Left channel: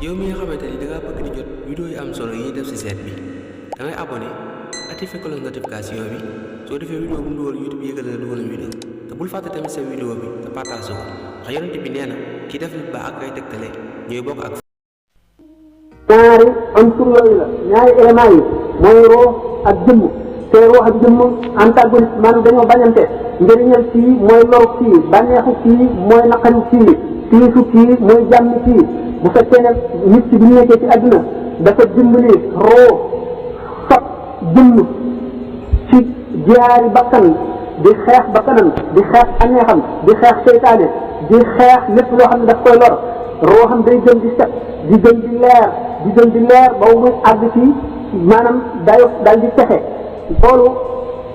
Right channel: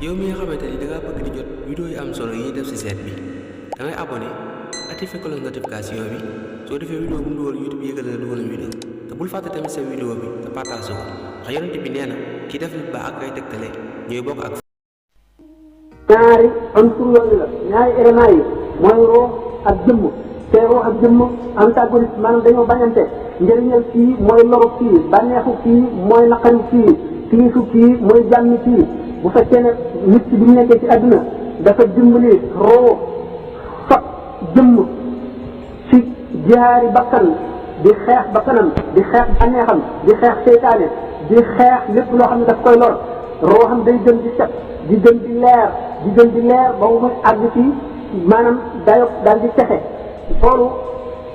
yow mi nga xamante ni da ngaa bëgg di jot vidéo yu am solo yi ñuy def ci site bi da ngay abonné activé cloche notification bi soo defee vidéo bu mu dugal YouTube yëgal na dugal na vidéo te bul fàtte tamit sa vidéo bi te partage ko ndax yonent bi nee na ki def lu baax ak ay tegtale ñooy bokk ak ñaari unsur yooyu la ñaari éléments yi mooy roo ak jëmm te roo ak jëmm antagoniste maanaam dañoo bañante njëriñal kii mooy loru kii bànneexu kii mooy naqaru kii tiisu kii mooy jàmmi kii bu fekkee ne nit ki bi mu nekkee ci àdduna dafa dimbali roo fab jëmm ci jaari bakkan di xeex bakkanam di xeex bànneexam di xeex seytaane di xeex lépp loo xam ne daf koy lor roo xam day gën di set di gën di leer ba muy àgg ci maanaam dayo daal di texe loolu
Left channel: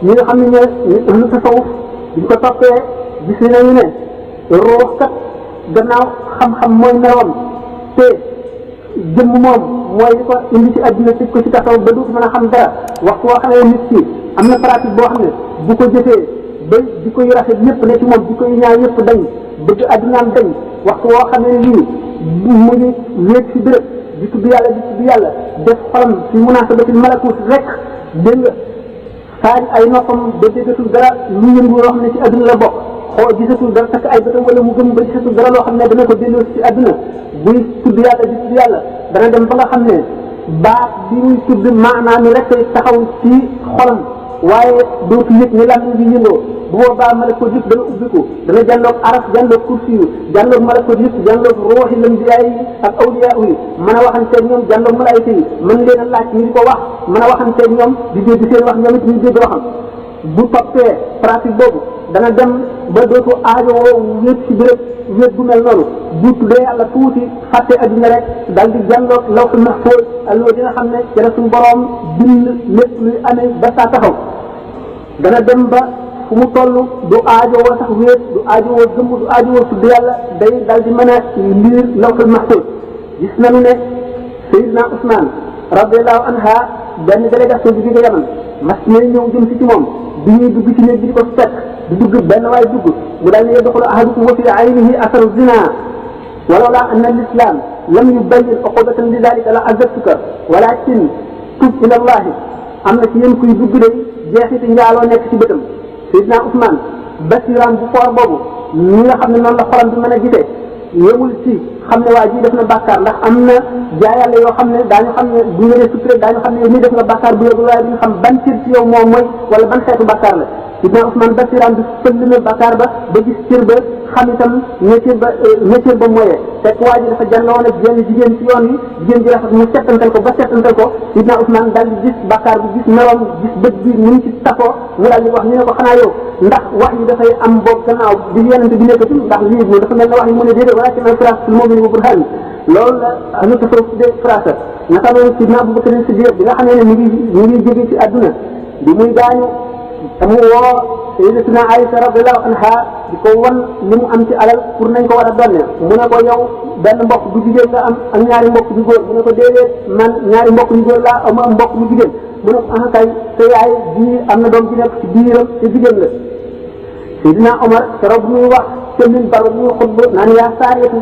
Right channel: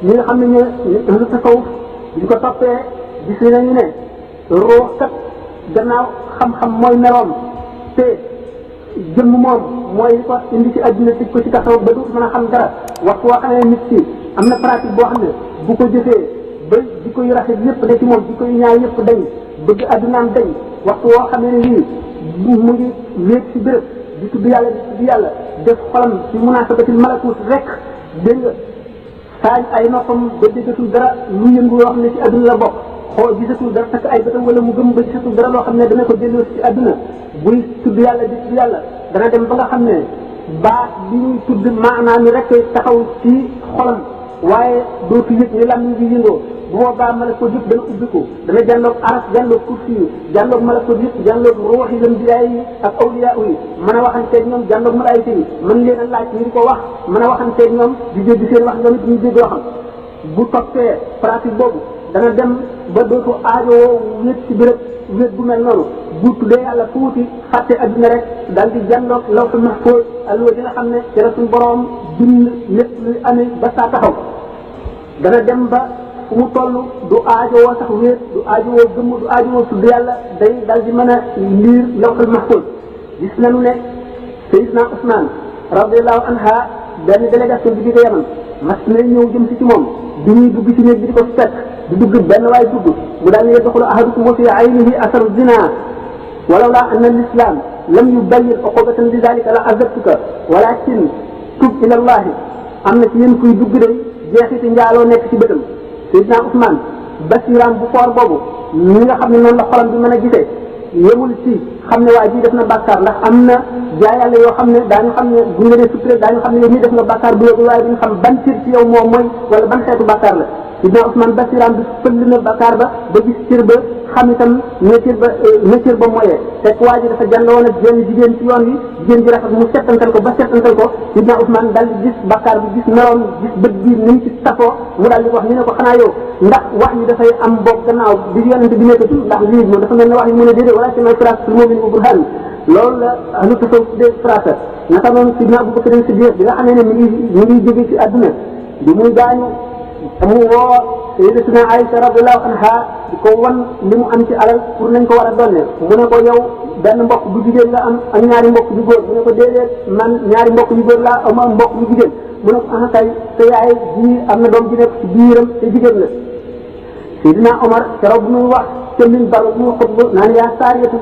ñi nga xam ne ñoo lu tasawuf di ko toppee gis nañu ne roo kat gannaaw xam-xam mooy meloom te jëmm moom mooy li ko indi ci àdduna tëj ko ci tasawuf ba dootu mën a xam dara waxtu woo xamee nit ki am na pratique boo xam ne bu ko jëfee ba di ko yu rafet yëpp ne ci moom di ko yu ñaaw yëpp dañ bëgg àddunaam dañ waxtu woo xamee ne lii mu ngi wéet ci béréb di tudd yàlla def xolam ci munaasabatil malakut rek dégg nga saaj ay noppam ba déggatul dara lu yëngu yoo xam ne ci àdduna la bokk gisatul dara takk ay bëtam wala mu gëm ba gisatul dara loo xam ne dana ko delloo ci àdduna buy tudd yàlla dana dem ba nga xam ne baat bi muy tudd maanaam ni rek taxaw ci xolam waaye dootu yëg ni lam bi yëngoo bu boobaa malakut yëpp dana ubbiku dana jànloog aras jànloog kursi yi jànloog malakut yëpp jànloog ruuxi lambiyaa yi ak awliyaa yi mën a waxanteeg ñoom jànloog malaayika yi mën leen a laaj ñu di ko wax mën a waxanteeg ñoom di dégg seen wax ñoom it ñu dégg waxam bu toppee pratique boobu dana dem ba dootu aajowoo wéet ci béréb wéet bu mel noonu bu tuddee yàlla tuuti fàtte adduna rek daal di jànloog lawhul mahfuus allo di nga xam ne ci la suñu boroom bind lépp luy amee ba saa taxaw dana dem ba fu mu toll du aajowoo sax wéet du aajowoo gëmm du aajowoo tudd yàlla day daal di mën a liir lawhul mahfuus gis nañu ne Seydina Ousmane radiyallahu anha benn délégation bi jóge Yaman mas na ñëw jëm si ci moom bi ñuy dugg ci néeg bi di ko fekk di dugg benn waay dugg mu daal ne yadxulu ahadukum wa fi aynihi asaru zina walawla anna al-islam lam yubayyin uqubatan li dalika la azabtuka walakin tub ila allahi am na ci yéen kuy dugg de jeexiti njaaloo nekk ci bëtam Seydina Ousmane basiram bu foor boobu ñi nga xam ne noonu la xolam bi mën a gisee yemul ci xam ne waa ji def na bàkkaar ndax am na jaayàlla yoo xam ne daañu xam ne bu nga ne suturé daañu xam ne ni def nga bàkkaar bu yóbbu waaye duñu xam ban cër ci yow moo mooy wala ban xeetu bàkkaar la Seydina Ousmane basiram bi sëlli na bàkkaar ba gis cër ba xam itam ne cër ba mooyee fekk waa ji dafa jànloon ak jenn jigéen ci yoon yi jigéen ji rafet mu settantal ko ba settantal ko Seydina Ousmane daal di gis bàkkaar bi gis meloon gis bët bi ni mu ci safoo mu daal di wax ñu ne ko xanaa yow ndax wax yi dafay am boog gannaaw bi yonente bi nekkati ndax lii moom dafa mel ne wax yi mu ne déedéet wala sima firaasatul mu'mini bi burhaan loolu la ahlu tasawuf tuddee firaasa naka noonu Sidna Abubakar Siddiq bi nga xam ne mi ngi jóge ci àdduna bi muy gaañu mu woo Sayyidatina Aïcha radiyallahu anha di ko wan li mu am ci alal pour nañ ko war a donne mu ne ko yow benn mbokk bu jigéen nga am ak ñaari mbokk yu góor mu ne ko déedéet man ñaari mbokk yu góor laa am mbokk yu jigéen mu ne ko ah kay te yaay ji am na doom bi nekk ci biiram te jigéen la Seydina Omar keroog bu muy wax ca minbar bu muy xutba naan yaa saariyatul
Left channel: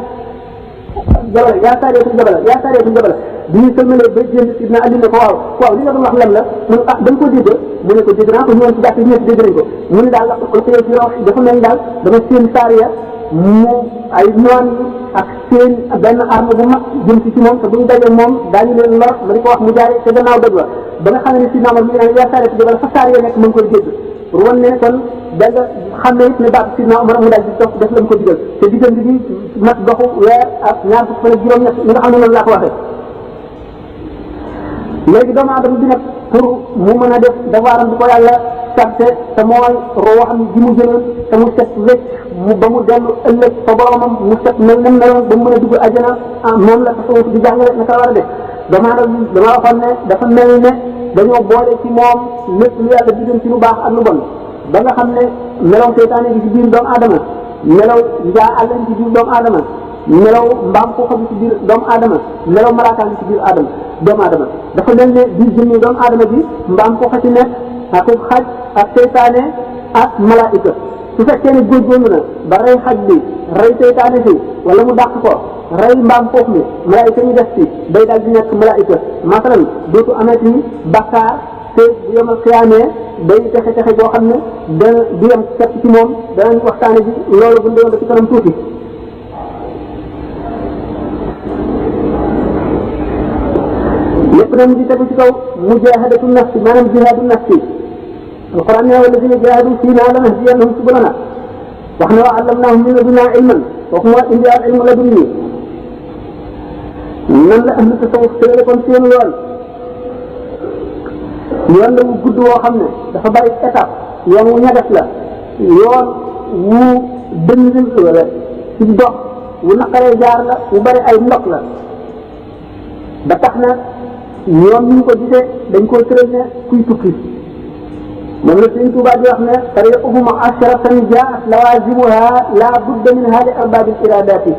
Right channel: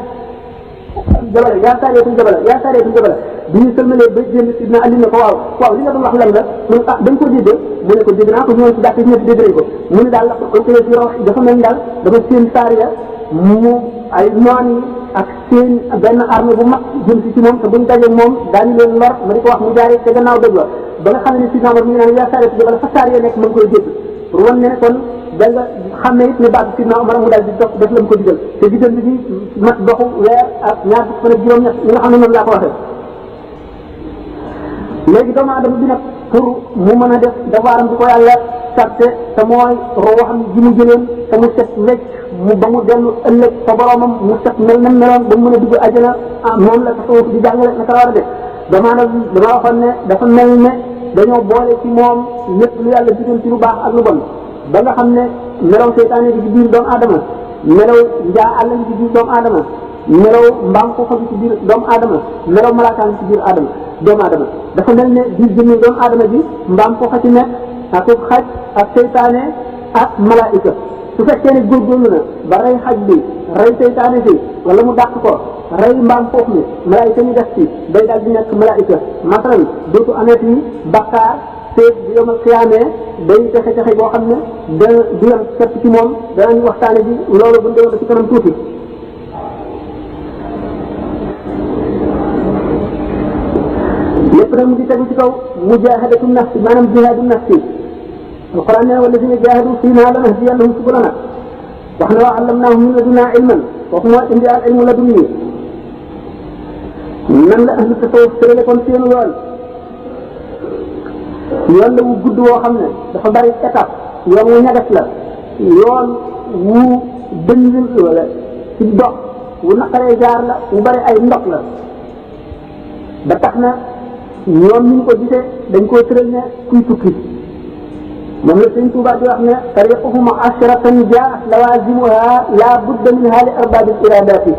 jabala bi ñu sëlmalee ba génn Sidna Ali ne ko waaw li nga doon wax lan la mu ne ah dañ ko dégg mu ne ko dégg naa ko ñëwoon ci jàkk ñëpp dégg nañ ko mu ne daal alkule ci raw dafa mel daal dama seen saariya mu ay noon yi ak seen benn arme bu mag jëm ci moom te buñ daje moom daañu leen lor ma di ko wax mu jaaree te gannaaw doj wa ba nga xam ne Sidna Omar mu ngi naan yaa saariyatul jabala fa saariya nekk mu ngi koy dégg pour wan ne kon da nga xam ne it ne baatu Sidna Omar mu daal di dox def lañ ko digal te diggante bi mat doxu weer ak ñaar fukk ak juróom-ñett ñi nga xam ne noonu laa ko waxee léegi doomu aadama bi nag pour mu mën a def dafaaram di ko yàlla sarte te mooy roo xam ne ji mu jëloon te mu set wecc mu ba mu dellu ëllëg fa boromam mu set mel nam meloon ba mu mën a dugg àjjana moom la tasawuf di jàngale naka la war a def doomu aadama dama waxoon ne dafa mel ne dañoo boole ci moom lépp lu yàlla diggante ci lu baax ak lu bon ba nga xam ne melaw seytaane bi ci biir doomu aadama melaw njaa àll bi ci biir doomu aadama melaw mbaam xuuxa bi ci biir doomu aadama melaw malaakaan bi ci biir doomu aadama dafa mel ne biir jëmmi doomu aadama bi mbaam xuuxa ci nekk ak xaj ak seytaane ak malaayika su fekkee ne góorgóorlu na ba rey xaj bi rey seytaane si wala mu dàq ko rey mbaam foofu mi malaayika ñu def ci day daal di nekk malaayika masalan dootu amati bakkaar te bu yemal xiyaamee day texe boo xam ne da du yem sepp ci moom danañ waxtaane ji loolu bu ndéwoon ba ci kanam tuuti lépp na mu ngi tegu ci kaw mujahadatu nafsi maanaam jihaadu nafsi alquran ne walladina jahadu fiina lanahdiyannahum subulana wax ne wa allamnahum min ladunna ilman kooku moo indi al ilmu ladunni nan la ahlu tasawuf tërale kon seen yoon la wu gudd woo xam ne dafa bari étape yoon wu ñagas la yoon wu dëng wala ci dox wu naqaree jaar la wu bari ay ndox la ba tax na ñoom ñu ko gisee dañ koo tëral ne kuy tukki moom la Sëriñ Tuubaa di wax ne tariquhum asharatan jaat lawazimuha la budda minha li arbabil iradati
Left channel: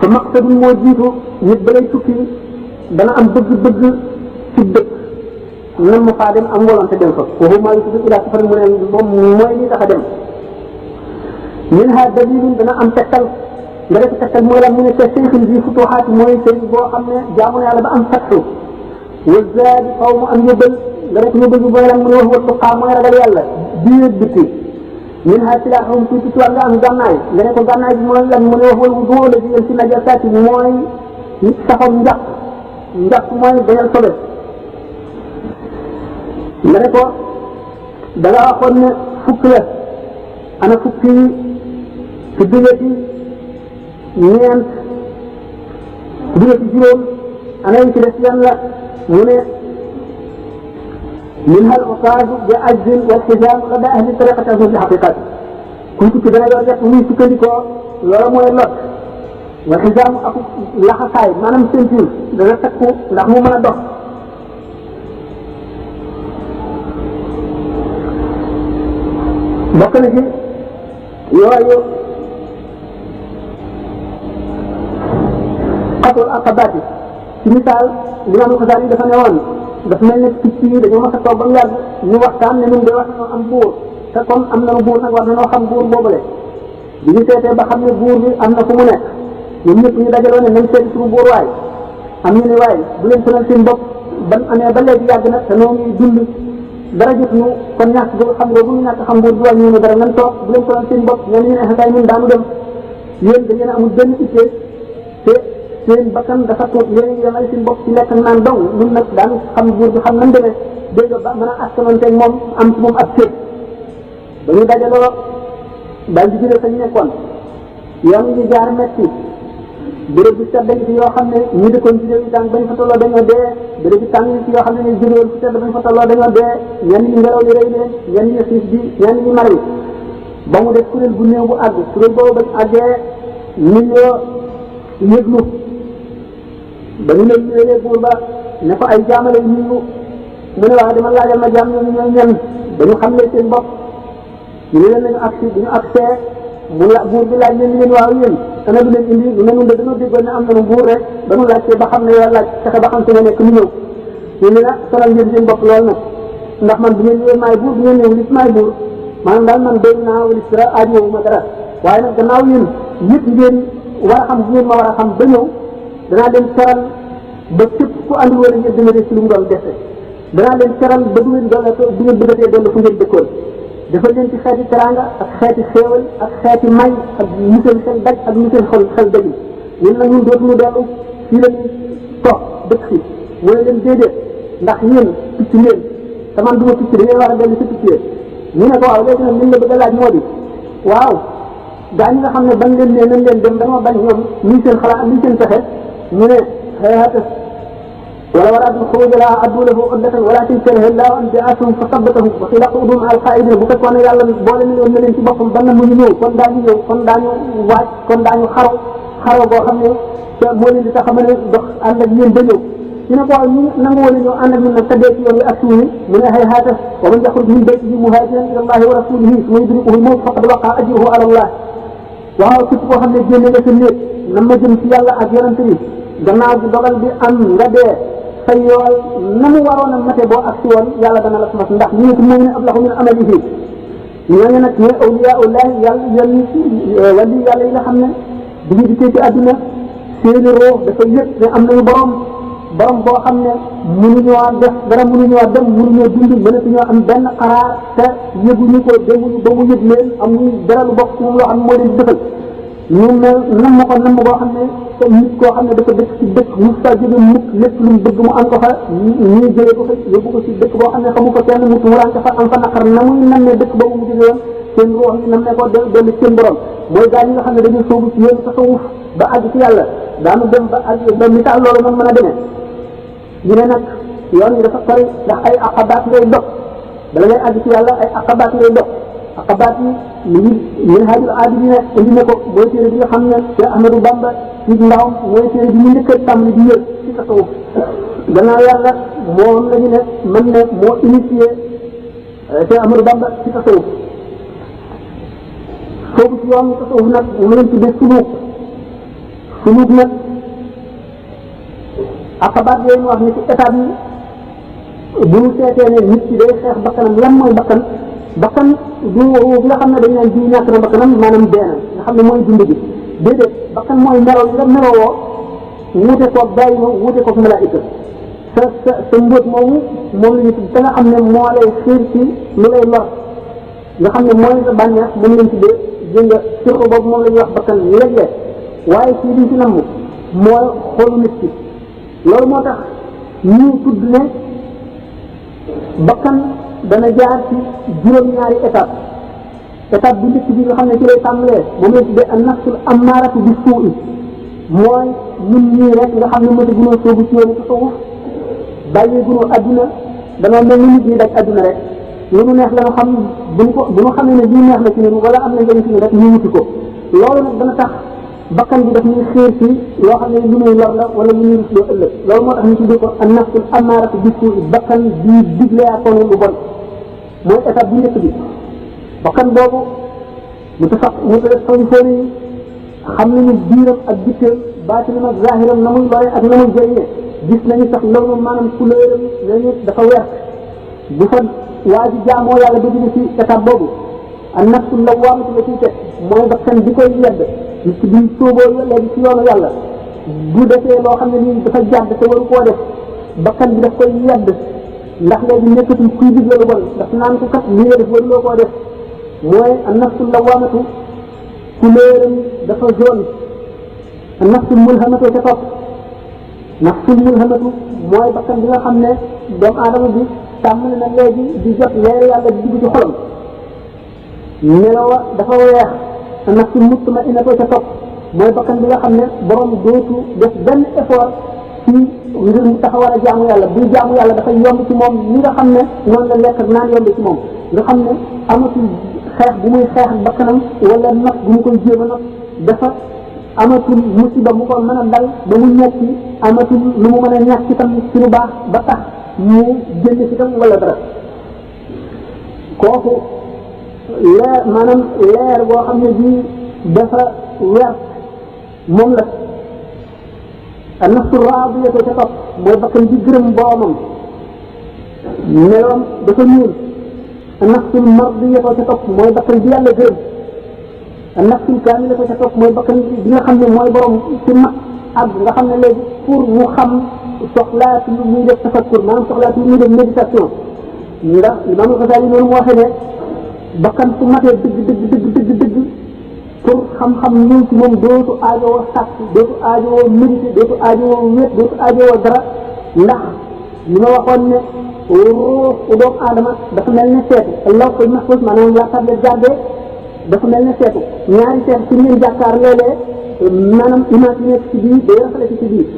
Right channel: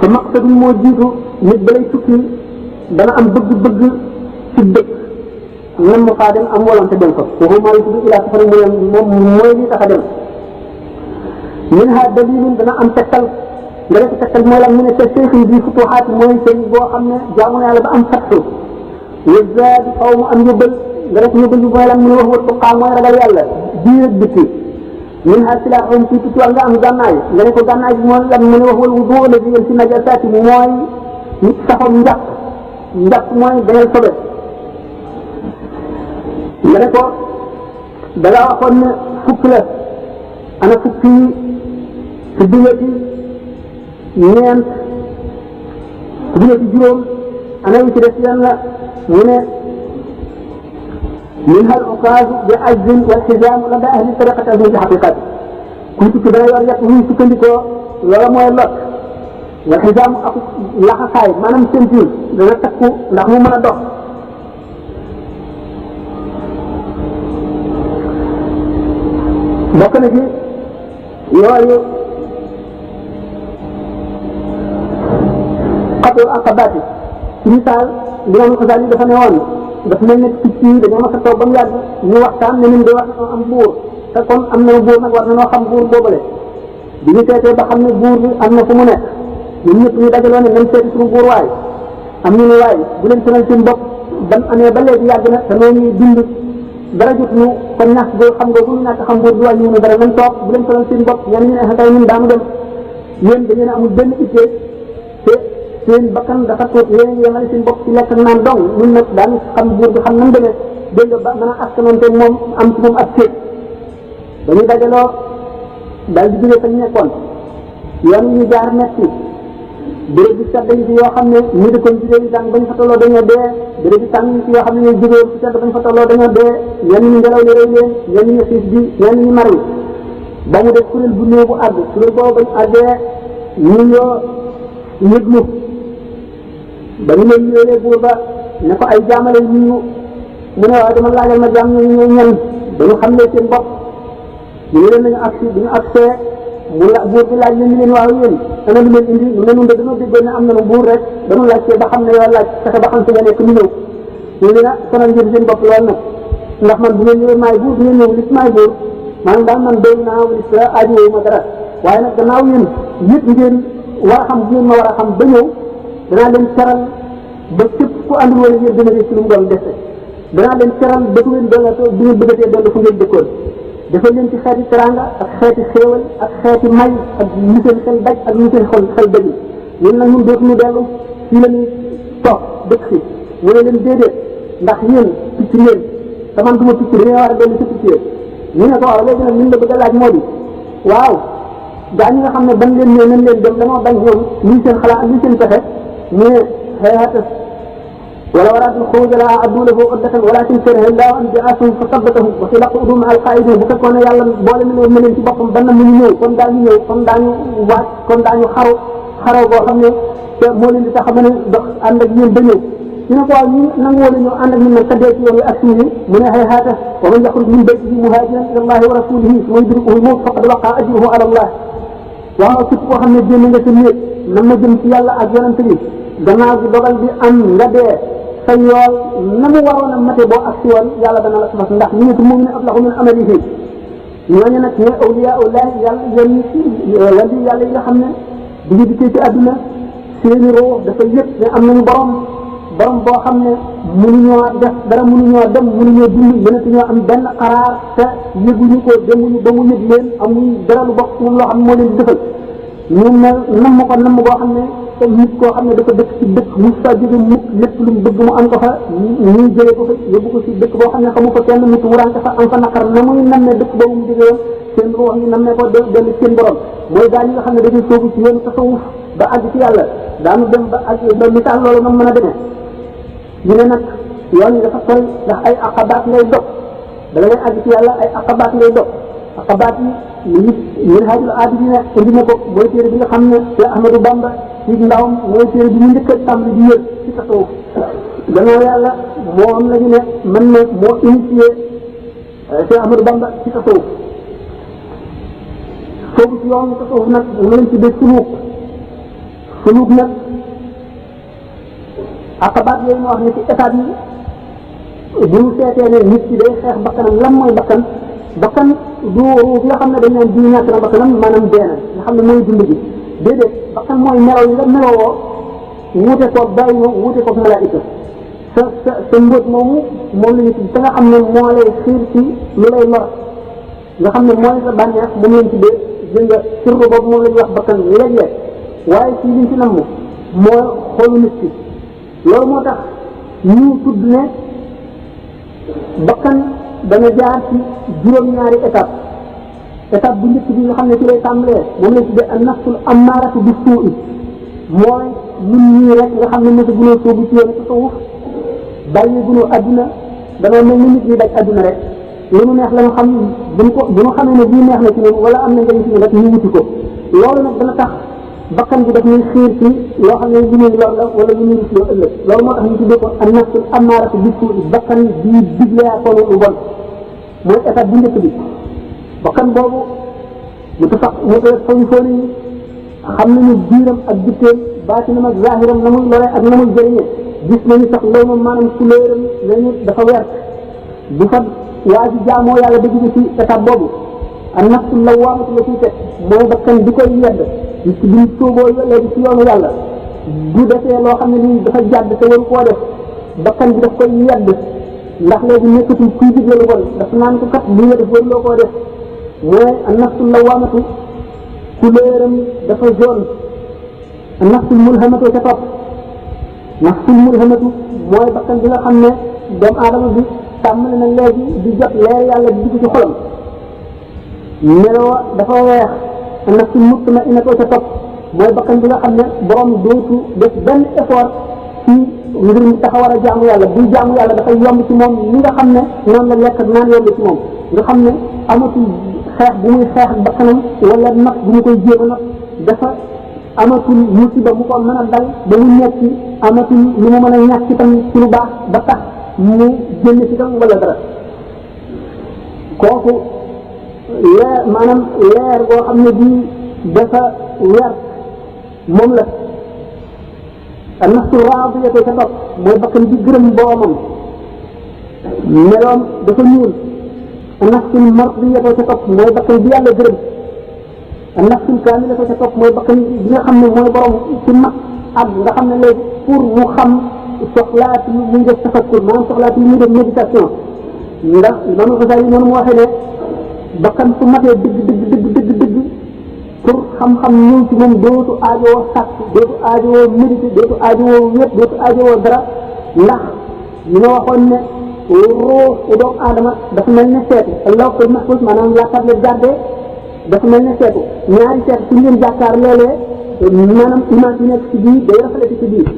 fa maqsadun moo jiitu nit balay tukki dana am bëgg-bëgg ci dëkk nan mu faa dem am volonté dem fa foofu maa yusudu ila safari mu ne moom mooy li tax a dem minha dalilin dana am tegtal nga def tegtal mooy lan mu ne sa seyxin bi futuxaat mooy sëñ boo xam ne jaamu na yàlla ba am fattu wa zaadi xaw mu am yëbbal nga def yëbbal bi mooy lan mu ne wax wa tuqaa mooy ragal yàlla biir bitti min ha silaaxum ci ci nga am gànnaay nga ne ko gànnaay bi mooy lan mu ne wax wal wudu la bi yéen ci najasaati mooy saxam njàpp mooy dañal sobe nga ne ko da nga waxoon ne fukk la ana fukk yi ci dungati ñeent ci dungati juróom ana yi ci des yan la mu ne منها العكاز بعز والحزام لدى أهل الطريقة في الحقيقة كنت كبيرا يرجع من سكندكو ولا موي لوت والحزام أكو لحصاي ما نم سنتين دنا تكو ndax mu mëna dox bokk na ci yooyu xatul aqabati ci misaal Imam Xasaali dafa ne woon daf mel ne picc yi dañoo mas a toog ba mu yàgg ñu waxtaan ne ñun de wax am buur te comme am nañu buur nag war nañoo xam buur boobale bi ñu seetee ba xam ne buur bi am na fu mu nekk ñun ñëpp ñu dajaloo ne nañ seeti suñu buur waay am ñu ne waay bu leen sonal seen bopp ban amee ba léegi yàgg na te noonu dund dara jot ñu kon ñàkk boo xam nga bu ñu ñàkk xam buur bi wàññi ñu dara nañ toog bu leen sonal seen bopp ñenn ñu ne xatay ñun daanu dem yéen da ngeen amul benn ittee te seen bakkan dafa tuut yéen yemal seen bopp ci lekk naan dong ñun nag daan xam buur bi xam nam demee dégg nga ba mën a askanonteeg moom am ci moom ak kéeg dañuy dajaloo daal di jógee fa ñu nekkoon yoon yi ñu jaar metti béréb bi sedd ci yoo xam ne ñi dëkkoon ci réew yi tàng bañ fa tolloo dañoo dee béréb bi tàng ci yoo xam ne ñooy jógee ci sedd bañ fa tolloo dañoo dee ñenn ñi ngelaw li rëy leen ñenn ñi xiif bi ñenn ñi mar yi ba mu def kuréel bu néew bu àgg kuréel boobu bañ àggee ñu ñoo yëglu ba ñu leen ñëwee buur ba ne ko ay jaamale ñu mu ne waaye dama laajal ma jaam ñooñu ñooy ñan dañu xam ne seen bopp ñu ne leen nañu agsi bi ñu agsee mu la buur bi laaj leen leen waaw yéen ana lu leen indi ñu ne ñun de dañoo déggoon ne am nañu buur rek dañu laajtee ba xam ne yow laaj fexe ba xam fi nga nekk ñu ñëw ñu ne sonal ngeen seen bopp lool nag ndax man bu ngeen ñëwee maay buur bu ngeen ñëw gis maay buur maanaam daal man doy naa wala si aajo ma dara waaye nag gannaaw yéen yëpp ngeen war a xam bu ngeen ma war a xam ba ñëw danaa leen teral ba képp ku àndul wala ngeen dina ci lu mu doon dese danaa leen teral ba du ngeen doon du ngeen bëggatee doon fu ngeen dëkkoon dafa leen ci xeeti teranga ak xeeti xéewal ak xeeti may ak ñu seen xel daj ak ñu seen xel dajul ñun nag ñun dootuñu dellu fii la ñuy toog dëkk fi mu ne leen déedéet ndax yéen picc ngeen te man du ma picc dañoo war a dellu ci picc yéen ñu ne ko waaw léegi nag liñ la bëgg a laaj moo di waaw gaa ñi nga xam ne ban leen ne nañ leen dem dañoo bañ ñoom lii seen xalaat lii seen pexe mu ne xeexatas wala war a adul xuruj la addu lahu uddatan walakin karaha llahu an bi'athahum fa sabbatahu wa qila qudu ma'a al-qa'idin bu fekkoon ne yàlla boole na leen ci boppam ban na mu ñu ñëw kon daañu ñëw kon daañu waaj kon daañu xaro boo xam ne moo leen di tax a mën a dox ànd ak yéen ba ñëw ñu ne ko waaw ñu nangu wala ñëw ànd ak ñun nag sa dee ci yoon wi ak suñu mu ne hayhaata wa man yaxruj min baytihi muhaajiran ila allahi wa rasulihi summa yudrikuhu al-mawt faqad waqa'a ajruhu ala allah waaw képp koo xam ne génn nga sa néeg na ma jëm ci yàlla ak yonante bi gannaaw bi dogal bi am nga dee sa yool na mu waroon a mate boo ak si yoon yàlla dana la ko fas ndax ñu mooy ne ablahu min amalihi ñooñu nag ñooy awliyaa ullahi yàlla yéen wali yàlla yi nga xam ne duñu dikkee ci àdduna seeni roo dafa yëg ne am nañu borom boo xam ne mënuñoo def dara, mënuñoo dem, mënuñoo dund, mënatuñoo am benn xaraar te yëguñu ko, demuñu ba mu yëg leen, amuñ dara lu bokk ci moom loo xam ne moo leen di defal. ñu mel namm ko namm boo xam ne te nit koo xam ne dafa dëkk ci dëkk mu fa jóge mukk, lépp lu mu bëgg mu am ko fa, ñuy jëlee ko fa yóbbu ko ci dëkk boo xam ne xamu ko kenn, mu ran ko fa am fa naqar, na muy nammee dëkk boobu mu jóge woon seen ruux yi nammee ko dellu seen borom. mooy gaa ñi nga xam ne dañuy soobu ci yoonu tasawuf ba àgg ci yàlla, daanu dem ba àgg ba misaal loolu nam mën a demee. ñu ne nag yoon yi dafa sori ndax ay aqabaat ngay dog bala ngay àgg ci yàlla, ay aqabaat ngay dog. aqabaat yi mu ngi Minhajul Abidin indi na ko, mooy téere bi nga xam ne Cheikh Ahmadou Bamba ci ndawam mooy téere bi mu njëkk a tàmbali di yër ci tasawuf. gannaaw yàlla moom la ñu ne mën na moo initié Cheikh Ahmadou Bamba ci tasawuf. soobu ci yoon tasawuf nag mu leen tuddee suluuk nag aqabaat yooyu ma wax ni ci étape yi bu ñu seetee ne nit ki day xeex bakkanam. lan mooy bakkan? bakkan du ruux nga xam ne dañ naan diw ñàkk na bakkanam maanaam deena nga xam ne mooy dund gi. déedéet, bakkan mooy melo yi nga melowoo wuute koog bàyyi ma wuute koog malaayika. sa mbóot moomu moom la ñu tudd te nga xam ne moo lay xiir ci lu lay lor nga xam ne mooy sa bànneex moom lañ tuddee dégg nga sirru boobu moom la ñuy wax bakkan léeg-léeg. waaye fii liñ ci namm moo xoolu nit ki. loolu moo tax ñu tudd ne bakkan dana jaar ci juróom-ñaari étape bu njëkk bi nga xam ne ci lay tàmbalee moom lañ tuddee an nafsul ammaaratu bi suu'i, mooy ñun ñii rek nga xam ne mos a gunóor soobu ci yoonu tasawuf bàyyi gunóor adduna dana mel ni nit ñi daj adduna rek lu nu neex la ñu xam bu ñu xamee ne bii neex na ci ñun wala am na njëriñ ci ñun rek ñu wuti ko. loolu nag dana tax bakkan bi daf ñuy xiir ci loo xam ne lu ñuy lor la wala lu ñuy rusloo ëllëg. loolu moo tax ñu tuddee ko an nafsul ammaaratu bi suu'i, bakkan bii digleekoonu lu bon mooy étape bu njëkk bi. bakkan boobu mu tasawufoon yi xam nañu biiram ak bitteem, baatinam ak zahiram, na muy lore ak na muy jëriñe. gis nañu sax loolu moom maanaam couleuram nañu dafa weer. bu fa waa ji jaamoo yàlla ba jóge ci étape boobu an nafsul lawwaamatu la ciy teg mooy bakkan bi koy yedd nit ki buñ sóoboo léegi ci yoonu yàlla bu defee loo xam ne nii dafa jàdd te waru koo def bakkan bi daf koy yedd ndax léegi nekkatul kuy digle lu bon daf naan ko kat lii nga def waruloo koo def. mooy an nafsul lawwaamatu couleuram dafa jaune. an nafsul mulhamatu ca topp nafsul mulhamatu mooy bakkan bi nga xam ne doomu aadama bi tàmmali na léegi di jot leer yàlla di dugg ci xolam melowa dafa weex. an nafsul mutma'innatu ca topp mooy bakkan bi nga xam ne borom dootu def benn effort ci ngir mu taxawar a jaamu yàlla. buy jaamu yàlla dafay yomb ci moom ni nga xam ne noonu la lekk ak naan yomb ci moom nga xam ne amatul xeex bu muy xeex ak bakkanam wala nag bu mu koy jéem a nag dafa amatul musiba mu ko mën a dal ba mu ñetti, amatul lu mu mën a ñàkk itam ci lu baax ba tax mu génn ci tam wala dara. kooku leer maanaam leer boo xam ne bii dafa weer moom la. an nafsu raadiyatu ca topp mooy bakkan bi gërëm boomam meloom dafa ñuul. an nafsul mardiyatu ca topp mooy bakkan bi yàlla gërëm. an nafsul kaamilatu ca topp mooy bakkan bi nga xam ne mooy borom ci mag ak nga xam ne léegi pour mu xam soxlaati lu muy def tafakkur maanaam soxlaati lu muy def méditation. ndax Imaam Al-Ghazali noonu mu waxee ne bakkan su matee dëgg pour xam-xam ñëw ci moom dootu aajowoo sàkk, dootu aajowoo méditer, dootu aajowoo wéet, dootu aajowoo dara. ndax li ma waxoon ne ruuxu doomu aadama dafa mel ne seetu lawhul mahfuus maanaam la tablette gardée dafa mel ne seetu. ñaari seetu su ngeen jàkkaar léeg-léeg maanaam image yi nekk ci biir day rafetlu ci biir.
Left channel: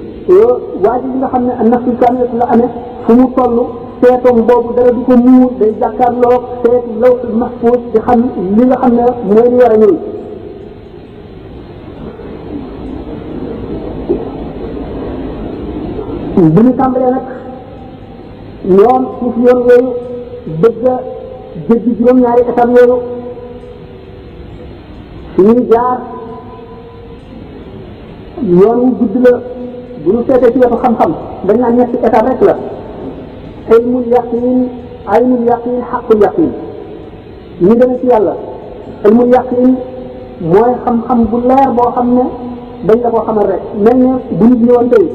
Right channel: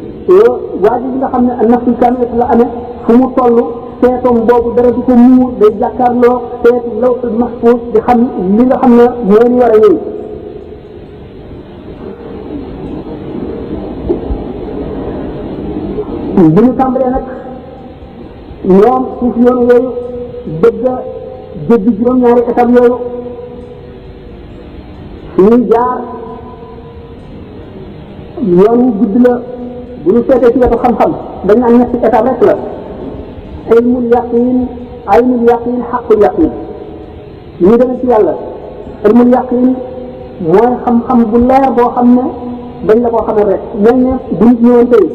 waa ji nga xam ne an nafsul kaamilatu la amee fu mu toll seetoom boobu dara di ko muur day jàkkaarloo seetu lawhul mahfuus di xam li nga xam ne moo ñu war a ñëw. bu ñu tàmbalee nag ñoom suuf yoonu yooyu bëgg a jéggi juróom-ñaari étape yooyu suñuy jaar yoon wu gudd la. bu ñu seetee ci wetu xam-xam dañ naan ñetti étape rek la. ilmul yaqin, aynul yaqin, xaqul yaqin. ñu dem ci yàlla ilmul yaqin mooy xam-xam bu leer boo xam ne dañ la koo xamal rek mel ne bu nit ñëwoon tey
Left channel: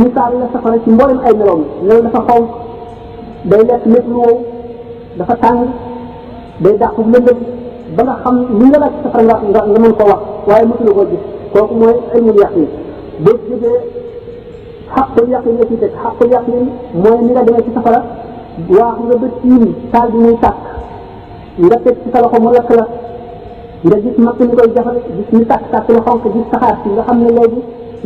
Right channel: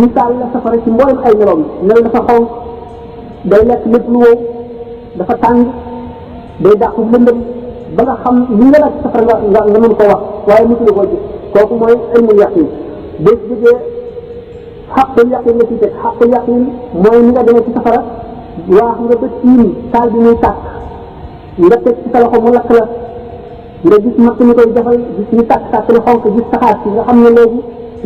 misaal la safara ci mboolem ay meloom mel dafa xonq day lekk lépp lu wow dafa tàng day dàq lëndëm ba nga xam li nga laaj safara nga mën ko wax waaye mësula koo gis kooku mooy ilmul yaqin boo jógee xaqul yaqin la ci teg xaqul yaqin mooy ni nga demee ci safara waax nga ba tiim taal bi muy tàkk nga teg ci sa loxo mu lakk la nga gis matt mi koy jaxal gis ñu tàkk lu xonk gis saxaar si nga xam ne léegi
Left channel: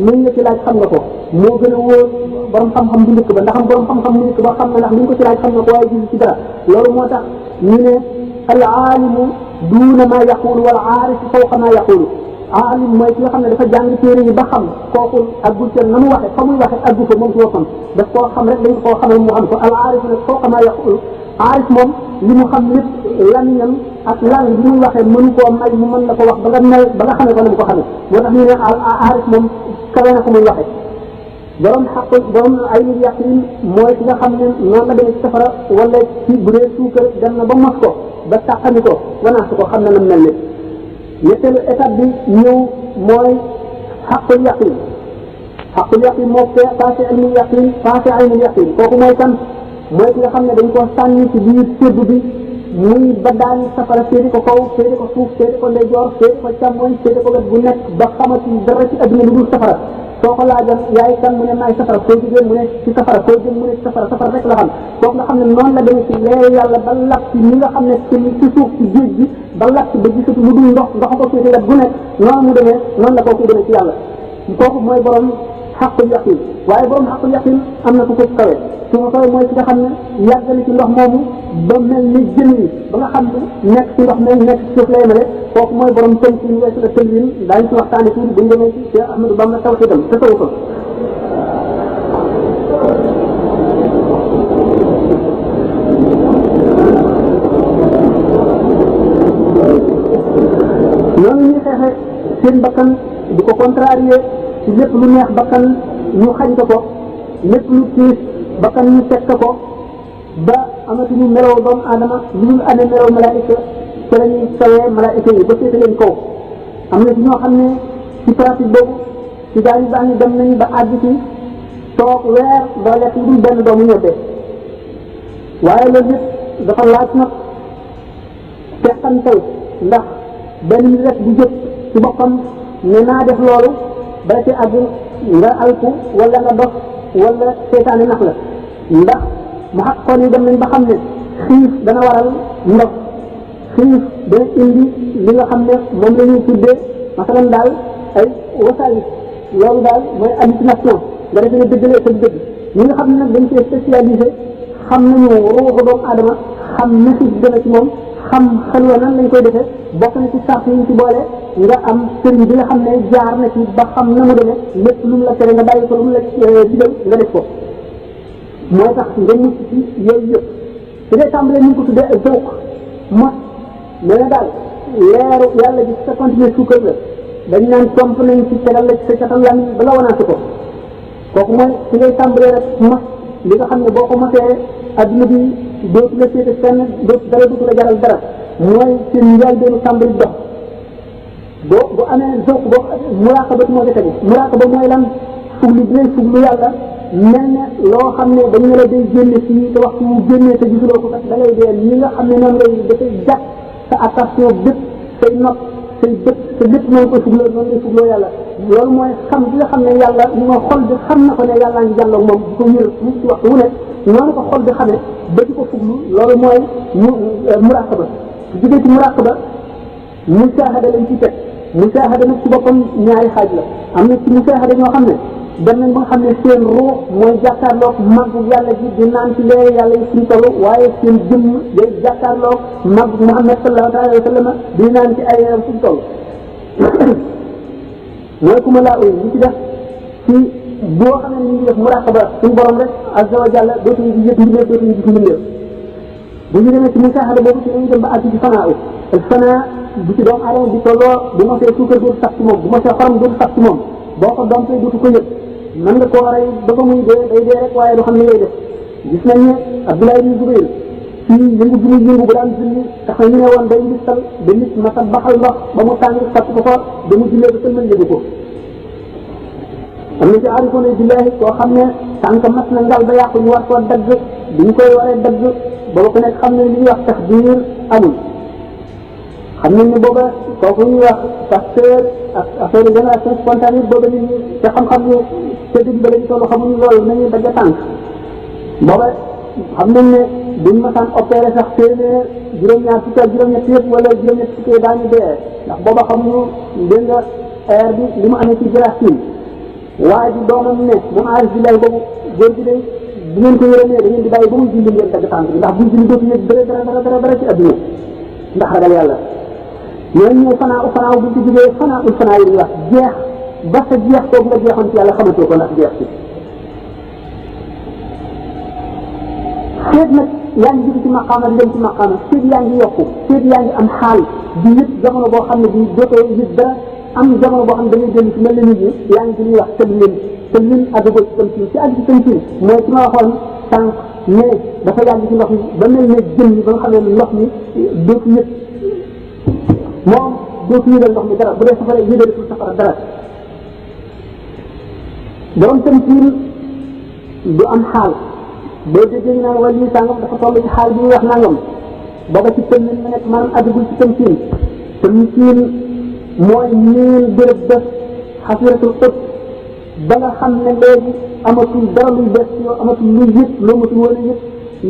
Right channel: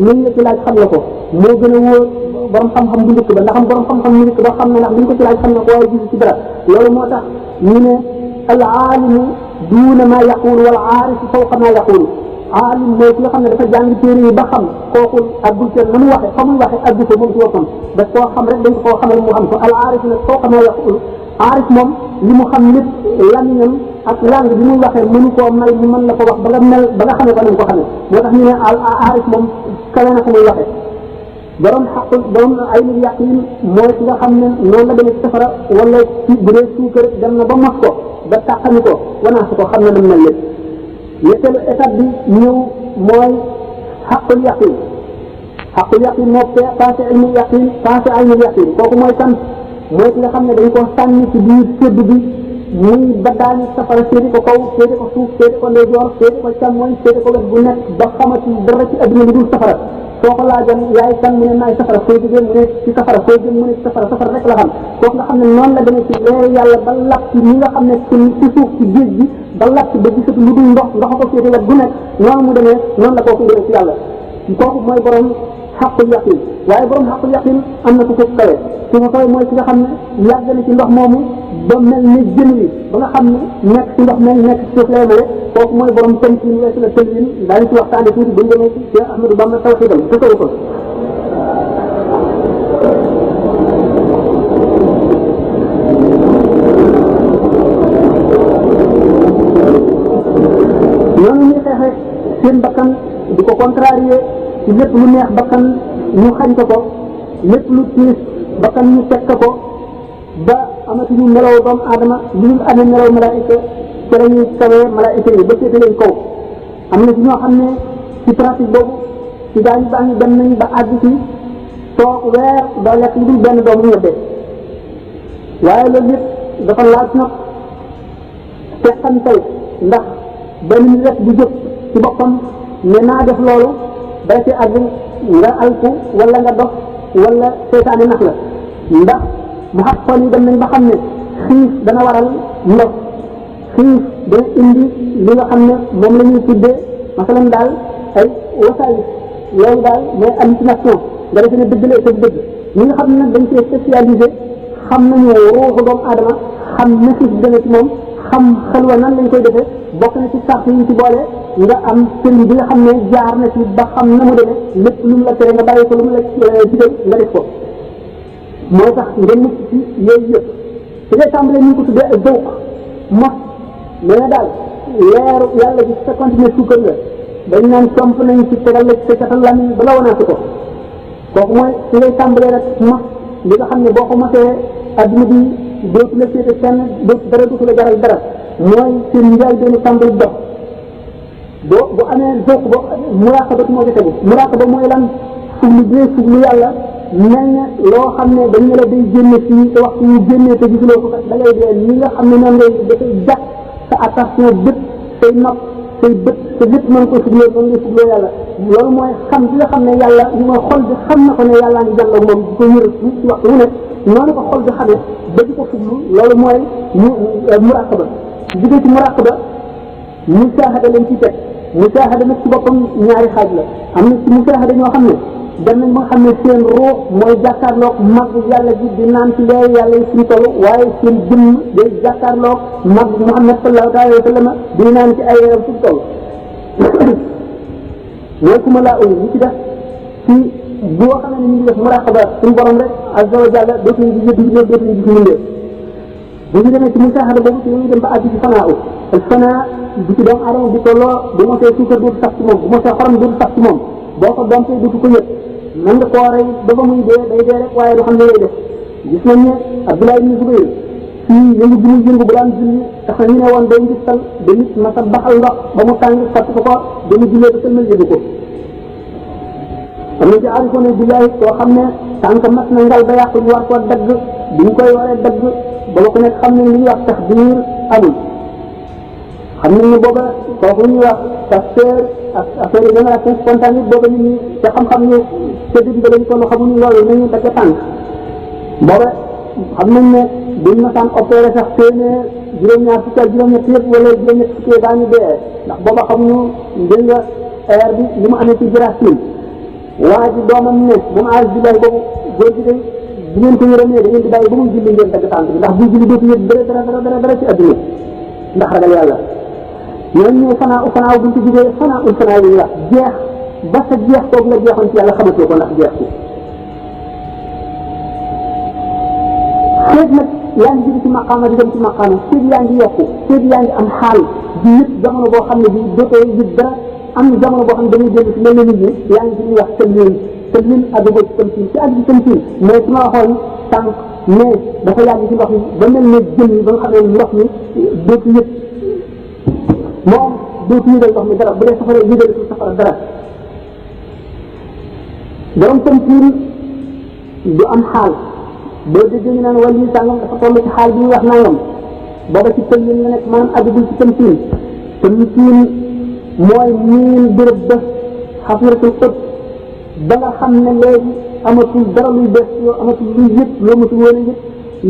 liñ la ci laaj xam la ko moo gën a wóor borom xam-xam bu njëkk ba ndax borom xam-xam bu njëkk ba xam ne ndax liñ ko ci laaj xam na ko waaye gis ci dara loolu moo tax ñu ne al aalimu duuna ma yaqulu wal aarifu fawqa ma yaqulu aalim mooy ki nga xam ne dafa jàng téere yi ba xam kooku aggul kenn na mu waxe fa muy waxe aggu ko moom ci boppam daf koo xam rek dañ ko koo xamal mu xam ko al aarif nag fawqa ma yaqulu aarif moom li mu xam lépp lamiñam ak langue bi muy waxee mënu koo may mu mën la ko wax ba nga mel ba nga xamee ko na mu ko xamee moo tax ñu ne al aarif moom kawe na ko muy waxee borom xaq borom aynul yaqin mooy ki nga xam ne noonu la demee ci safara wala ci bu dee suukar dem na ba mos ko ba tàqani ko wanaasi ko xam na nam mel lépp ñetteelu étape bi ñëw mooy xaqul yaqin moo passé ilmul yaqin passé aynul yaqin kooku mooy kan mooy ki nga xam ne dañ koo sànni ci biir sédd bi muy ba daani safara séedi ko kaw séedi ko suuf séedi ko ndeyjoor séedi ko càmmoñ séedi ko wet bu nekk ba xamati dara ci adduna bi dul safara soo ko laajoon yaay kan mu ne maay safara fooy jógee mu ne ci safara fooy jëm mu ne ci safara rek la xam kooku nga xam ne noonu la demee ci leeru yàlla ba lakk ci ñi nga xam ne ci suuf ci géej gi ba lakk ba gisati lu dul ndox ko séeti wet bu nekk noonu mu demee noonu la kooku demee ci yàlla kooku mooy borom xaqul yaqin waaye borom xaqul yaqin am na ku ko kawe ki ko kawe mooy ki nga xam ne yàgg na ci ndox moomu ba mel ni jën yi ba nga xam ne nekk ci ndox moomu nekk ci suuf lay mele kooku mooy borom tënkin weesu la tënkin daañu ci waxtaane tuuti bu ñu demee ci Cheikh Ahmadou Bamba tawxiidam te taw ko noonu ñuy xeexe seen bakkan di ko contrarier ci lépp lu neex bakkan ñu xañ ko lépp lu tiis bakkan ñu teg ko ba amatuñu meloo doomu aadama li ñu amee meloo malaayika ci la ñuy tawee malaayika yi ba seeti leen kaw am na ci ñoo xam ne ci pratique boobu ci gaa ñu baax ñu dem nañu ba àgg ci toog weer doo lekk lu dul benn doomu ñebbe waaye loolu yëpp dafa laaj nag teqantal ndax benn nit rek di jëpp ci boppam ne naa def loolu ba ci àgg nga alku wala nga dof wala seytaane nax la ndax mu xat xool yi dem nañ ba xam ne xiif dana waral ndox xiif dana indi li nga xam ne moom la ñuy tuddee masalan daal ay wasaay loolu daal mooy hallucination nga defe ne dëgg la ko dëgg ñi nga xam ne nag dañ cee spécialisé xam nañu ruuxu doomu aadama xam ne xiif dana ci moom xam xelwa nan lañ koy defee bokk na ci sart yi ñu ci boole nga am sëriñ bi nga xam ne jaar na ci ba xam na mu demee lépp lu mu la tere nga bàyyi ko lu mu la digal nga def ko moo tax nga mucc ci yooyu yëpp su dee tàmbalee ñu ngi ko tuddee ay dawq mos mais na daal leeru yàlla bi sa continuer suukar la dañ naan comp nañ ci tegal la ci sa catal lamiñ ba la wanaasi ko kooku mooy su ngay tàmbalee rek mos li nga xam ne boo ko mosee adduna bi dootu la féete fenn dootu la jaral dara mooy seen njaay benn tàmbali dox bu amee zowq boo muraqaba moo ca tegu muraqaba mooy lan fuglu bi ngay fuglu yàlla mel ne loo xam ne dañu ne la day génne fii te waxtu yu génnee te gisuloo ko kat da ngay dee ñi nga xam ne moom ngay dafay jàpp sa attention bët say nopp say bët te lépp mën ko fugloo noonu ngay fugloo yàlla loolu mooy xam bi nga xam ne yàlla ñu nga xol bi xam na ko ne yàllaa ngi jàlloog moom di ko yër ci waxtu wu nekk noonu ko xol bi xamee ba di ko fuglu loolu mooy muraqaba jóge ci muraqaba musaahada lañ ci teg musaahada nag ci boppam ñaari xaaj la am na ci musaahada ñoo xam ne dem nañ ba nga xam ne seen ruux mooy jàkkaarloog màggu yàlla ji di naan ci leeru yàlla yi suñu toll waaye seen jëmm day jàkkaarloog màggu Muhammad sallallahu alayhi wa sallam di naan ci ay leeram suñu toll mooy ku ma laa uy li ci def ci boo xam ne ñu ngi def muraqaba suñu borom rek azza wa jalla dootuñu di yëg mbindeef dootuñu gis mbindeef bu ñu demee ci musaahada boobu ci lañuy dem ba àgg ci fanaa u al fanaa bi ci doomu aadama bi tolloo bu mosee suukar dootu sax ci moom bu mosee xorom dootu sax ci moom boo ko dompee dootu ko yëg mën nga koo rey ba ba muy dee day dee rek waaye du xam ne lay def gis nañ ne Abdullah ibn Zubayr ci yëngu bi muy yëngu bu daan julli tax na ñu ne woon day ngistal ba nit ma sa baxal ndox ba mu tàng fàtt ko ba mu jullee ko sëlmal yëgu ko am na ci aarifoona billahi koo xam ne tànk mat na ngal ba yàqu ñu war koo dagg bi ñu koy waree dagg booba ku nekk xam ne li ñuy wax taxdiir amul xam nañ ne booba kooku ñuy wax pasteur ak affaire génération spontanée booba nit ñi te xam-xam ne ca dëgg ba lañ toll xamuñu loolu nañu dagg tànk booba xam nañ ne buñ masaan opéré sax téeméer juróom-ñaar fukki ak juróom-ñett yëpp wala juróom-ñett fukki daañu dee ndax booba xamuñu dégg nga air bi li mu amee ci jarasin waa ji doomam ne moom aarif billahi boobu góor gi day bu ngeen ko yërëmee da ngeen di bàyyi ba muy julli ngeen dagg tànk bi ndax buy julli dootu yëg dara ci adduna ndax ragal yàlla ñooñu ñëw fanaaw buñ ko jógee fanaa yi wax jeex ba sa jeex kooku nga jeexoon ci yàlla xamatoo ko ndax jeex ci feeg nag yaa ngi jóge ci maqaama di dem ci maqaama feeg yaa ngi yokku feeg yaa ngi am xaal di yëpp jamono boo xam ne bi dootoo yëg dara am jamono boo xam ne dañuy dellu ci mel na nit ñi yaa ngi ci li ñuy wax tëlmin àggagoo ci tamsiin ci àgg ci tamsiin mais su ma waxoon sànq mais dafa yàgg ci ndox mi ba mel ne jën yi ba nga xam ne ndox mi dootu yëg moom dootu yëgal ndox mi dara bu dee safara yëgal ci safara dara borom tamsiin du am xaal boo déggee ñu naan wàllu sàngam dafa toll ci xaal bi ñuy wax nangam booba ci tëlmin nga nekk maanaam àggagul ci tamsiin mooy miin béréb bés xasiratul xët ba nga xam ne léegi amatul dara luy bés yoo amatul luy yëg loo matul woon a yëg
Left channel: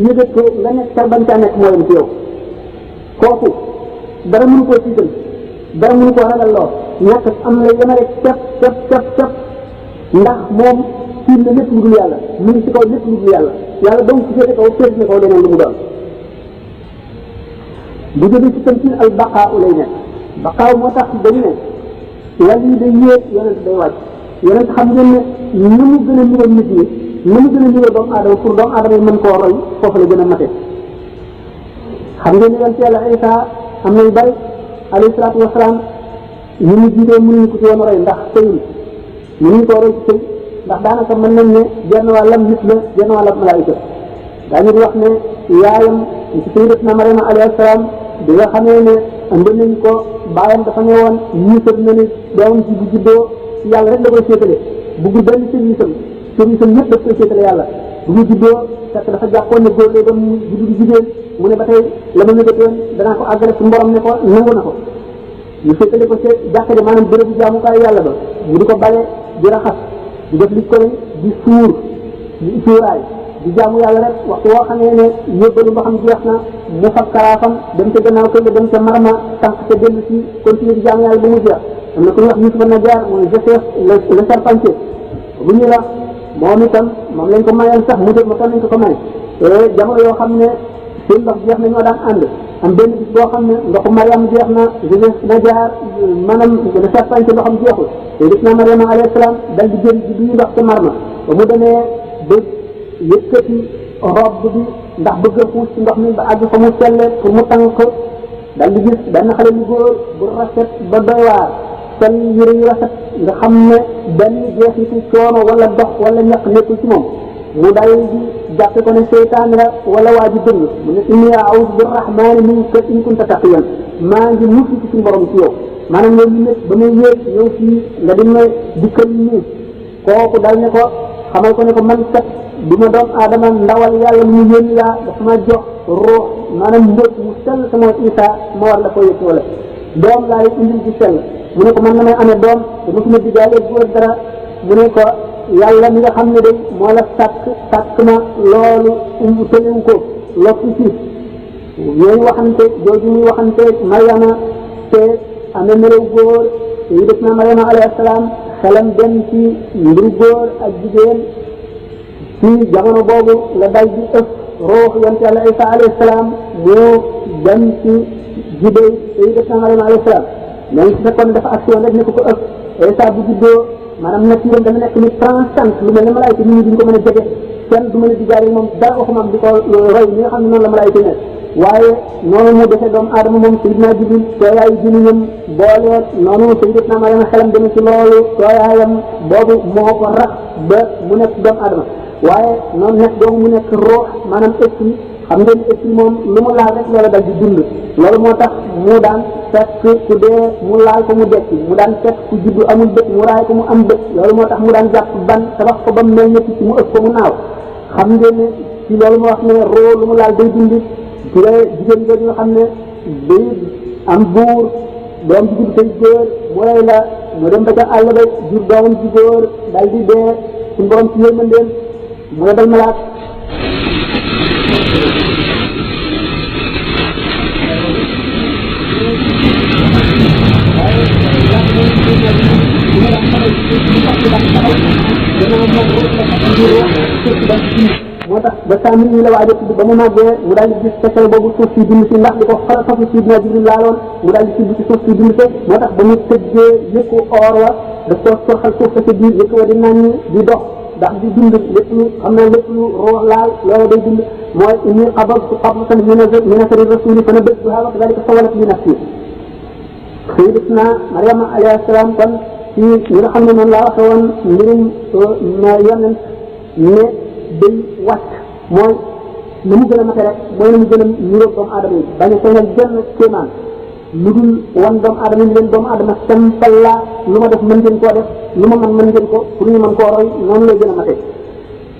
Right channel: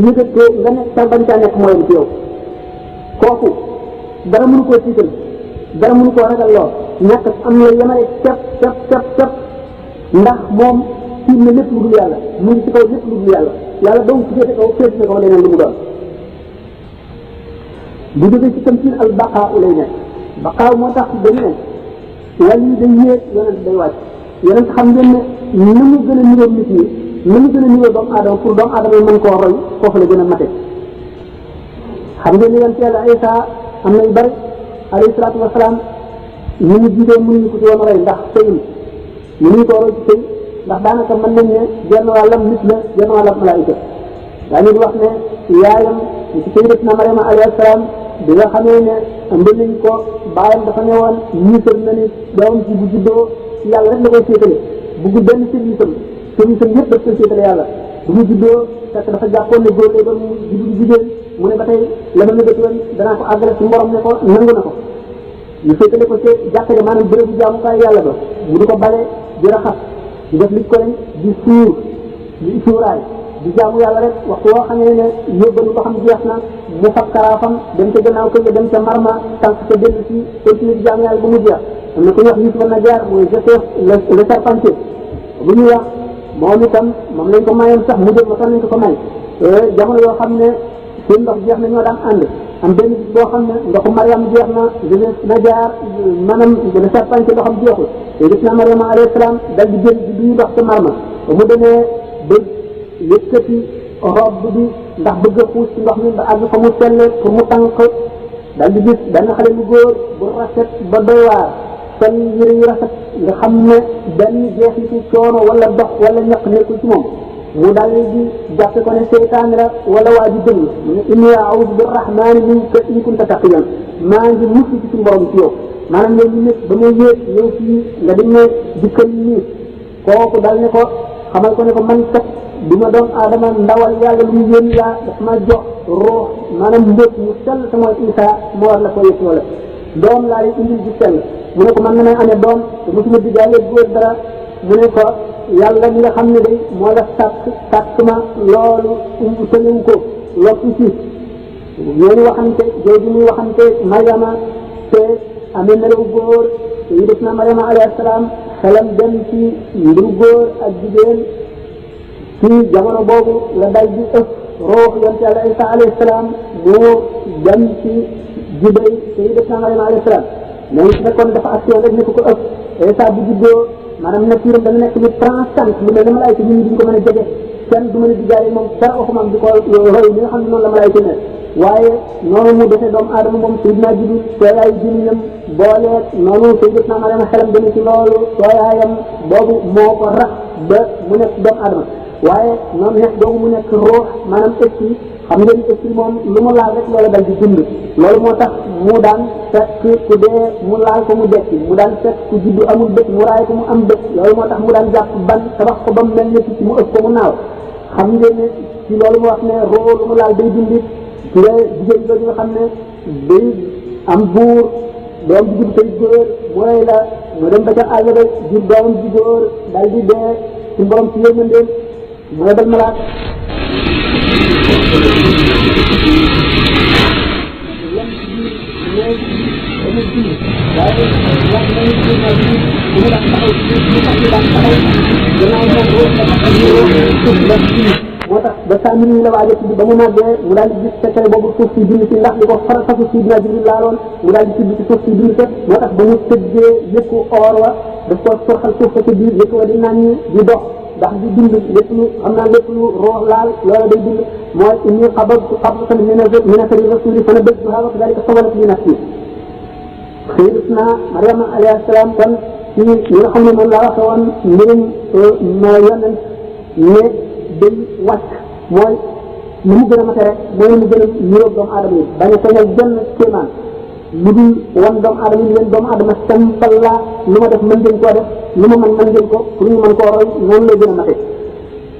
yëgatee nga nekk sa bañ caa nekk mooy ci yow kooku dara mënu koo tiital dara mënu koo ragal loo ñàkk am la yemale cap ndax moom tiim na lépp lu dul yàlla mu ngi ci kaw lépp lu dul yàlla ba mu ci féete kaw féete na kaw leneen lu mu doon bu jógee ci tamsiin al baqaa lay nekk baqaaw moo tax dañu ne wàll yi day yéeg yonent day wàcc yonent xam ngeen ne ni mu gën a niroo nit ñi ni mu gën a niroo doomu aadama pour doomu aadama yi mën koo roy foofu la gën a mate xam ngeen ni yonent yàlla Isa am na yu bari alayhi salaatu wasalaam ñu mu jiitee mënuñu ko ci woon roy ndax sëyul mënuñu koo roy ci sëy ndax daanaka mën nañ ne genn wàllam nit la genn wàllam malaayika daañu di wax ne yaayam ci sayyidatuna Maryama alayhi salaam bi nga xamee ne andi nañ ko baayam dafa ne woon ñiisal na ni doomam ci bu juddoo yàlla rek la koy séetale buggul benn service am yëpp daf koy séetale yàlla bu mu juddoo fekk dafa jàppoon ne góor lay doon mu juddu jigéen mu ne ba tey la ma ñëgatoon danaa ko àggale su mborom ne ko nangu na ko ñu séetale ko ci jàkka ja maanaam bérébu jaamukaay yàlla ba mu di ko bale di raxas di def li ko di suuraay di jaamu yàlla rek waxtu woo xamee ne yóbbalu ndoxam jeex na mu fab karaafam dem ca gannaaw kër ga dem ca marma tànk ca dellu ci continuer di jaamu yàlla ba mu jeex am na ku ñuy wax Yuusufa Najaar mooy Joseph le charpentier bu ñuy wax moom itam moom lañ ko mayoon sax mu jot ma tan nañ ko may te jamono yoo xam ne seen ndox jeex na ñoo daan ànd am benn bis boo xam ne ndoxu Mariam jeex na Joseph Najaar maanaam le charpentier ndoxam jeexul te gis na Mariama alayhi salaam dal di jël di ndox ca marma ba mu demee ba yëkkati robe bi ndax bëgg a xuus ci ndox mi ba àgg fa mu selle pour mu tànk dal di gis benn xale bu góor bu rafet ba doy waar sol yëre yu rafet nga xam ne benn jeexitu coono wala dox wala ñaq nekkul ci moom mu dal di jàppe ko ne seytaan la wala waa ji dëng mu ne inni a'uudu birrahmaani minka in kunta taqiyan maa ngi mucc ci suñu borom ci yow maanaam yow ñu nekk ba muy yéeg ñëw fii nga dem ne dikkal nii kooku dal ne ko xamal ko ne ko man kat du ma doon aadama ndawal yàlla lu mu yónni laa daf ma jox ruux maanaam mbóot mu sell sama Isa ma war la ko yëpp wala doom laa lay indil di sell mu ne ko man na may amee doom te mosuma diggaale góor dara mu ne ko yàlla mi nga xam ne day moo la sàkk ma loolu tëlewu ko lokku ci ñooñu waxante jooju muy waxante Mariama te amee melaw góor te yi def na Mariama alayhi salaam xelam dem ci mbiru góor ak jigéen ci jamono boobu la dal di ëpp ruux yonent yàlla Isa alayhi salaam moo dem ci jibéy te yi def na Mariama alayhi salaam mais su fekkoon dafa action rek nekk ko ëpp Isa bu juddoo maanaam nature dana nekk lu transcendant lu mel ne malaayika nit ñi duñ ko mën a jege kenn du mën a diggaale moom dara waxuma am di ko roy ni nga xam ne noonu la malaayika nekk waaye noonu mu defee doomu aadama moom Seydina Jibril tooyaayu jiniñam boole noonu Sayyidatuna Mariama xelam dana ci loolu tooyaayam boobu moo ko rax ba mu nekk doomu aadama waaye noonu nekk boobu mu nekk ruux maanaam esprit xam ngeen esprit moom lu mu laal rek loola dal di dund loolu moo tax mu daan fekk ku dee mu laal ko mu dekki mu daan fekk ku juddu amul bët mu raay ko mu am bët loolu moo tax mu daan jàpp ban tabax ko ba mu mel ne picc mu ëpp ko mu naaw xam ngeen ne ci loolu mu wax ne roo lu mu laal day dindi ci la jigéen jooju nga xam ne day am buur doom ji judd tey góor mu rey la mu dem ba ca àll ba jur doomam ji góor dal di dee suñu borom ci yërmandeem mu yebal malaat moo tax ba Saamiri yi la waaj a tudd ba mu màggee mu daal di gis secret boobu suuf si bind si ndax di ko fasu Sidina Jibril laaloon mu daal di tudd ci suuf si bind ko moo tax ba ñu tëggee yëpp or wa daf koo sorxal suuf sa ca biir yëpp wa di naan di dox ndax di bind lépp lu xam naa lépp lu roox laal loola day bind mooy inni qabadtu qabdatan min asari rasuli fa nabadtuha wa kadhalika sawalat li nafsi Sayyidatuna Maryama alayhi salaam kon ci ñi nga xam ne moom laa waxe woon mbirum yonent ne day wàcc mooy ni mu gën a mate rek mooy ni mu gën a niroog doomu aadama yi bañ a feeñal genn kéemaan lu dul wan doomu aadama yi leen doomu aadama sampal laa lu ma def mën ngeen koo def lu ma mën ngeen ko pour ñu mën koo roy noonu lay gën a mate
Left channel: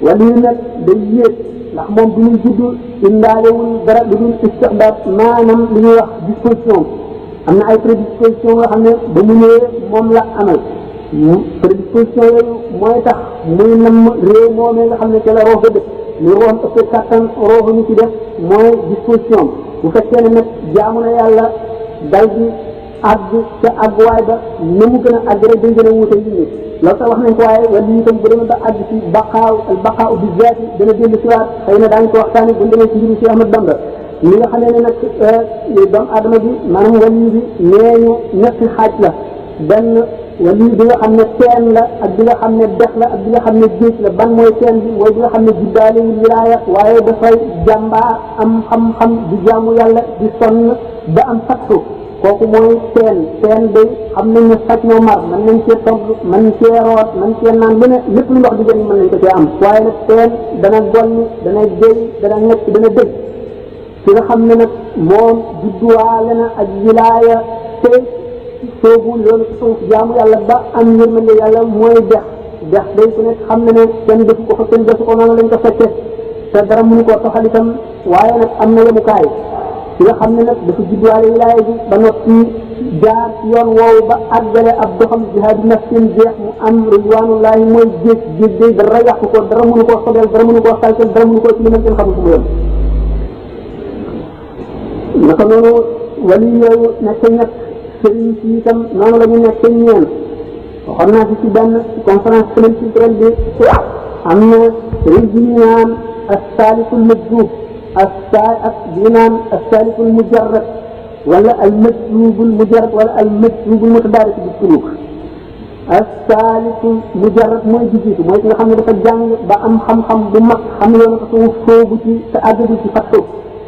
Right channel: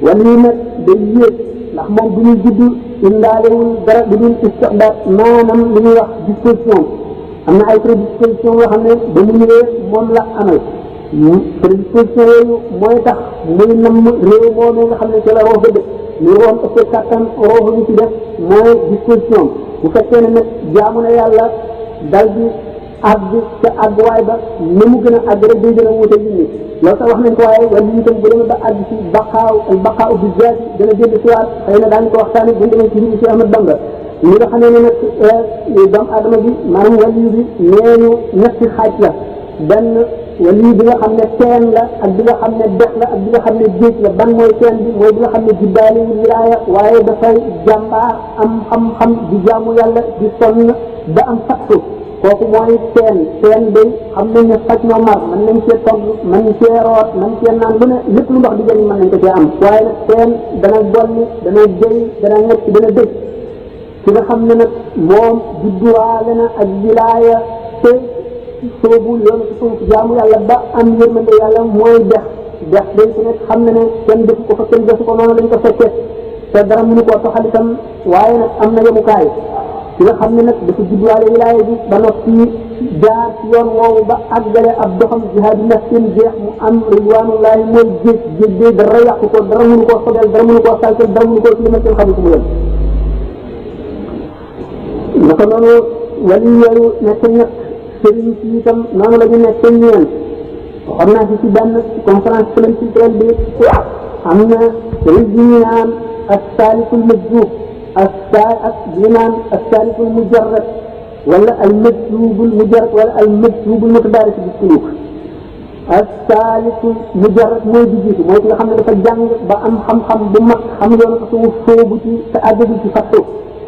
wala yi nag day yéeg ndax moom du ñuy judd indaalewul dara lu dul istixdaat maanaam li ñuy wax disposition am na ay prédisposition yoo xam ne ba mu ñëwee moom la amal prédisposition yooyu mooy tax muy namm réew moom nga xam ne ca la roox ba dëkk ñu roon ëpp kattan roox ñu ci def mooy disposition bu fekkee ne nag jaamu na yàlla dal di àgg ca àgguwaay ba ni mu gën a àgg rek day gën a wuute nit ñi loolu sax wax nañ ko waaye wala yi itam bu demee ba àgg ci baqaaw bi zaati dana dellu si waat xëy na daañu ko waxtaane bu ñu demee ci mbiru si Ahmad Bamba li nga xamee ne nag doomu aadama bi maanaam wali bi nee ñu ñetti xaaj la benn wali bi nga xam ne teen la ak bi nga xam ne dex la ak bi nga xam ne géej la ban mooy teen bi mooy bi nga xam ne juddaalewul wilaaya waaye dafay jàmbaar am xam-xam di jaamu yàlla di sonn ba am fattu kooku mooy teen day xam nañ ne faj na mar mën nañ cee togg mën nañ cee root mën cee naan lu ne lépp lu ndox di jëriñ mën nañ ko cee am waaye nag teen dana golli dana jëy dana ñecc dana dëj ki nga xam ne nag moom judduwaale na ak wilaaya te soobu yoonu ci suuf jaamu yàlla ba am yërmande yàlla mooy dex day ku nekk xam ne ne kenn defu ko fa kenn defu ko noonu lañ ko fekkee te dara mënu koo toxal itam waaye nag am na yemukaay ki nga xam ne nag dafa judduwaale wilaaya bi ba noppi jaar ci yoon woowu ba àggale ab doxam jihaadu nafsin jeex mu am ridwanullahi mooy géej dara yàqu ko dara mënu koo sobel dara mënu koo saltel dara mënu koo ci limal kenn xamul fu mu yem naka noonu wali yooyu nekk ñett sëriñ si itam noonu la ñu nekk ñeent waxoon naa fi ci benn conférence culturelle bi am na sëriñ bi ñu naan as-salikul majzub bi ñu naan as-salikul mujarrad wala al majzubul mujarrad wala al majzubul mutadarik bi suluk as-salikul mujarrad mooy di jiitu mooy ki nga xam ne dafa jàng ba am xam-xam bu mag xam yoonu ko suuf soobu ci te àggagul ci fattu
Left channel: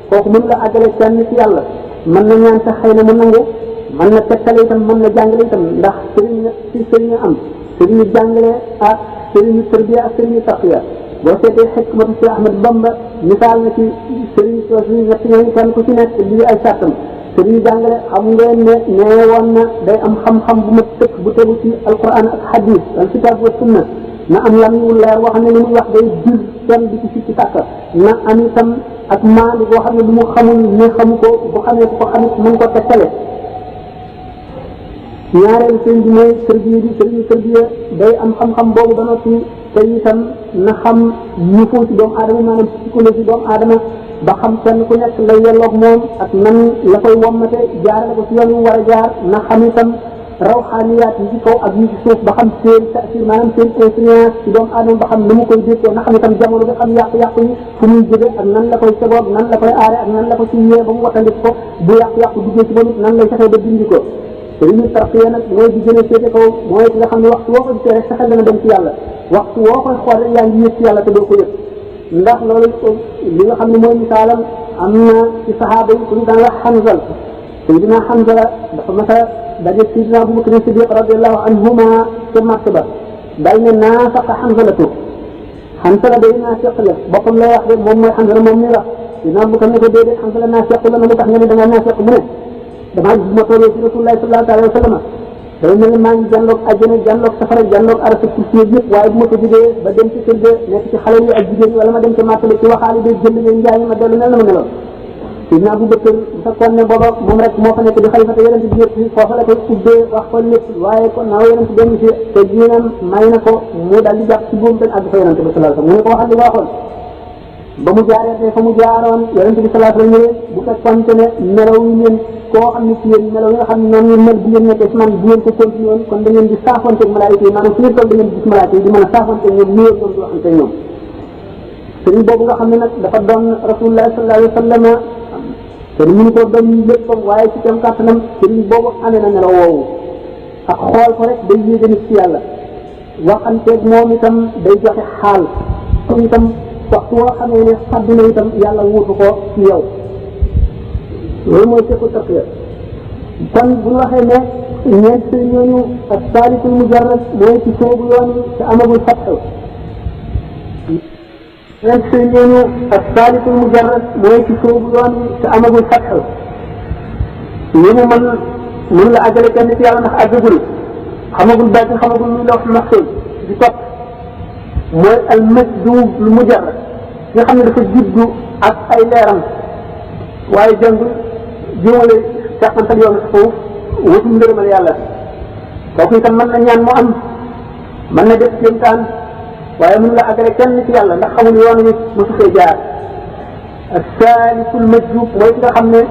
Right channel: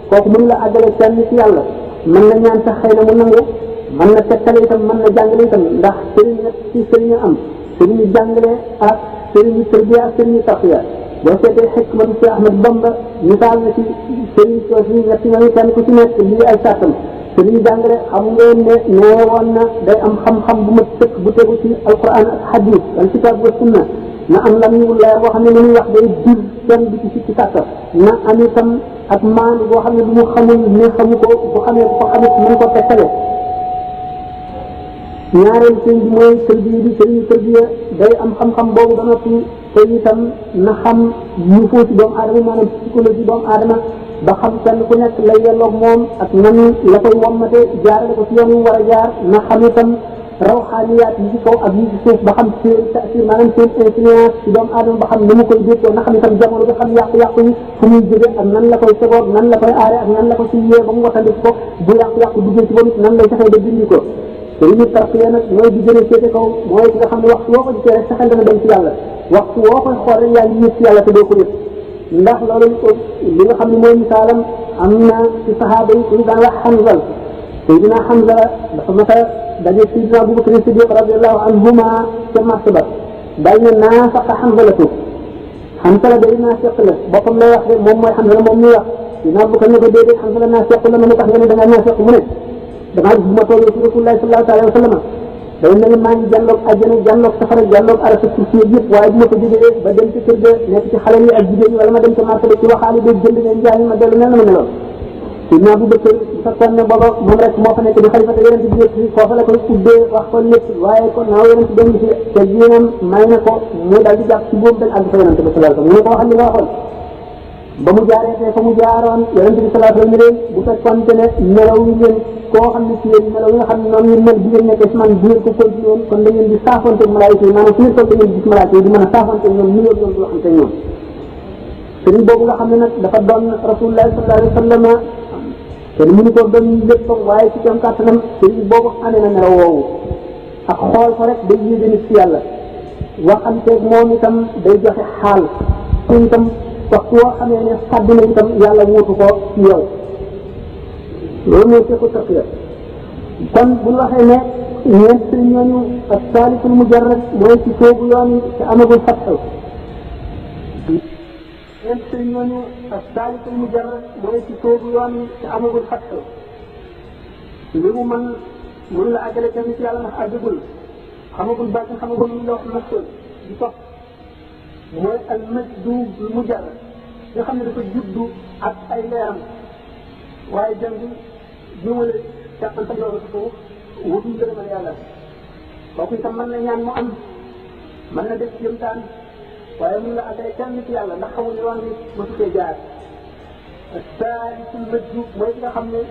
kooku mënu la àggale kenn ci yàlla mën na ñaan sax xëy na mu nangu mën na tegtale itam mën na jàngale itam ndax sëriñ ci sëriñ am sëriñu jàngale ak sëriñu tarbiya ak sëriñu tarqiya boo seetee xikmatu Cheikh Ahmad Bamba misaal na ci sëriñ soosu ñett ñooñu kenn ku ci nekk lii ay sàttam sëriñu jàngale xam ngeen ne nee woon na day am xam-xam bu ma tëkk bu tegu ci alquran ak hadis al kitab wa sunna na am lam yu leer boo xam ne li muy wax day jur kenn di ci sikki sàkk na am itam ak maandu boo xam ne bu mu xamul ne xamu ko bu xamee ko xamit mën ko tekkale ñaareelu sëñ bi mooy tërbiya bi sëriñu tërbiya day am xam-xam boobu ba noppi te itam na xam ñu foo ci doomu aadama maanaam psychologie doomu aadama ba xam kenn ku nekk la yelloog moom ak nan la koy wommate jaarale ko ci yoon wu war a jaar na xam itam rawxaaniyaat yi ci kaw ak yi ci suuf ba xam seen taasir maanaam seen influence ci doomu aadama ba xam ni mu koy déggoo na xam itam jamono bi xam yàqu-yàqu yi fu muy jóge ak nan la koy tegoog nan la koy aare ak nan la ko ci yee ba mu wattandiku ko bu yàqu-yàqu duggee ci ba nit nan lay fexee ba dindi ko te li ñu tarxiya nag mooy di gën a féete kaw mooy ki nga xam ne waxtu woo ko gisee rek sa xel dana dem ci yàlla waxtu woo koy xool rek yaa ngi yëg ci yàlla te doo ko yëg ndax loolu li nga xam ne mooy misaalam am na ci saxaaba yi ku ñu daan wax Hanzal Seydina Hanzala dafa mas a daje Seydina Abubakar Siddiq radiyallahu anhuma ca marché ba dal ne naafaqa Hanzalatu Hanzala day naafiq la boppam lay wax de moom mooy Hanzala moom muy wax Seydina Abubakar ne ko déedéet Hanzala naafiq la ma ne tax nga ne da nga naafiq mu ne damaa gis bu ma toogee ci rasulullah sallallahu alayhi wa sallam day mel ni maa ngi jàlloog àjjana jàlloog safara jàlloog arasa kursi yëpp waaye bu ma ko jógee ba dem ci kër ga nekk ci xale yi ak jigéen ñi wala ma dem ca marché ci waxaale beeg jënd ngeen njaay ma dellu mel na ma meloon Sidna Abu Bakar bu fekkoon ne booba moom rek moo fa nekk di xalifa te yonent bi yëpp foofa la koy ubbee wax ko lépp waaye kon naaw yonent dem ci te yéenam may na ko mu daal di jàpp ci boobu bañ àgg fa yonent bi sallallahu alayhi wasallam mu ne ko waxal li nga waxoon ba mu jaaree fa mu jaaroon yonent bi sallallahu alayhi wasallam bu fekkoon ne melaw yi ngeen koo xam ne ci yéen melaw yi nga xam ne noonu ngeen mel bu ngeen nekkee ci man bu ngeen ko continué woon kon da ngeen di saafonteeg malaayika yi maanaam fu ngeen toll da ngeen gis malaayika yi di mën a saafonteeg ñoom nuyoo ñoom di waxante ñoom sëriñ boobu nga xam ne nag dafa doon rasulullah sallallahu alayhi wasallam te mënu ko doon léppam waaye ci kam kàttanam sëriñ boobu amee na melaw woowu ak xool ko rek day yéege nit ci yàlla waxanteeg moom itam day joxe xaal te itam waxtu woo xamee ne fàdd na itam yàlla wuutu ko ci yow loolu mooy sequ tarbiya kon bu ñu waxee ne ñeent ci ñooñu ak saalisul mujarrad mooy ci soobu yoon ci amagul fatxu ñeent ci ñooñu ak saalisul mujarrad mooy ci soobu yoon ci amagul fatxu li mu mën la àggale kenn ci yàlla ndax àggagul xamagul baatin xamagul luy lawx maxsuus di topp mooy al majduub lu mujarrad nga xam ne dafa juddu ak ay leeram waaye jàngul jiwale càqantal yoon sa foofu wutum ngërëmal yàlla kooku itam mën na ñaan mu am mën na def kéemtaan waaye mën la àggale kenn ci yàlla ndax xamul yoon wi mosu fee jaar saalisul majduub mooy ki nga xam ne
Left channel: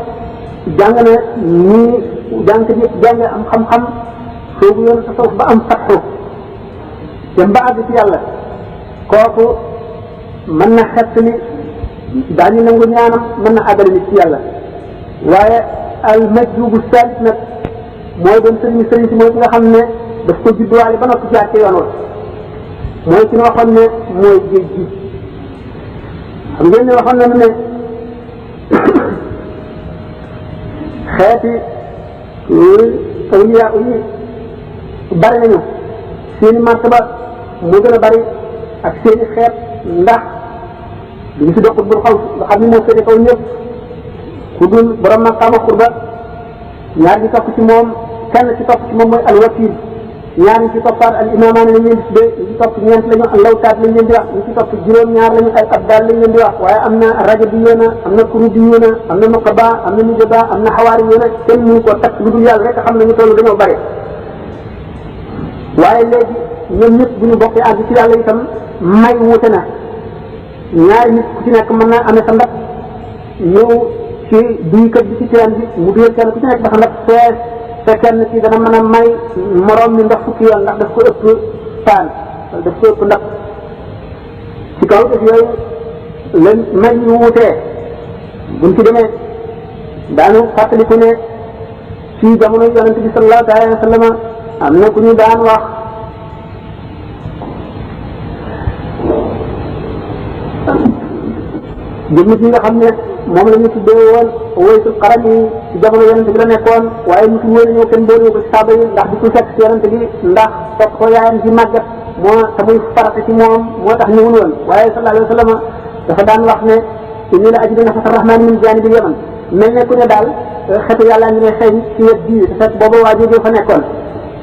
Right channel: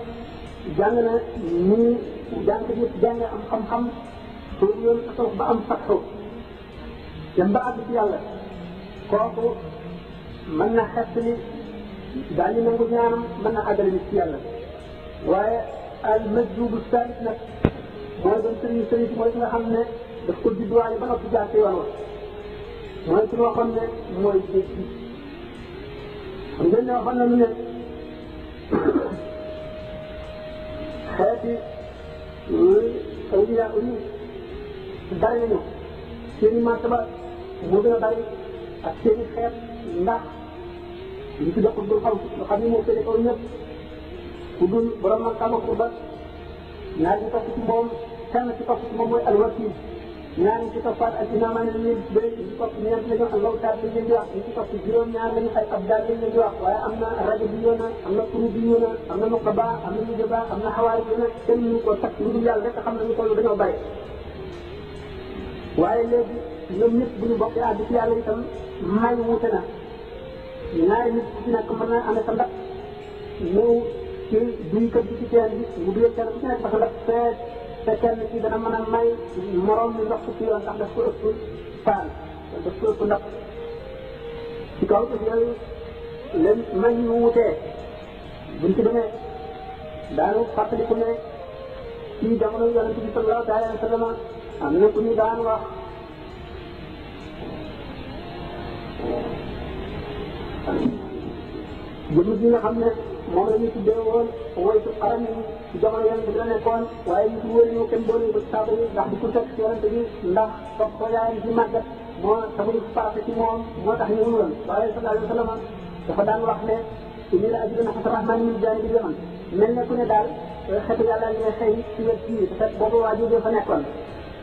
jàng na nii jàngkat yëpp jàng am xam-xam soobu yoon sa foofu ba am fatxu dem ba àgg ci yàlla kooku mën na xett ni daañu nangu ñaanam mën na àggale nit ci yàlla waaye al majdubu salit nag mooy doon sëriñ si mooy ki nga xam ne daf ko judduwaale ba noppi jaar ci yoon wa mooy ki nga waxoon ne mooy géej gi xam ngeen ne waxoon nañu ne xeeti awliya yi bari nañu seeni martaba mu gën a bari ak seeni xeet ndax duñu si doxut bul xaw nga xam ne moo féete kaw ñëpp ku dul borom maqaama xurba ñaar ñi topp ci moom kenn ci topp ci moom mooy alwakil ñaar ñi ci toppaat al imamaani lañ leen di tuddee ñi ci topp ñeent lañu al lawtaat lañ leen di wax ñi ci topp juróom-ñaar lañu ay abdal lañ leen di wax waaye am na rajabiyuuna am na kurubiyuuna am na nuqaba am na nujaba am na xawaariyuuna kenn mënu koo takk lu dul yàlla rek xam nañu toll dañoo bare waaye léegi ñoom ñëpp bu ñu bokkee àgg ci yàlla itam may wuute na ñaari nit ku ci nekk mën naa amee sa ndab ñëw ci duykat bi ci teen bi mu duyal kenn ku ci nekk dafa ndab fees te kenn ci dana mën a may moroom mi ndox fukki yoon ndax daf ko ëpp paan daf ko ëpp ndab ci kaw def yooyu leen may yu wuutee buñ ci demee daanu fàttaliku ne ci jamono yonente bi sallallahu alayhi wa sallam am na ku ñu daan wax jëmm ji nga xam ne moom la ñu tuddee woon Uwaysul Qarani ci jamono yonente bi la nekkoon waaye musu wóor ñëw kenn boole ko ci saaba yi ndax di ko fekk ci yonente bi ndax fekk ko yaayam ci màggat moo te muy farata ci moom moo tax ñëwul woon waaye sallallahu alayhi wa sallam dafa daan wax ne inni la ajidu nafata rahmani min janibil yaman mel ne ku ne daal xetu yàlla ngi ne xëy ci wet bii te fekk booba waa jógee fa nekkoon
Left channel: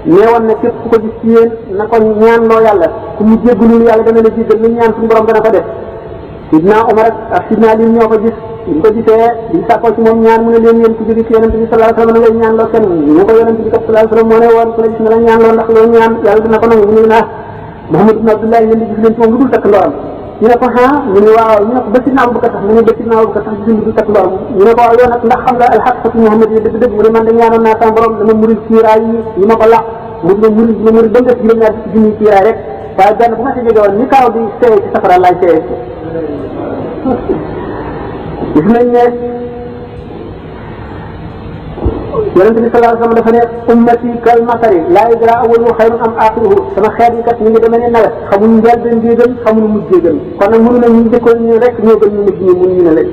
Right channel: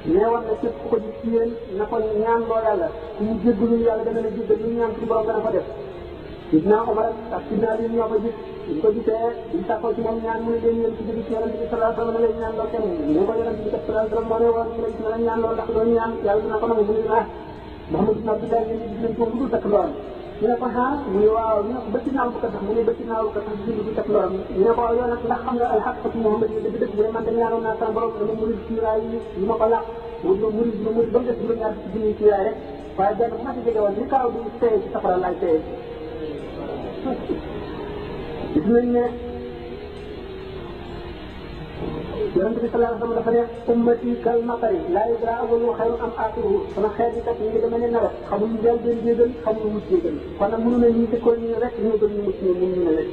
nee woon ne képp ku ko gis ci yéen na ko ñaan loo yàlla ku mu jéggalul yàlla dana la jéggal lu ñaan suñu borom dana ko def sidna Omar ak sidna Ali ñoo ko gis ñu ko gisee di sàkkoo ci moom ñaan mu ne leen yéen ku jóge ci yonente bi sallallahu alayhi wa sallam na ngay ñaan loo kenn ñu ko yonente bi sallallahu alayhi wa sallam moo ne woon ku la gis na la ñaan loo ndax loo ñaan yàlla dina ko nangu mu ne naa Muhammad ibn Abdullah yéen di gis leen ci moom lu dul takk ndoram ñu ne ko mu ne waaw ñu ne ko ba sidna Abubakar sax mu ne ba sidna Abubakar sax gis lu dul takk ndoram ñu ne ko waaw yow nag ndax xam nga alxaqatu Muhammad yi dëgg dëgg mu ne man de ñaanoon naa sama borom dama murid kiiraay yi ma ko laq mu dina murid ba mu def juróom-ñaar ci junni kiiraay rek waaye benn bu ma si jóge woon ni kaaw di seey ci safara laay seey gis nañ ne yonente bi sallallahu alayhi wa sallam dafa ne ummati kal matari laa yadra awwaluhu xayrun am axiruhu sama xeet yi kat ñu ngi demee ne nawet xamuñu njëlbeen bi gën xamuñu mujj gën kon nag mënu na ñu jëkkoon ñu rek ñoo gën ñu mujj ñu mun ñu ne leen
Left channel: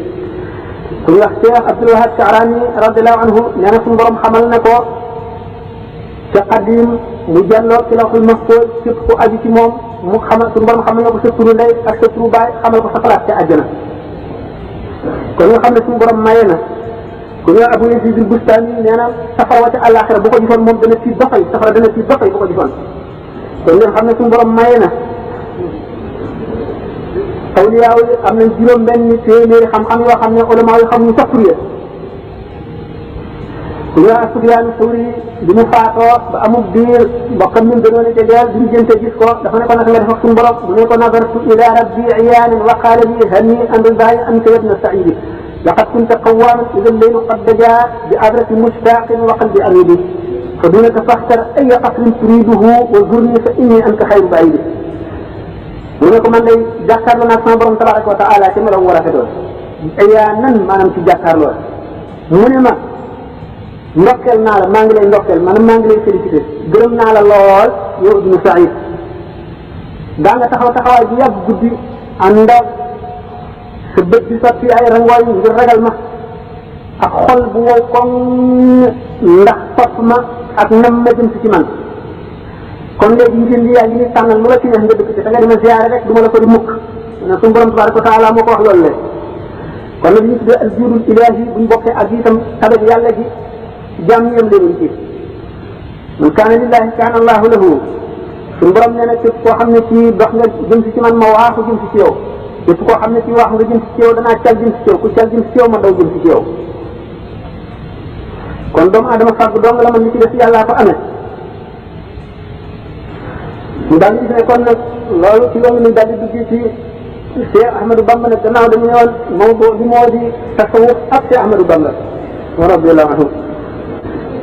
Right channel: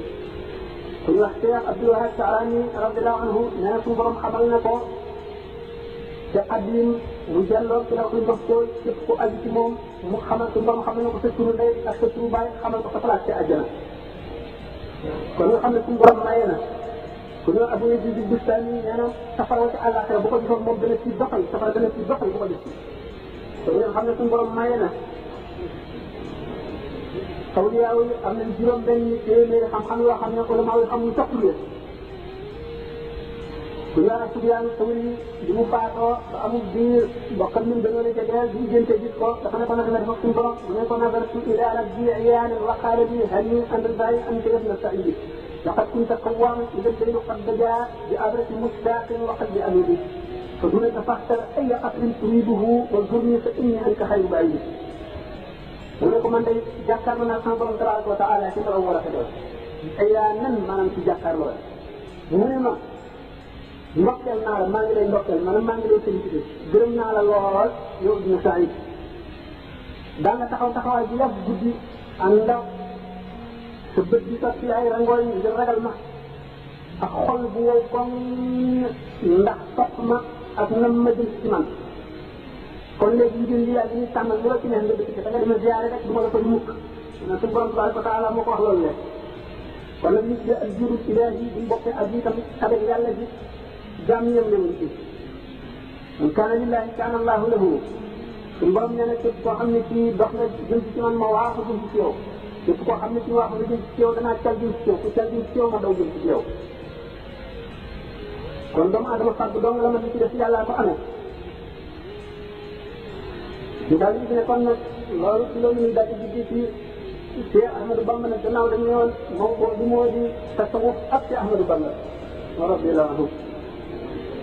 ku ñu wax Cheikh Abdul Wahab Sha'rani radiallahu anhu nee na suñu borom xamal na ko ca qadim mu jàlloo ci lawhul mahfuz képp ku aju ci moom mu xamal suñu borom xamal na ko sa turu ndey ak sa turu baay xamal ko sa place ca àjjana kon nga xam ne suñu borom maye na ku ku ñu Abu Yazid al-Bustami nee na safara wa ca àllaaxira bu ko gisoon moom dana tiit ba fay safara dana tiit ba fay bu ko gisoon kon ngeen xam ne suñu borom maye na awliyaaw yi am nañ juróom benn téeméeri xam-xam yoo xam ne ulama yi xam ñu sappuriye ku ñu Sufyaan Sawri bi mu faatoo ba amul diir mbokkam ñun gënoon a jegeel bi ñu jënte gis ko dafa ne ko nag nga def ak suñu borom mu ne ko nazartu ila rabbi iyaanan wa qaala li hani an ridaay anta yabna saidi laqad kunta qawaaman ida alleylu qad dajaa bi adrati mushtaqin wa qalbi amidi fa dunaka faxtar aya qasrin turiduhu wa zurni fa inni anka xayru baidi mu ne ko man day jàkkaarloo naa sama borom tabaraka wa taala ci melam war a fetoon iyaanan maanaam ci jàkkaarloo mu ne ma ndokkeel naa la maa ngi lay ndokkeel maanaam maa ngi lay félicité gërëm naa la lool yow ibnu Saïd daa nga taxaw taxawaay bu yàgg guddi ànd ak sa bët bi sotti ay rangooy ngir ragal ma ak xol bu wow koŋ ndax topp ma ak nam ma jëm si ci man kon léegi njënd yaa ngi ni tànnal lu la ci neex nga dëkk ci da nga dima ziyaare rek du ma la ko di mukk ne suñu borom tabaraka wa taala moo ko wax loolu le kon nag ñu tuddee al juudul ilaahi buñ bokkee ak itam tabe yàlla gi jaam yëm leen ci man kaana lillahi kaana allahu lahu suñu borom nee na képp koo xam ne ci dox nga jëm si ci man ma waaxu jëm si ci yow képp koo xam ne ci waaxu nga jëm si ci yow danaa cal jëm si ci yow ku cal jëm si ci yow ma daw jëm si ci yow kon doomu adama fàgg dong la man li ci def yàllaa ko amee ñu daal di gis ne kon nag loolu ci yoon ni daal di dugg ci Cheikh Ahmadou Bamba nag gannaaw dañu ne woon mawdu li moo di tasawuf ak Cheikh Ahmadou Bamba wa radiyallahu anhu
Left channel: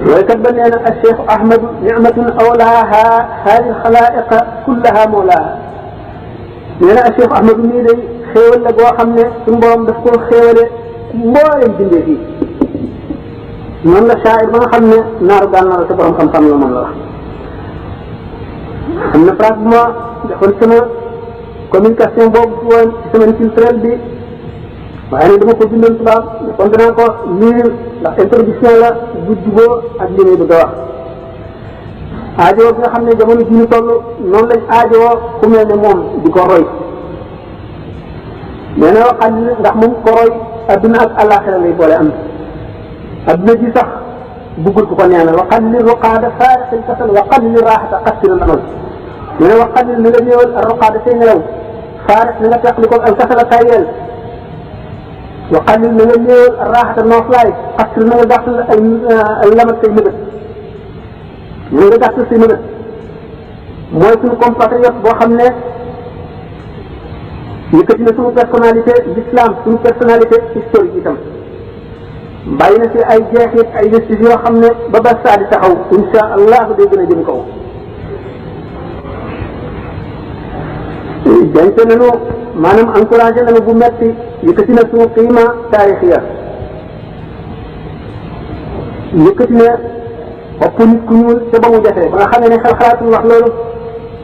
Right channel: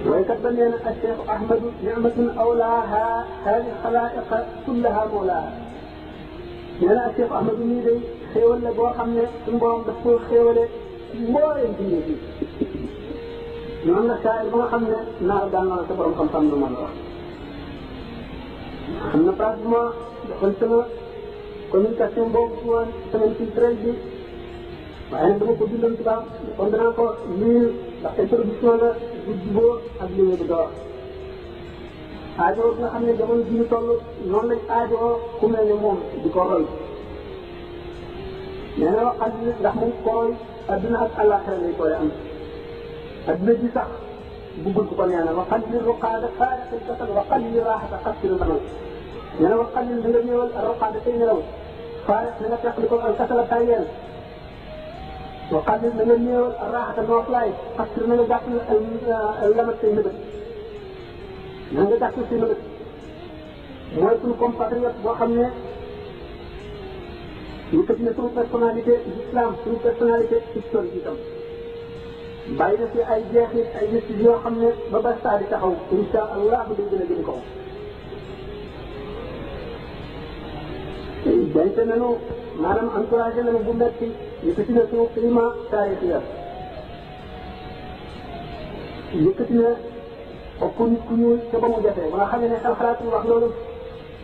waykat ba nee na al Cheikh Ahmadu nicmatun awlaaha haadi xalaa'iqa kullaha mawlaaha nee na al Cheikh Ahmadu nii day xéewal la boo xam ne suñu borom daf koo xéewale mbooleem bindee fii noonu la shaa'ir ba nga xam ne naaru gànnaar la te borom xam-xam la moom la wax am na phrase bu ma defoon sama communication boobu ci woon ci semaine culturelle bi waaye nag dama ko bindoon tubaab kon danaa ko lire ndax introduction la bu juboo ak li muy bëgg a wax aajowoo bi nga xam ne jamono ji ñu toll noonu lañ aajowoo ku mel ne moom di ko roy nee na waxal ndax moom ko roy adduna ak àllaaxira lay boole am adduna ji sax buggul ku ko neenal waxal li ruqaada faarixil kasal waxal li raaxata xassirul amal nee na waxal li nga néewal ruqaada say nelaw faarix na nga teqli ko al kasala tayel waxal li na nga néewal raaxata nooflaay xassir na nga gàttal ay lamat say mëbët na nga gàttal say mëbët mooy suñu compatriote boo xam ne yëkkati na suñu personnalité d'islam suñu personnalité historique itam bàyyi na fi ay jeexit ay vestige yoo xam ne ba ba saa di taxaw insha allah day gën a jëm kaw jante nañu maanaam encouragé nañu bu metti yëkkati na suñu qiima taarixiya yëkkati na ëpp nit ku ñuul te ba mu defee ba nga xam ne xel xalaatul wax loolu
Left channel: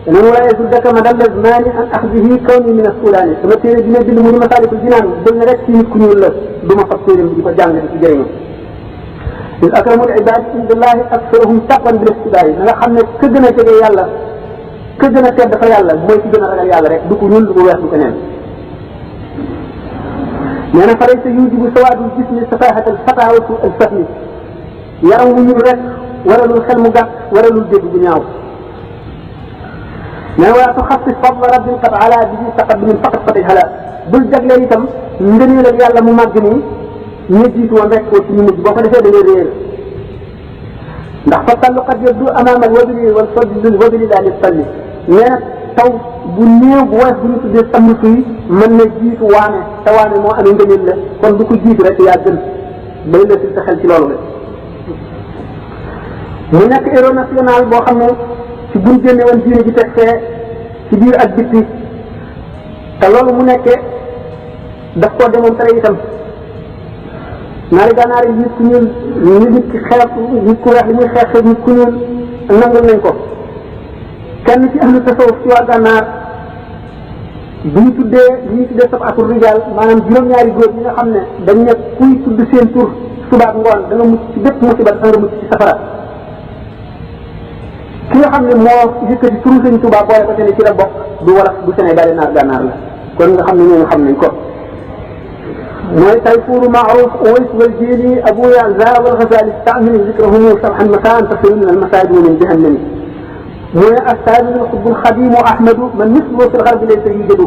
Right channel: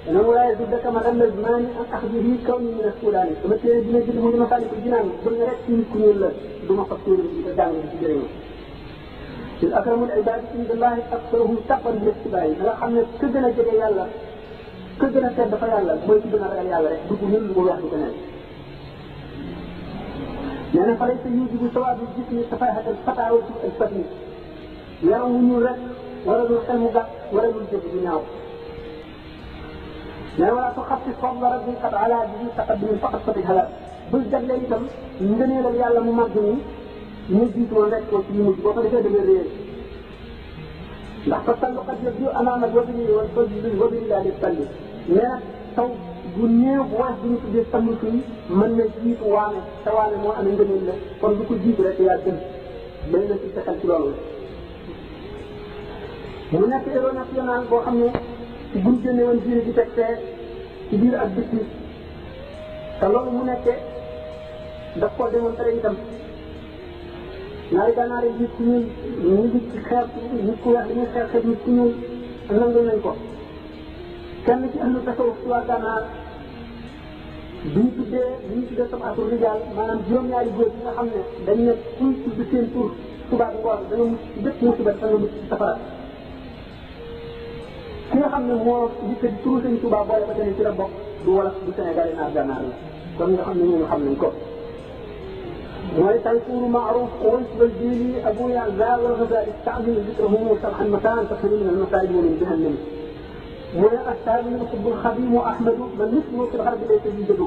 danañ wala yasuddaka madalla zmaani an axdihi kawni min assudaani sama téere bi ne bind mu di Masaalikul Jinaan bëgg na rek ci nit ku ñuul la du ma fab téere bi di ko jàng di ci jëriñu il akramul ibaadi indallahi aksaruhum taqwan bil istibaari na nga xam ne ka gën a jege yàlla ka gën a tedd fa yàlla mooy ci gën a ragal yàlla rek du ko ñuul du ko weex du ko neen nee na fa laysa yujibu sawaadul jismi safahatal fataa wa suu al fahmi yaram wu ñuul rek waralul xel mu gàtt waralul dégg bu ñaaw mais wala tuxassis fadla rabbin qad ala bihi taqaddumin faqat fatih hala bul jagleel itam ngëneelal yàlla mu màgg nii ñu jiitu woon rek ci ñu mujj boo ko defee da ngay réer ndax fa tallu qad yabdu amaama alwabili wal fadli wabili laa li talli nee na taw bu néew bu woyof bu ñu tuddee samb suy mën na jiitu waane te waane moo amee ngëneel la kon du ko jiitu rek yaa gën bay la sa xel ci loolu la mu nekk héros national boo xam ne ci buñ génne woon diine ji teg fee ci biir ak bitti te loolu mu nekkee daf koo démontré itam naari gànnaar yi nit ku ñuul nit ki xeex nit ku weex li muy xeex nit ku ñuul nangul nañ ko kenn ci ahlu tasawuf ci waa gànnaar bu ñu tuddee sabatul rijaal maanaam juróom-ñaari góor yi nga xam ne dañ ne kuy tudd seen tur subaak ngoon da nga mucc ci bépp musiba da nga mucc ci safara ki nga xam ne moo yëkkati turu Sëñ Tuubaa boole ko te ne ci la bokk du wolof du Sénégal naar gànnaar la kon nga xam ne ñooñu xam nañ ko mooy Tayfuru Maaruf Uways wal Jili Abu Yaza wal Ghazali taamini zikrahumu sabhan masaan tasiru min al masaajid wa min jahannami mooy as-saabinu al-xutbul xadiimu Ahmadu man misluhu fil garbi laysa yujadu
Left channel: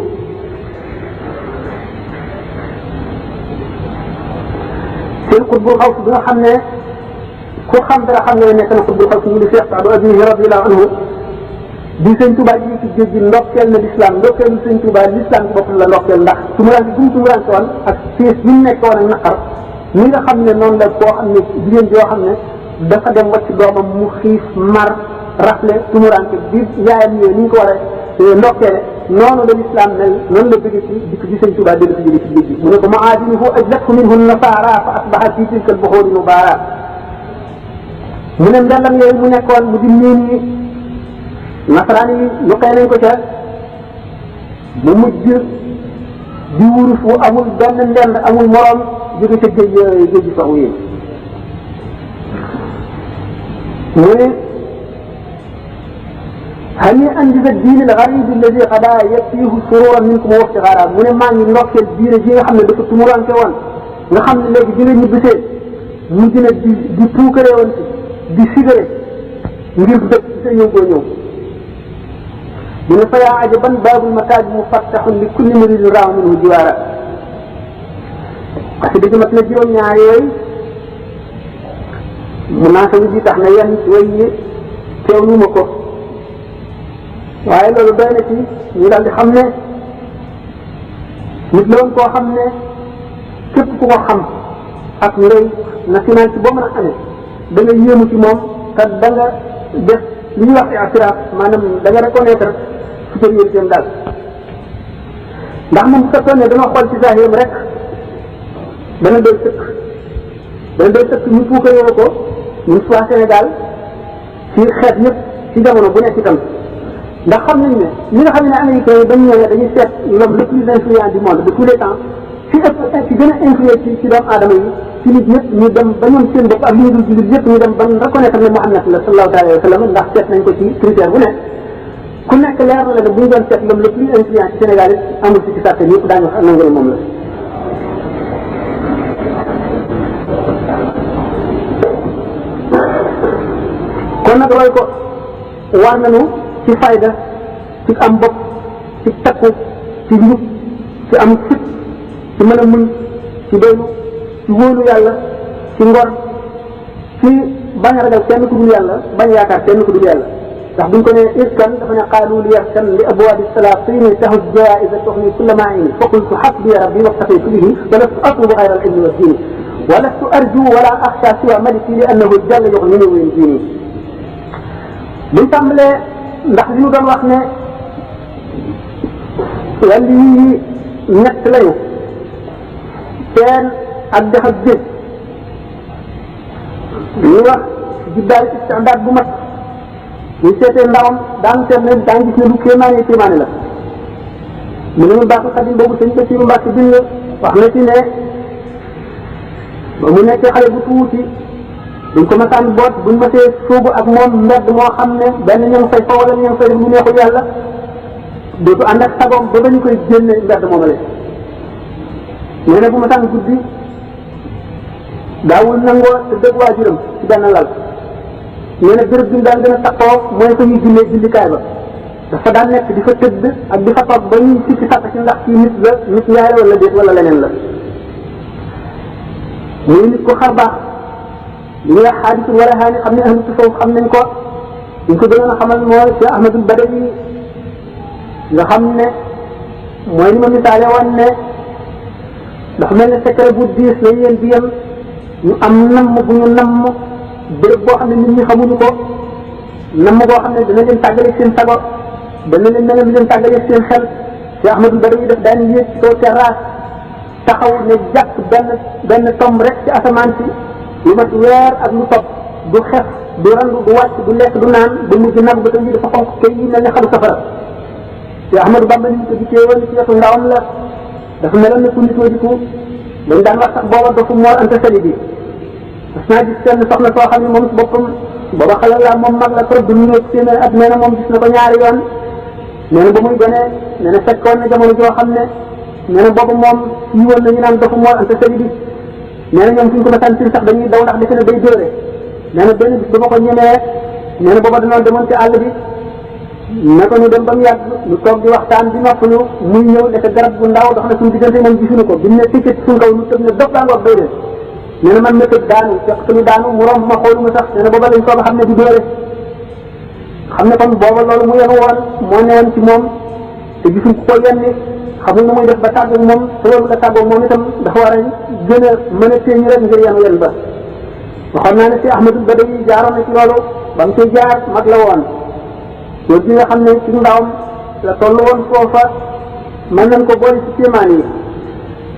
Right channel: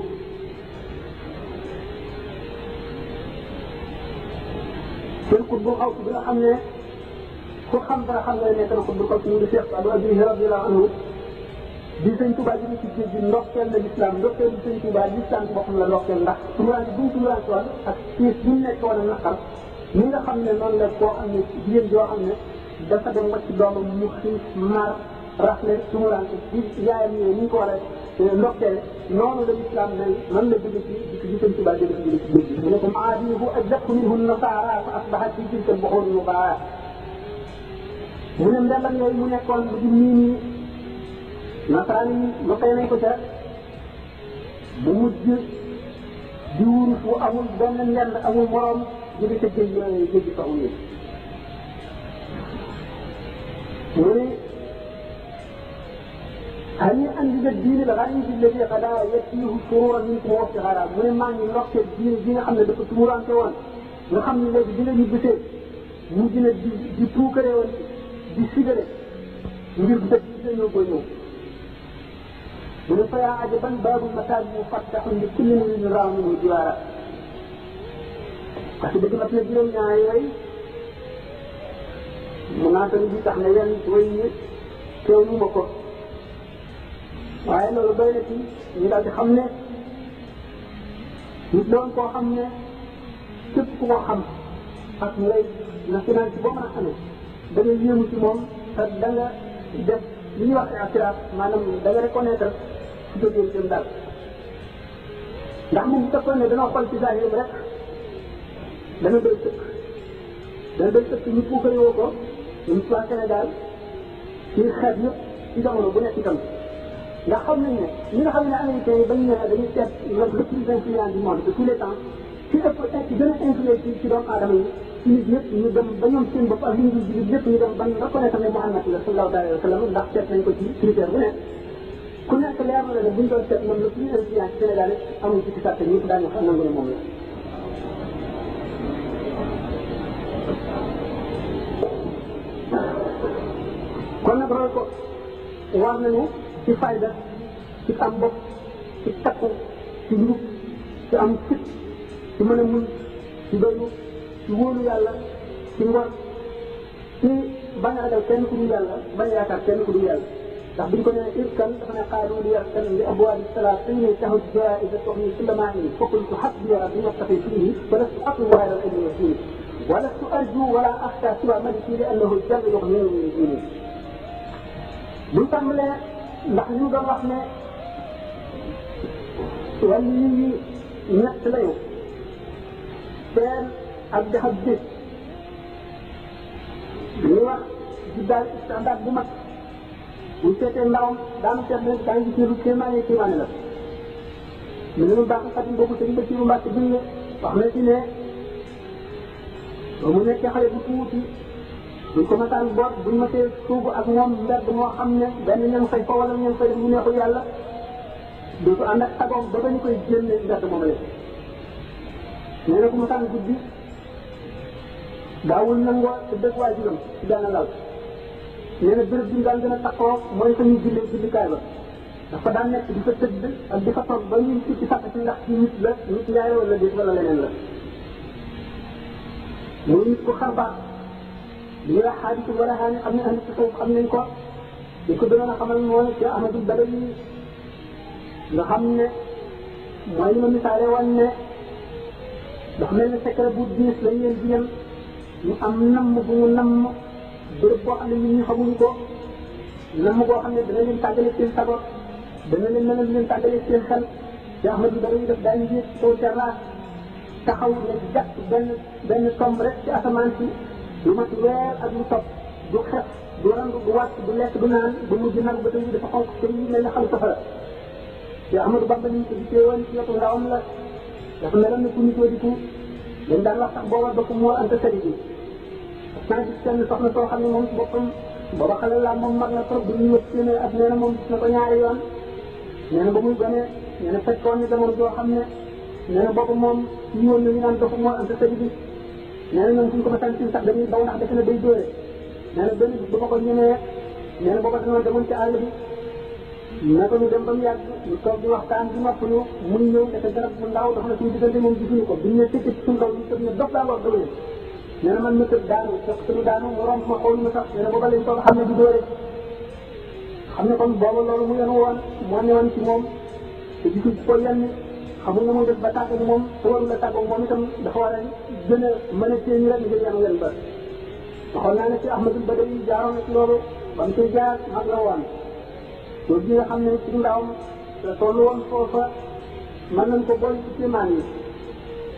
seen xutbul xaws bi nga xam ne ku xam dara xam nga nekk na xutbul xaws ñu di Cheikh Saadu Abihi radiyallahu anhu di sëñ Tuubaa ji ci géej gi ndokkeel na lislaam ndokkeelu sëñ Tuubaa lislaam ci boppam la ndokkeel ndax tumuraanke bu mu tumuraanke woon ak siis bi mu nekk woon ak naqar ni nga xam ne noonu la koo xam ne jigéen joo xam ne dafa dem wacc doomam mu xiif mar rafle tumuraanke bi yaayam yooyu ni ñu ko war a ndokkeele noonu la lislaam mel noonu la bëgg ci dikk ci sëñ Tuubaa dégg ci jëli ci géej gi mu ne ko maadinuhu ajlathu minhu nasaara fa asbaha fi tilka al-buxuuri mubaara mu ne mbellam yooyu mu nekkoon mu di niin yi nasaraan yi yokkee nañ ko ca mu mujj di wurus wu amul benn ndend amul moroom jóge ca géej gi soxu yi mu ne hani andi sa diine al garibi alladi xada yakfiihu sururan minkum wa iftixaara mu ne maa ngi ndokkeel diine ji nga xam ne dafa tumuranke woon nga xam ne léegi di nga ñibbisee mu dina di puukaree woon si di sigare ngir dëkk ci sa ñëw boo ñëw mu ne fa yaa ajaban baabul mataaj mufattaxun li kulli muridin raaw minhu jiwaara parce que dëgg mat na juróom-ñaar yooyu munaasaba bi tax na yenn way yi teewlu ma ko waaye loolu doy na ci ñu daal di xam ne nit la woon koo xam ne képp ku ko xam ak ngay national ci boo mën a amee da nga yéemu ci moom te da nga def li ñuy wax i'tiraaf maanaam da nga reconnaître supériorité am daal ndax moom bu fekkoon ne dama xool ci zaahiram rek dana doy sëkk ñu puukaree ko ñun waa Sénégal ci xeet yëpp ci jamono bu nekk itam ndax xam nañ ne li nga xam ne américains yi dañu ñëwee dañuy seet l'homme le plus influent du monde de tous les temps ci ëpp ci gën a influé ci doomu aadama yi ci nit ñëpp ñu dem ba ñoom seen bopp ak li ñu dul jullit yëpp ñu dem ba reconnaître ne Muhammad la sallallahu alayhi wa sallam ndax seet nañ ko ci critère bu nekk ku nekk leer na la ne bu ñu doon seet l'homme le plus influent ci Sénégal it amul ci sàtte ñëpp daañu wax nangu ne moom la kon nag roy ko war nañu ci fayda ci am bopp ci takku ci njub ci am fit ci mën a muñ ci doylu ci wóolu yàlla ci ngor ci bañ a ragal kenn ku dul yàlla bañ a yaakaar kenn ku dul yàlla ndax buñ ko ne iskan dafa ne qaalu li yarkan li abwaabi salaatini tahus jaiza tuxni kulla maini fa qultu xasbiya rabbi waqtafaytu bihi wa lastu atlubu xayra al ilmi wa diini wa lastu arju wala axsha siwa maliki li annahu jalla yuxnini wa yunjini buñ tàmbalee ndax li ñu doon wax ne wàllu yi ñett lañu teen ak dex ak géej ñuy wax jiddaay istidaad bu mat ñu seetee ndawam daan seet ne daan gis ne lu kéemaane la mu ne mu baax xadim boobu sëñ Basiru Mbàkke bind wax na ci ne ba mu nekkee xale bu tuuti buñ ko masaan boot buñ masee sóobu ak moom mbedd moo xam ne benn ña ngi fay fa wala ña ngi fay def lu neexul yàlla dootu ànd ak sagoom ba ba ñu koy génne mbedd moomale nee na bu masaan guddi daawul nangoo te dëgg waajuram ci benn lal nee na béréb bi mu daan gën a taxoo mooy fa ñuy jullee jullikaay ba dafa daan nekk di fa tëdd ak di fa toog ba ñuy sikki sàkk ci ndax ci nit la nit ñaay la wala déet wala leneen la muy nit ko xar baax li ñuy wax xaadisul wala xaani xam ne ahlu tasawuf xam nañ ko ñu ko gënoon a xamal mooy Cheikh Ahmadul Badawi nga xam ne mooy li ma misaale woon ne dafa mel ne secret bu diis la yéen bi yem ñu am namm bu ñu namm béréb boo xam ne nit ñi xamuñu ko namm boo xam ne dana leen tàggale seen sago dana leen mel ne leen tàggale seen xel Cheikh Ahmadul Badawi daf daan yéeg ci kaw terrasse taxaw ne jàpp benn tomb rek ci asamaan si lu mat weer ak lu topp du xef du randu du wàcc du lekk du naan du mujj nag ba yi dafa xonq kay yi mel ne xalu safara te Ahmadou Bamba ni ñu ko gisee woon ci wetu ndawam la dafa meloon ne ku nitoo diku dañ daan wax sax booba dafa moor ante sali bi parce que naa gis kenn soxna soo xam ne moom si boppam booba xale la moom mag la trop du ñu téeméer at nee na moom gis na ko ñaari yoon nee na ba muy gone nee na fekkoon na jamono joo xam ne nee na boobu moom yi woon nañu naan dafa moo ante sëri bi nee na ñoom suñ ko masaan sax dañuy daw ndax defe ne day dóore nee na benn bis dama ko ñemee nee na booba danoon demoon ci àll bi naka ñu dem ba mu yàgg ñu toog di waxtaan di noppalu muy ñëw nekk garab bu ndaw dox na suñu diggante moom gisuñu ko bi mu ne tikit suñ kaw ñu tëb ne dof laa ngoog day dee nee na man ma tëb daanu fekk suñu daanu mu romb ma xooluma sax nee na booba lañ soog a xam ne di dóore xam ne kon booba loolu mu yenu woon moo newoon ci moom te gisuñ ko yenni xamul na muy def ba tàggoog moom te loolu la tàggoog moom itam dafa war a gën a mën a téeñu rek ngir yenu yen ba waxoon naa ne si Ahmadul Badawi jaaroon na ci loolu ba mu ci jaar mag la woon yow gi nga xam ne ci ndawam la toll woon foofa mën nañ ko boole ci kéemaan yi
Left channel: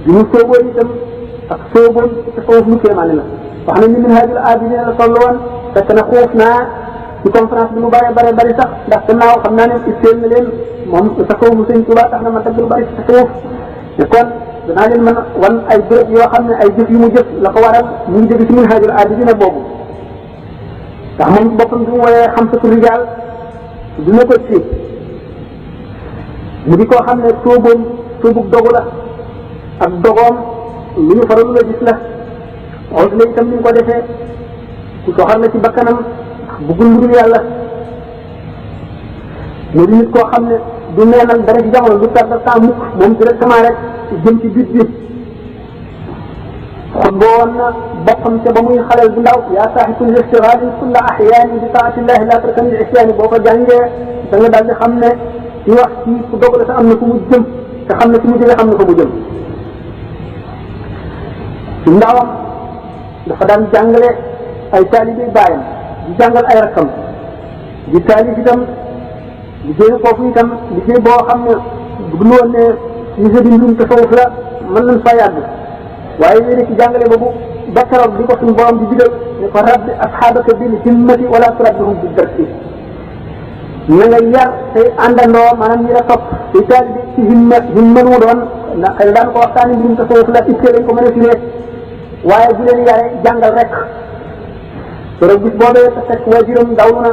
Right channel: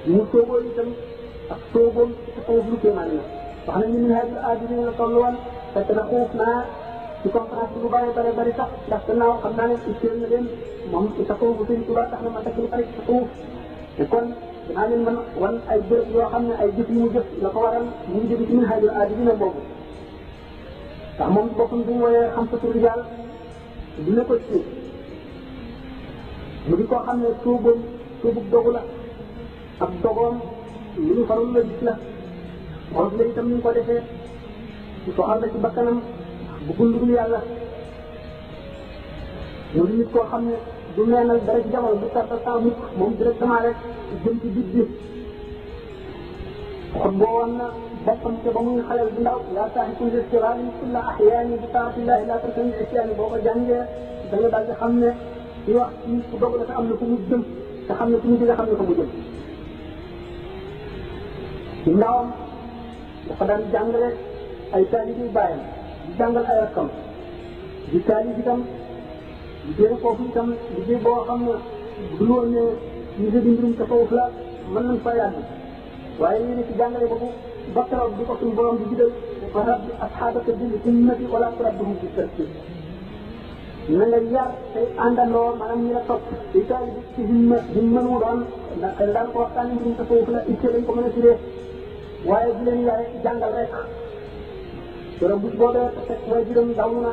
bi mu sóoboo itam ak sóoboon ci foofu lu kéemaan la wax nañ ni Minhajul Abidin la toll woon fekk na xuuf naa ci conférence bi lu bari sax ndax gannaaw xam naa ne itteel na leen moom tasawufu Sëñ Tuubaa tax na ma tagg lu bari ci tasawuf te kon danaa leen mën wan ay béréb yoo xam ne ay jëf yu mu jëf la ko waral mu ngi jóge ci Minhajul Abidin boobu ndax moom ci boppam bi mu woyee xamsatu rijaal dina ko ci mu di koo xam ne sóoboom sóobug dogu la ak dogoom lu ñu faral la gis la wax la itam ni ñu ko defee ku soxal la ci bakkanam bëggul lu dul yàlla mu di nit koo xam ne du neenal dara ci jamono du perdre temps mukk moom directement rek jëm ci biir bi xutba woon na boppam te ba muy xaleel bu ndaw yaa saaxibul istigaali kulla axyaani bi taatillahi laa tarkan li isyaani boo ko jàngee da nga daal di xam ne ci wax ci ku dog la te am na fu mu jëm te xam ne fi mu jógee xam na fa mu jëm ci ndawam dafa daan jàngale ay taalibe baayam di jàngal ay rakkam di taalif itam liggéey foofu itam liggéey boo xam ne bu ñu woon ne ñu di mbirum tasawuf la mën nañ fa yàgg waaye yéen ci jàngale boobu ba keroog di ko suñu borom di digal ne ko rabbi asxaabaka bil himmati wala turabbihum bi darki na nga yar tey àndandoo maanaam ñi la topp te taalibe ci himma lu mu doon ndax xëy na daan ko waxtaani mbirum tasawuf la ittee lañ ko mën a firee waaye bu leen yare jàngal rek keroog bis boobee te fekk waajuram dawlu na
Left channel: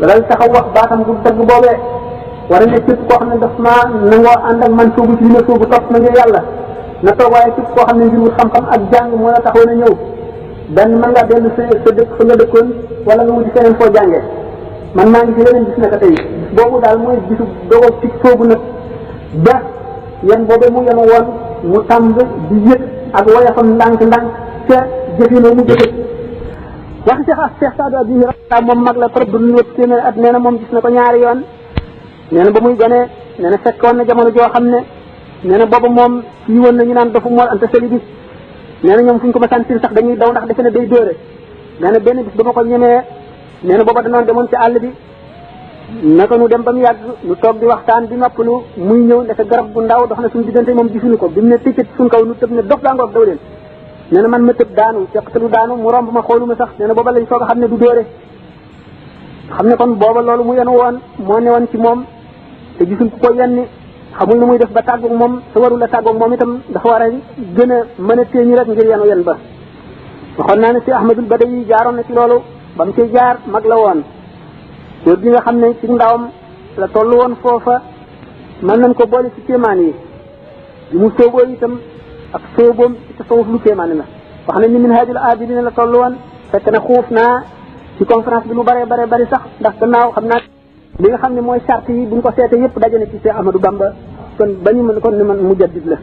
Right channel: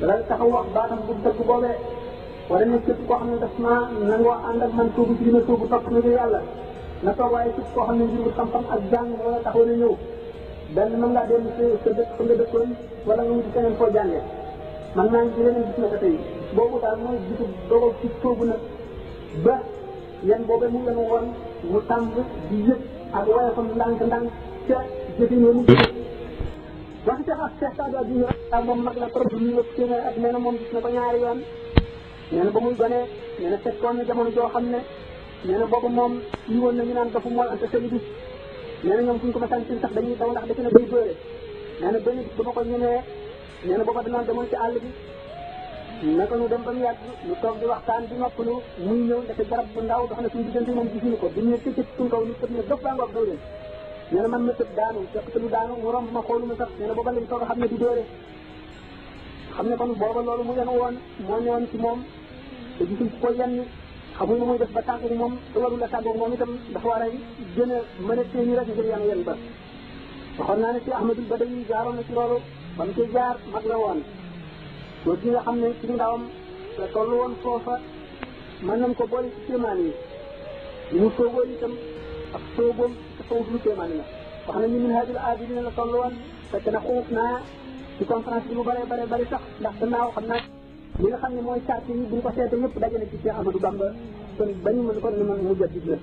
la dal taxaw wax baatam bu dëgg boobee war a ne képp koo xam ne daf maa nangoo ànd ak man soobu ci li ma soobu topp na ngir yàlla na toog waaye képp koo xam ne ngir wut xam-xam ak jàng moo la taxaw na ñëw benn mën ngaa dellu sa dëkk fa nga dëkkoon wala nga wuti feneen foo jàngee man maa ngi ci leneen gis naka tey bis boobu daal mooy bisu dogal ci soobu nag ba yan boobee mu yenu woon mu tàmb di yëg ak woyafam ndànk-ndànk ca jëfinoo mu jëfe waxi Cheikh Saadu Abi Hurayra moom mag la trop du ñu wëpp téeméer at nee na moom gis na ko ñaari yoon nee na ba muy gënee nee na fekkoon na jamono joo xam ne nee na boobu moom yi woon na ñu naan dafa mool ante seli bi nee na ñoom fu ñu ko masaan sax dañuy daw ndax defe ne day dóore nee na benn bis dama ko ñemee nee na booba danoon demoon ci àll bi naka ñu dem ba mu yàgg ñu toog di waxtaan di noppalu muy ñëw nekk garab bu ndaw dox na suñu diggante moom gisuñu ko bi mu ne ticcit suñ kaw ñu tëb ne dof daa ngoog daw leen nee na man ma tëb daanu fekk te lu daanu mu romb ma xooluma sax nee na booba lañ soog a xam ne du dóore xam ne kon booba loolu mu yenu woon moo newoon ci moom te gisuñ ku ko yenni xamul na muy def ba tàggoog moom te warul la tàggoog moom itam dafa war a gën a mën a téeñu rek ngir yenu yen ba waxoon naa ne si Ahmadul Badawi jaaroon na ci loolu ba mu ciy jaar mag la woon yow gi nga xam ne ci ndawam la toll woon foofa mën nañ ko boole ci kéemaan yi mu sooboo itam ak sooboom ci tasawuf lu kéemaane la wax nañ ni Minhajul Abidin la toll woon fekk na xuuf naa ci conférence bi lu bari sax ndax gannaaw xam naa li nga xam ne mooy charte yi buñ ko seete yëpp daje na ci Cheikh Ahmadou Bamba kon ba ñu mën kon ni man mujaddid la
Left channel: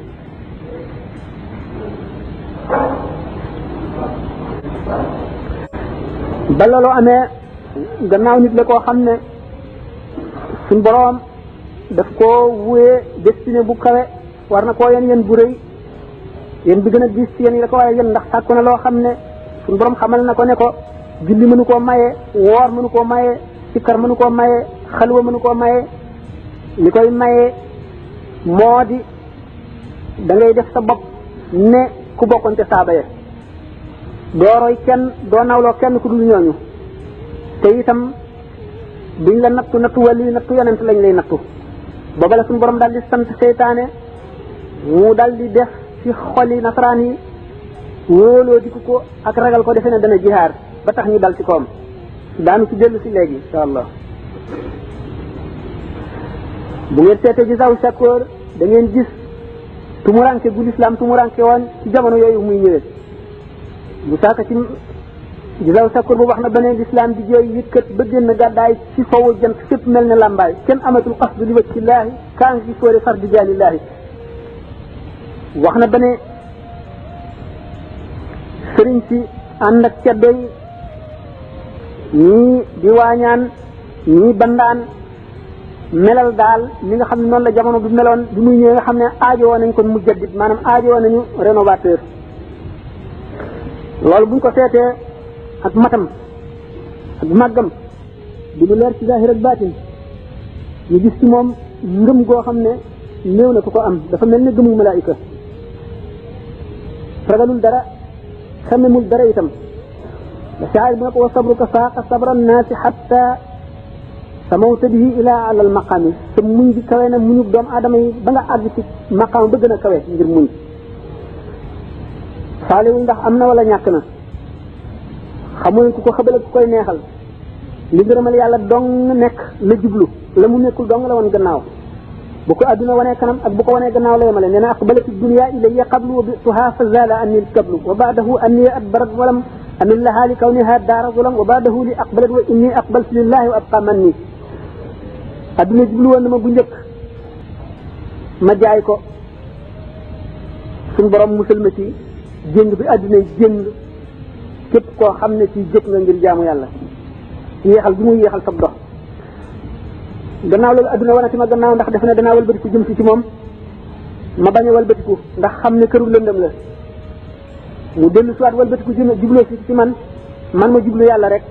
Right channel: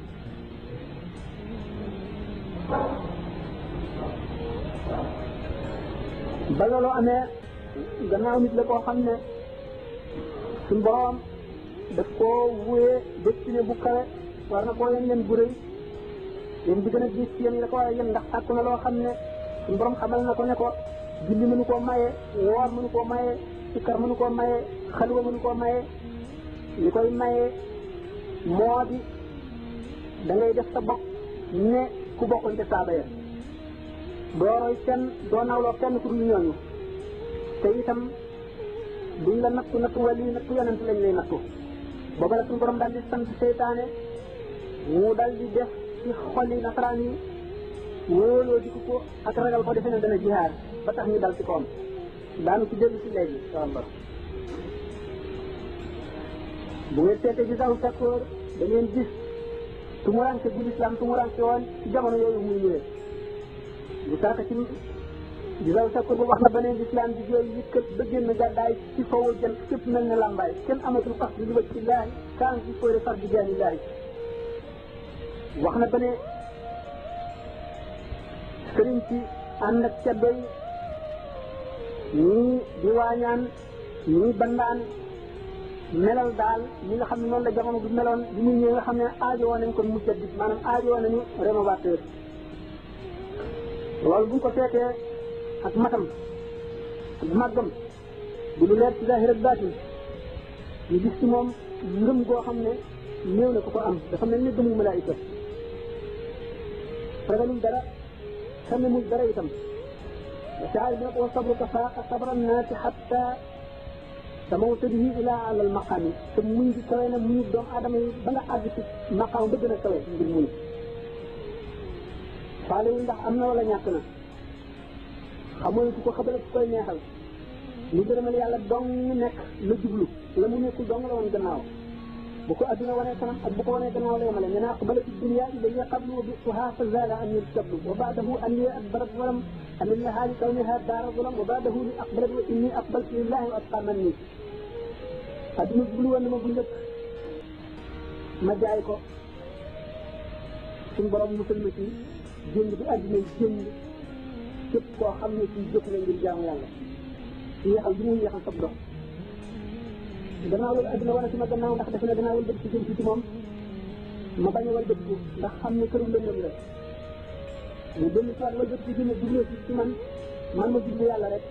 ba loolu amee gannaaw nit la koo xam ne suñ boroom daf koo wuyee destiné bu kawe war na koo yen bu rëy yéen bi gën a diis ci yéen yi la ko waaye yéen ndax sàkku na loo xam ne suñ boroom xamal na ko ne ko julli mënu koo maye woor mënu koo maye sikkar mënu koo maye xalwa mënu koo maye li koy maye moo di da ngay def sa bopp ne ku bokkoon te saaba ya doo roy kenn doo nawloo kenn ku dul ñooñu te itam duñ la nattu wàllu nattu yonent lañ lay nattu booba la suñu borom daal di sant seytaane mu daal di def ci xoli nasaraan yi wóoloo di ko ak ragal ko defe ne dana jihaar ba tax ñu dal ci koom daanu ci dellu si léegi insha allah bu ngeen seetee ci saw sakkoor da ngeen gis tumuranke gu lislaam tumuranke woon ci jamono yooyu muy ñëwee bu saaka ci gisaw sakkur bu wax na beneen lislaam di jooy yëkkat ba génn gàddaay ci sowu jant fépp mel ne làmbaay kenn amatul qasdu li wajhillaahi kaan si sóore fardi jaanillaahi wax na beneen sëriñ si ànd ak ceddo yi ñii di waañaan ñii bandaan melal daal li nga xam ne noonu la jamono bi meloon bi muy ñëwee nga xam ne aajowoo nañ ko mujaddid maanaam aajowoo nañu rénovateur loolu buñ ko seetee ak matam ak màggam di lu leer ci zahir ak baatin ñu gis ci moom ngëm goo xam ne néew na ku ko am dafa mel ne gëmu malaayika ragalul dara xamemul dara itam da shaa'ir bi ne ko wa sabruka faaqa sabra naasi xatta samawta bihi ilaa alal maqaami te muñ gi kawe na muñu doomu aadama yi ba nga àgg ci maqaam ba gën a kawe ngir muñ faaliwul ndax am na wala ñàkk na xamul ku ko xëbal ak ku koy neexal li ngërëmal yàlla dong nekk la jublu la mu nekkul dong la woon gannaaw bu ko adduna wanee kanam ak bu ko wanee gannaaw la yemale nee na aqbalati dunya ilayya qablu wa bituha fa zala anni alkablu wa baadahu anni adbarat walam amin laha li kawniha daara zulam wa baadahu li aqbalat wa inni aqbaltu lillahi wa abqa man ni adduna jublu woon na ma bu njëkk ma jaay ko suñu borom musal ma ci jéng bi adduna jéng képp koo xam ne ci jóg nga ngir jaamu yàlla yéexal bi muy yéexal sab dox gannaaw loolu adduna wanati ma gannaaw ndax def na danaa walbatiku jëm si ci moom ma bañ a walbatiku ndax xam ne këru lëndëm la mu dellu siwaat walbatiku jubloo si ci man ma jublu yàlla rek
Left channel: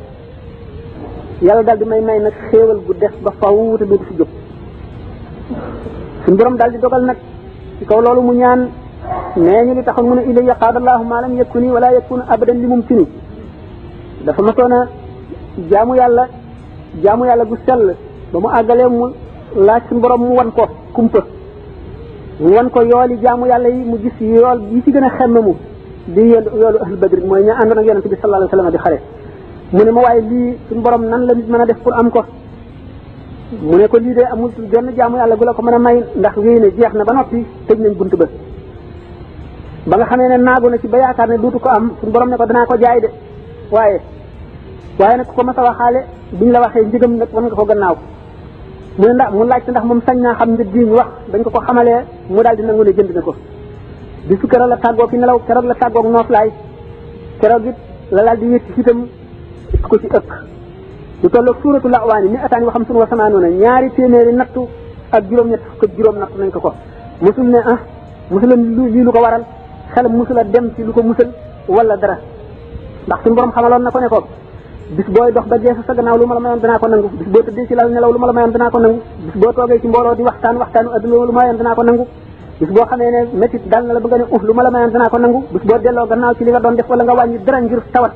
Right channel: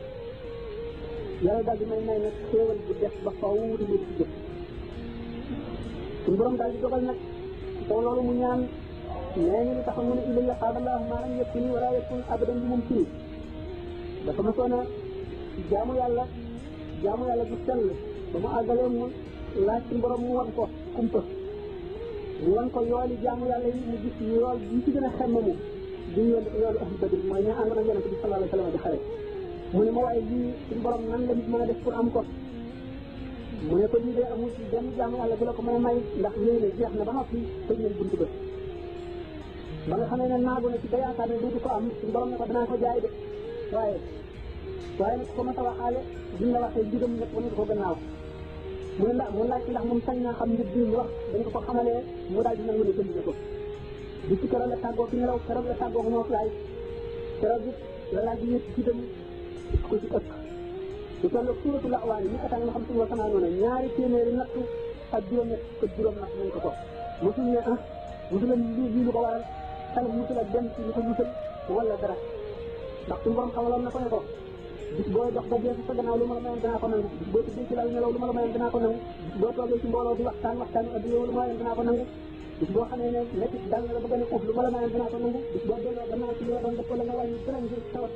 yàlla daal di may nag xéewal gu def ba faw te dootu si jóg suñu borom daal di dogal nag ci kaw loolu mu ñaan nee ñu li taxoon mu ne ilayya qaadallahu ma lam yakuni wala yakun abadan li mumkini dafa masoon a jaamu yàlla gu sell ba mu àggalee mu laaj suñu borom mu wan ko kumpa mu wan ko yooli jaamu yàlla yi mu gis yool yi ci gën a xemmamu di yoolu ahlu badri mooy ña àndoon ak yonente bi sallallahu alayhi wa sallam di xare mu ne ma waaye lii suñu borom nan la nit mën a def pour am ko mu ne ko lii de amul genn jaamu yàlla gu la ko mën a may ndax wéy na jeex na ba noppi tëj nañ bunt ba nga xamee ne naagu na ci ba yaakaar ne duutu ko am suñu borom ne ko danaa ko jaay de waaye nag ku ko mas a waxaale buñ la waxee njëgam nag wan nga ko gannaaw mu ne mu laajte ndax moom sañ naa xam njëg gi ñu wax dañ ko xamalee mu daal di nangu ne jënd na ko bisu keroog la tàggoo fi nelaw keroog la tàggoog nooflaay keroog it la daal di yëkk ci itam ko ci ëkk lu tolloog suuratul A'waani mi ataani wa xamsun wa samaanuuna ñaari téeméeri nattu ak juróom-ñett fukk ak juróom nattu nañ ko musul ne musula lii lu ko waral xelam musula dem ci lu ko musal wala dara ndax suñu borom xamaloon na ko ne ko bis booy dox ba geesu sa gannaaw lu ma la mayoon danaa ko nangu bis boo tëddee ci lal nelaw lu ma la mayoon danaa ko nangu bis boo toogee ci mbooloo di waxtaanu adduna lu ma mayoon danaa ko nangu bis boo xamee ne métit dal na la bëgg a ne lu ma la mayoon danaa ko nangu bis boo delloo gannaaw ci li nga doon def wala nga wàññi dara ngir tawat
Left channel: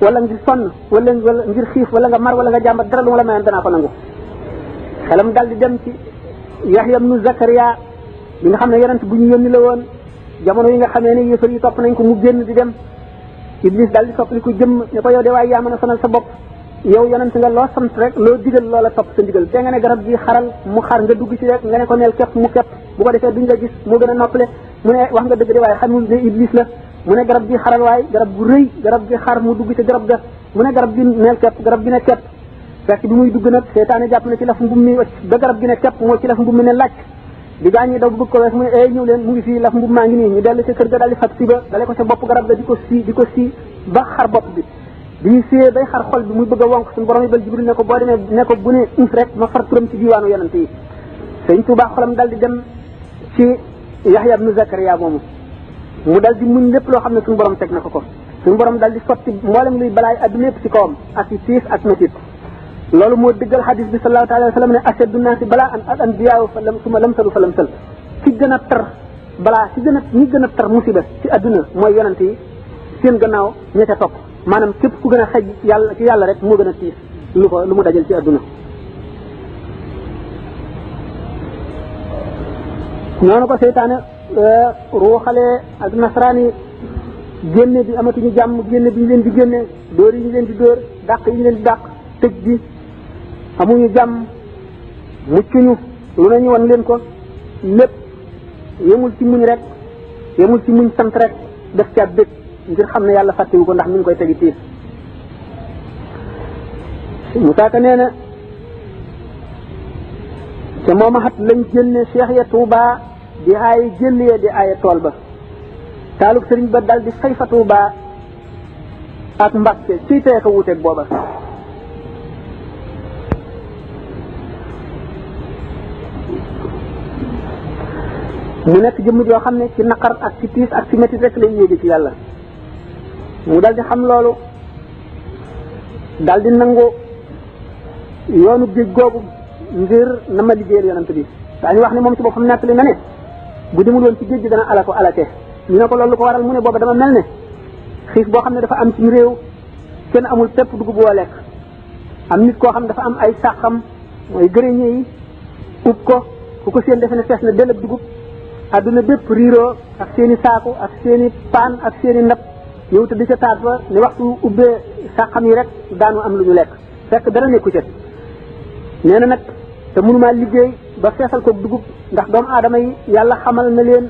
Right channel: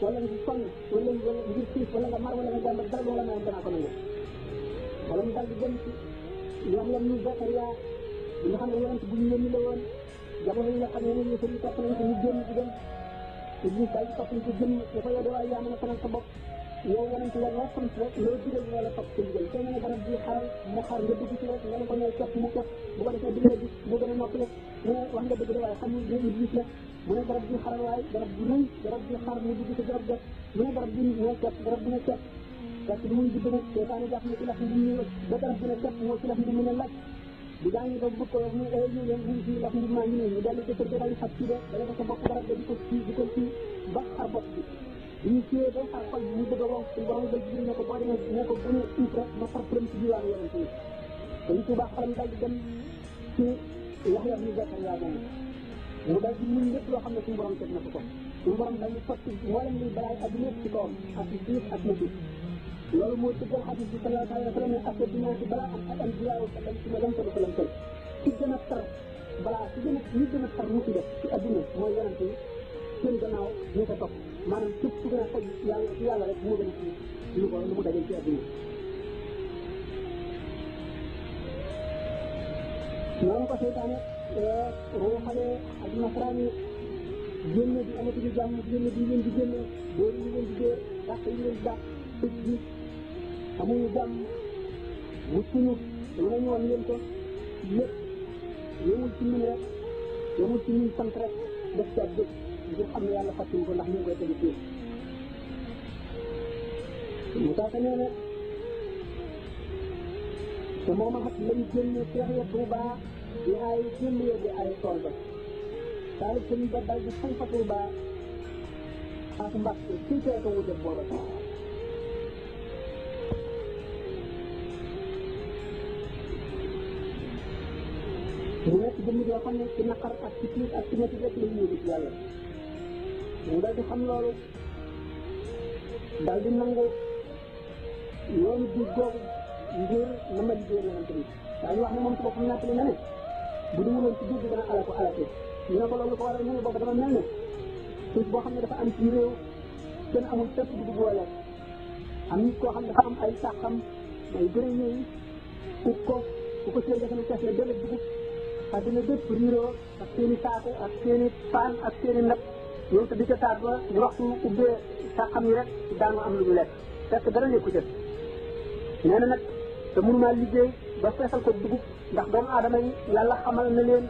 wala ngir sonn wala ngir xiif wala nga mar wala nga jàmbat dara lu ma la mayoon danaa ko nangu xelam dal di dem ci Yahya ibnu Zakariya bi nga xam ne yonent bu ñu yónni la woon jamono yi nga xamee ne yëfar yi topp nañ ko mu génn di dem Iblis daal di soppali ko jëm ne ko yow de waaye yaa mën a sonal sa bopp yow yonent nga loo sant rek loo digal loola topp sa ndigal te nga ne garab gi xaral mu xar nga dugg ci rek nga ne ko neel képp mu képp bu ko defee duñ la gis moo gën a noppale mu ne wax nga dëgg de waaye xamul ne Iblis la mu ne garab gi xaral waaye garab gu rëy garab gi xar mu dugg ci garab ga mu ne garab gi neel képp garab gi ne képp fekk bi muy dugg nag seytaane jàpp na ci laf mbum mi wacc ba garab gi ne képp moo ci laf mbum mi ne laaj di gaañ ñi daw bëgg ko wees mu ne ñëw leen mu ngi fii laf mbub maa ngi nii ñu dellu ca kër ga daal di fab si ba dale ko ca bopp garab ga di ko sii ba xar bopp bi bi ñu siyee bay xar xol bi muy bëgg a wonk suñu borom yi bal Jibril ne ko boo demee ne ko bu ne uf rek ma far turam ci diiwaanu yonent yi sëñ Tuubaa xolam dal di dem ci Yahya ibnu Zakariya moomu mu dal di muñ lépp loo xam ne suñu borom teg na ko suñu borom dal di sotti mboolem luy balaay adduna yëpp ci kawam ak ci tiis ak métit loolu moo dëggal xadis bi sallallahu alayhi wa sallam ne ashaddu naasi balaa al anbiyaa fa lamsalu fa lamsal ci gën a tar balaa ci ñi gën a tar musiba ci adduna mooy yonent yi seen gannaaw ña ca topp maanaam képp ku gën a xej yàlla ci yàlla rek moo gën a tiis lu mu dajal ci adduna. noonu ko seytaane ruuxalee ak nasaraan yi génne bi amatuñu jàmm génne bi ñu leen di génne dóor yi ñu leen di dóor dàq yi ñu leen di dàq tëj bi amuñu jàmm muccuñu lu nañu wan leen ko lépp yemul ci muñ rek yemul ci muñ sant rek def ca bëgg ngir xam ne yàlla fàttewu ko ndax mi ngi koy tegi tiis Musaa Ka nee na te mooma xat lañ génne Cheikh ya Touba di aaye jëll ya di aaye tool ba taalub sëriñ ba dal di fay fa Touba ak Mbàkke ciy teye ko wuteeg booba mu nekk jëmm joo xam ne ci naqar ak ci tiis ak ci métit rek lay yéegi ci yàlla mu dal di xam loolu dal di nangu yoonu géej googu ngir na ma liggéeyal yonent bi daañu wax ne moom ci boppam nekk li na ne bu demul woon ci géej gi dana alake ñu ne ko loolu ko waral mu ne booba dama mel ne xiif boo xam ne dafa am ci réew kenn amul pepp dugub boo lekk am nit koo xam ne dafa am ay sàqam mooy gërëñe yi ub ko ku ko seen defe ne fees na dell ak dugub adduna bépp riiroo ak seen i saaku ak seen i paan ak seen i ndab ñëw te di ca taat ba ne waxtu ubbee sàqam yi rek daanu am lu ñu lekk fekk dara nekku ca nee na nag te mënumaa liggéey ba feesal ko dugub ndax doomu aadama yi yàlla xamal na leen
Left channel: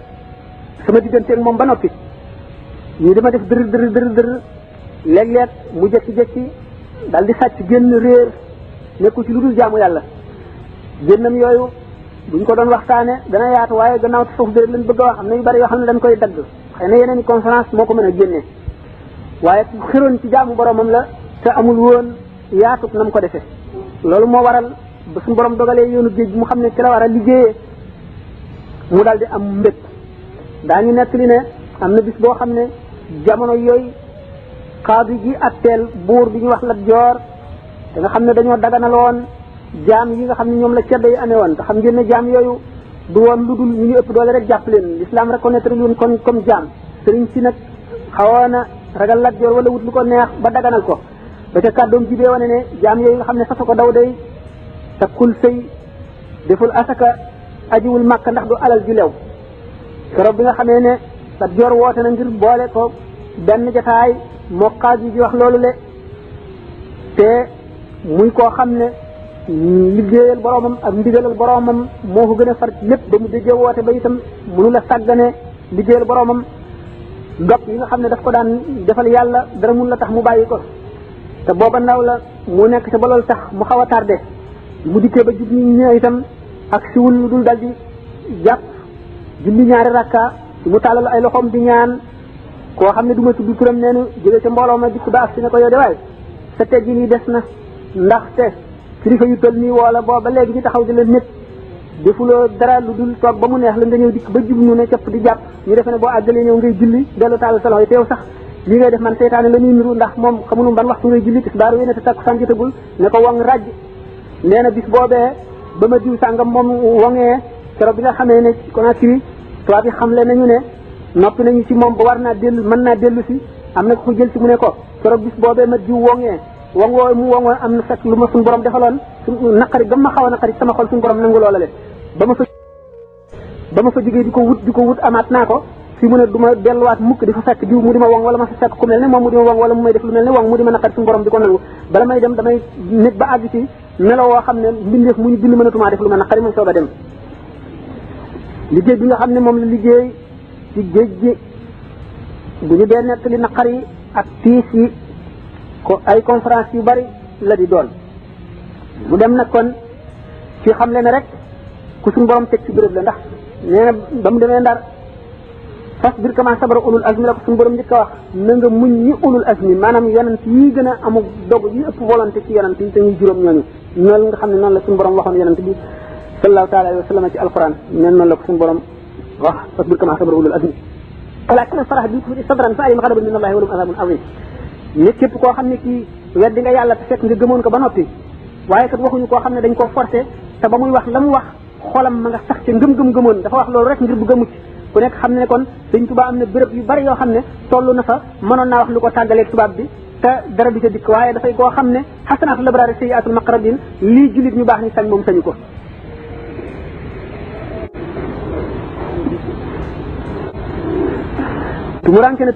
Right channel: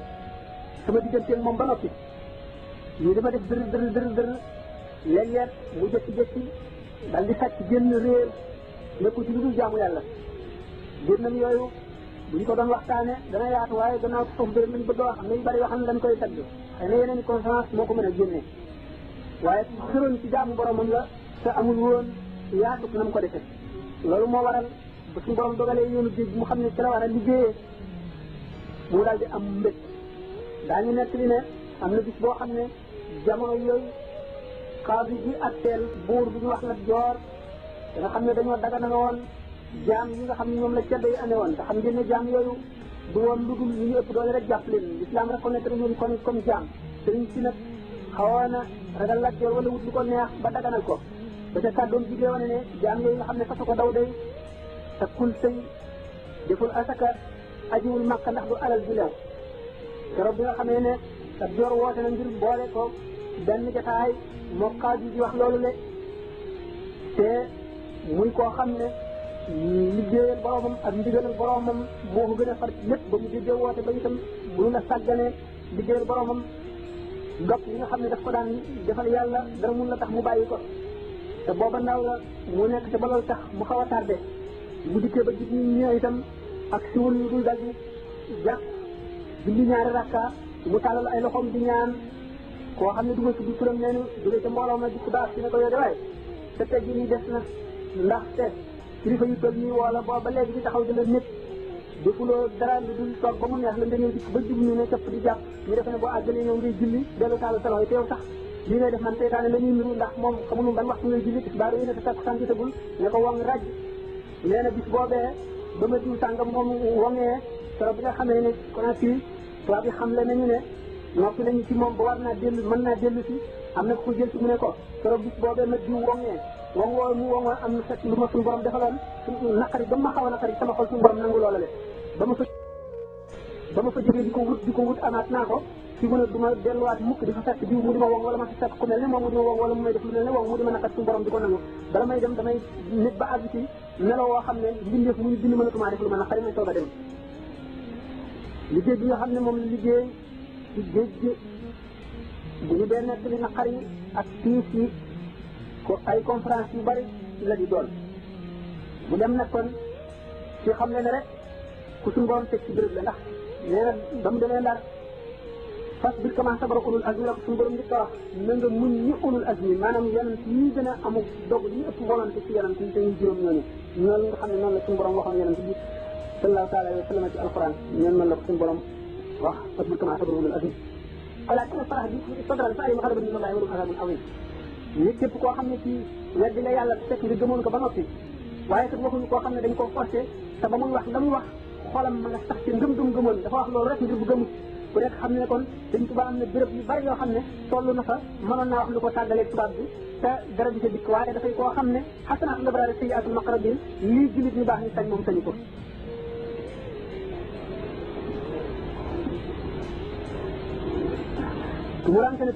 sama digganteeg moom ba noppi ñu dama def dër léeg-léeg mu jëkki-jëkki dal di sàcc génn réer nekku ci lu dul jaamu yàlla génnam yooyu buñ ko doon waxtaane dana yaatu waaye gannaaw te foofu dërët lañ bëgg a wax am na yu bari yoo xam ne dañ koy dagg xëy na yeneen i conférence moo ko mën a génne waaye xëroon ci jaamu boromam la te amul woon yaatut na mu ko defee loolu moo waral ba suñu borom dogalee yoonu géej mu xam ne ci la war a liggéeyee mu daal di am mbég daañu nekk li ne am na bis boo xam ne jamono yooyu xaadi gi atteel buur bi ñu wax Lat Joor te nga xam ne dañoo daganaloon jaam yi nga xam ne ñoom la ceddo yi amee woon te xam ngeen ne jaam yooyu du woon lu dul ñu ñu ëpp doole rek jàpp leen l'islam reconnaître leen kon comme jaam sëriñ si nag xawoon na ragal Lat Joor wala wut lu ko neex ba daganal ko ba ca kàddoom jibee wane ne jaam yooyu nga xam ne fasa ko daw day takkul sëy deful asaka ajiwul màkk ndax du alal ju lew keroog bi nga xamee ne Lat Joor woote na ngir boole ko benn jataay moo xaaj yi di wax loolu le te muy koo xam ne liggéeyal boromam ak ndigalal boromam moo ko gën a far lépp ba mu déggee woote ba itam mënu la sàggane liggéeyal boromam dog yi nga xam ne daf ko daan defal yàlla dara mun la tax mu bàyyi ko te booba ndaw la mu nekk ca ba loolu tax mu xaw a tardé mu dikkee ba jub ñi ñëw itam ak siwul lu dul dal di jàpp julli ñaari rakka mu tàllal ay loxoom di ñaan koo xam ne du ma tudd turam neenu jóge ca mbooloo ma dikk ba ak si ne ko yow de waay sa teggi nii des na ndaxte kilifa yu toll nii woola booba léegi ñu taxaw di la nit defuloo dara lu dul toog ba mu neex la nga ñëw dikk ba jub nu ne capp di jàpp ñu defe ne boo àggalee ñëw ngay julli dellu tàllal sa loxo yi teew sax li ngay def man seytaane la ñuy niru ndax moom xamunum ban waxtu ngay julli tisbaar wéy na te takkusaan jotagul ne ko wong ràjj nee na bis boobee ba ma diw sàngam moom wongee keroog bi nga xamee ne Conakry tubaab yi xamle nañu ne noppi nañu ci moom ba war naa dellu mën naa dellu si am na ko jël si mu ne ko keroog bis boobee ma diw wongee wongoo mu wongoo am na fekk lu ma suñu borom defaloon suñu naqari gam ma xaw a naqari sama xol suñu borom nangu loola le ba ma fa jógee di ko wut amaat naa ko fi mu ne du ma delluwaat mukk di fa fekk diw mu di ma wong wala ma fa fekk ku mel ne moom mu di ma wong wala mu may def lu mel ne wong mu di ma naqari suñu borom di ko nangu bala may dem damay nit ba àgg ci melo woo xam ne mbindeef mu ñu bind mënatumaa def lu ma naqari moom soog a dem liggéey bi nga xam ne moom la liggéey ci géej gi bu ñu dee nekk li naqar yi ak tiis yi ko ay conférence yu bari la di doon mu dem nag kon ci xam le ne rek ku suñu borom teg ci béréb la ndax nee na ba mu demee Ndar fas bir kama sabara ulul azmi la ko suñu borom njëkk a wax na nga muñ ñi ulul azmi maanaam yonent yi gën a amul dog yi ëpp volonté ci yonent yi te ñuy juróom ñooñu noonu nga xam ne noonu la suñu borom waxoon yonent bi sallallahu taala alayhi wa sallam ci alquran neen noonu la ko suñu borom wax fas bir kama sabara ulul azmi walakin farax bi tuuti sadran fa alim xadabun min allahi walum azabun azim nit képp koo xam ne kii weddi nga yàlla te fekk nga gëmoon ko ba noppi waaye kat waxuñu koo xam ne dañ koo forcé te ba muy wax la mu wax xolam ma nga sax ci ngëm-ngëm gëmoon dafa wax loolu rek ngir bëgg a mucc ku nekk xam ne kon Sëñ Tuubaa am na béréb yu bari yoo xam ne toll na fa mënoon naa wax lu ko tàggaleeg tubaab bi te dara du ca dikk waaye dafay koo xam ne xasanaatul labraari sayyiaatul muqarrabiin lii jullit ñu baax ni sañ moom sañu ko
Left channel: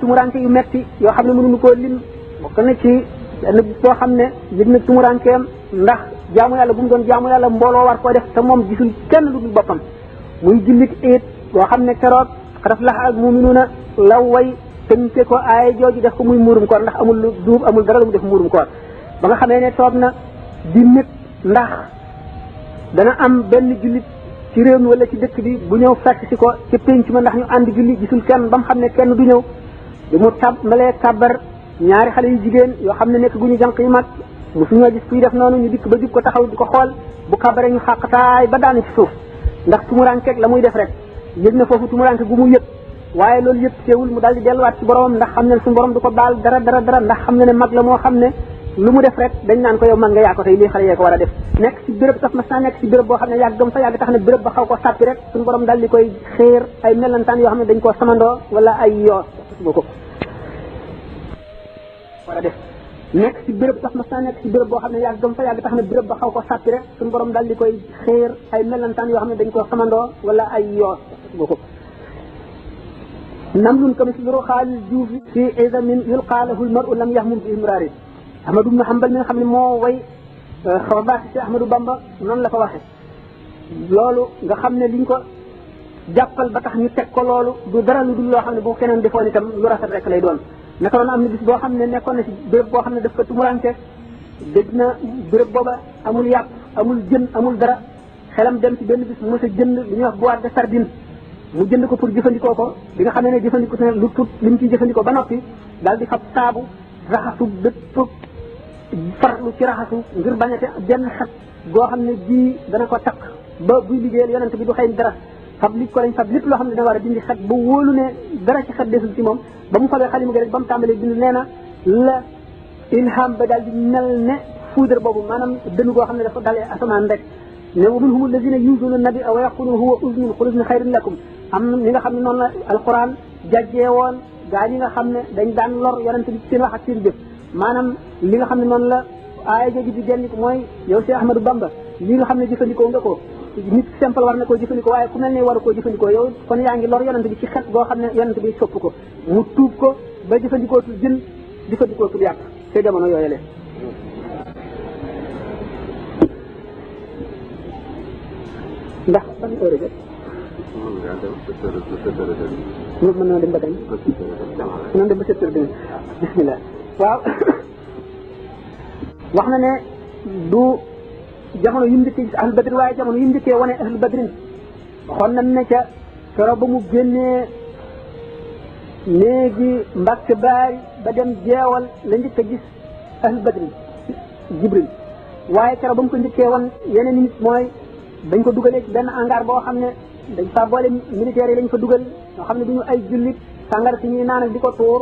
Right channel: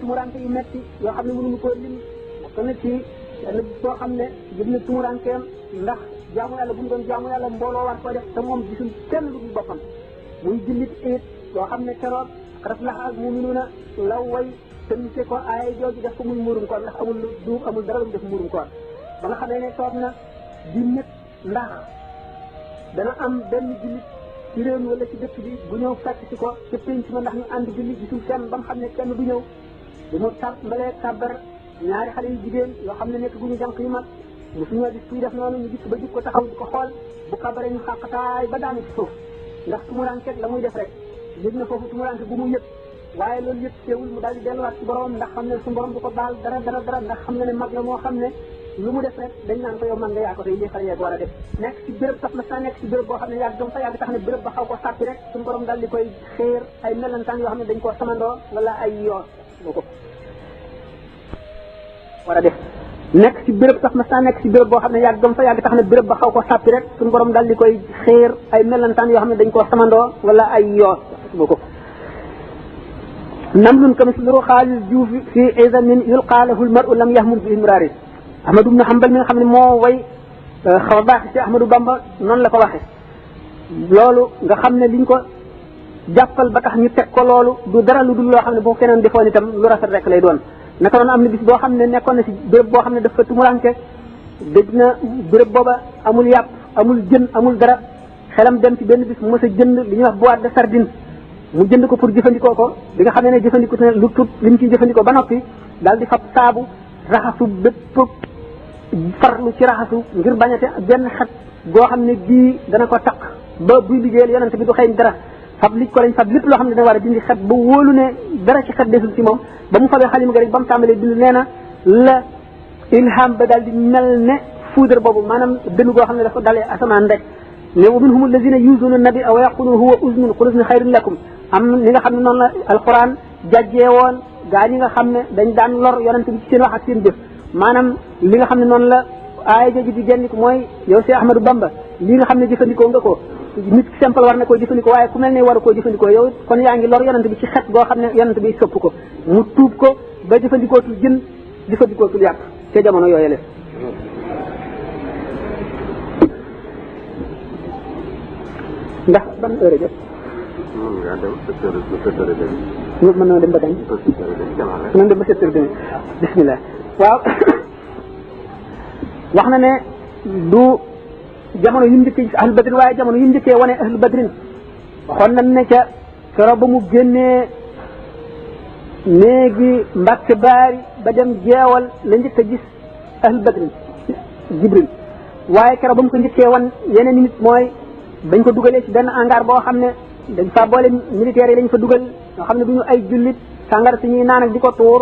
tumuranke yu metti yoo xam ne mënuñu koo lim bokk na ci benn boo xam ne yëg na tumurankeem ndax jaamu yàlla bu mu doon jaamu yàlla mbooloo war koo def te moom gisul kenn lu dul boppam muy jullit it boo xam ne keroog xaraf lax ak muminuuna la way tënke ko aaya jooju def ko muy muurum koor ndax amul lu duub amul dara lu mu def muurum koor ba nga xamee ne toog na di nit ndax dana am benn jullit ci réew mi wala ci dëkk bi bu ñëw fekk si ko ci pénc ma ndax ñu ànd julli gisul kenn ba mu xam ne kenn du ñëw bi mu tàmbalee kàbbar ñaari xale yu jigéen yoo xam ne nekk gu ñu jànq yu mag mosuñoo gis kuy def noonu ñu dikk ba jub ko taxaw di ko xool bu kàbbaree ñu xàqtaay ba daanu ci suuf ndax tumurankeeg la muy def rek yëg na foofu tumuranke gu mu yëg waaye loolu yëpp teewul mu daal di delluwaat ci boromam ndax xam ne suñu borom du ko baal dara ndax xam ne mag la moo xam ne lu mu def rek dañ naan ko yow mag nga yaa ko tey lii xale yee ko war a def nekk ci béréb sax mas naa nekk ci béréb boo xam ne yàggam fa yàgg tax na béréb ba xaw ko sàppi rek suñu borom daal di koy xéer ay melantaan yoo xam ne dañ koo samandoo wala ay yoo boo ko war a def nekk ci béréb sax mas naa nekk ci béréb boo xam ne yàggam fa yàgg tax na béréb ba xaw ko sàppi rek suñu borom daal di koy xéer ay melantaan yoo xam ne dañ koo samandoo wala ay yoo boo ko namlun kamislu xaalis juuf fi izamin yulqaalahu lmaru lam yahmum fi imraari Ahmadu ibn Hanbal mi nga xam ne moo way xaw a baax ci Ahmadu Bamba noonu la ko waxe loolu nga xam ne liñ ko jàppal ba tax ñu teg ko loolu du dara lu dul loo xam ne boo keneen defoon itam lu rafet rek lay doon naka doon am na bis boo xam ne nekkoon na ci béréb boo xam ne dafa tumuranke dëgg na béréb booba amul yàpp amul jën amul dara xelam dem ci benn bis mu mës a jënd li ñuy wax boîte de sardine mu jënd ko pour jëfandikoo ko bi nga xam ne jëfandikoo ne lu tut li mu ciy jëfandikoo ba noppi daal di fab saabu raxasu bépp farlu ci raxasu ngir bañate benn xet goo xam ne bii dana ko taq ba buy liggéeyal yonent bi du xëy dara fab li ko lañ fab lépp loo xam ne dana war a dindi xet ba wóolu ne dara ci xet desul ci moom ba mu fabee xalima ga rek ba mu tàmbalee bind nee na la ilham ba daal di mel ne foudre boobu maanaam dënn goo xam ne dafa dalee asamaan rek ne wa minhum allazina yuzuuna nabi aw yaquluna huwa uznun qul uznu xayrun lakum am li nga xam ne noonu la alquran jàjjee woon gaa ñi nga xam ne dañ daan lor yonent bi ci seen wax ak seen jëf maanaam li nga xam ne noonu la aaya jooju di génn ko mooy yow si Ahmadou Bamba li nga xam ne jëfandikoo nga ko nit simple war na koo jëfandikoo waaye ku mel ne waru koo jëfandikoo yow kon yaa ngi lor yonent bi ci xet goo xam ne yonent bi sopp ko mu tuub ko ba jëfandikootul jën jëfandikootul yàpp te jamono yooyale ndax ban heure jot ñu mën na dem ba kañ mën dem ba 7 heures demi bismillah waaw wax na ne du jamono yi mu njëkkee gis ahlu badrin waaye jamono yi mu njëkkee wane ahlu badrin waxoon nañ ne ca soro ba mu génnee néegi Mbàkke Baari ba dem jeewal la njëkk a gis ahlu badrin Jibril waaye keroog ba mu ko njëkkee wan yeneen nit mooy dañ ko dugalee ci benn hangar boo xam ne dañ fa boole militaires yi lañ fa dugal ñoo xam ne du ñu ay jullit sàngar si ñuy naan ak di ko tuur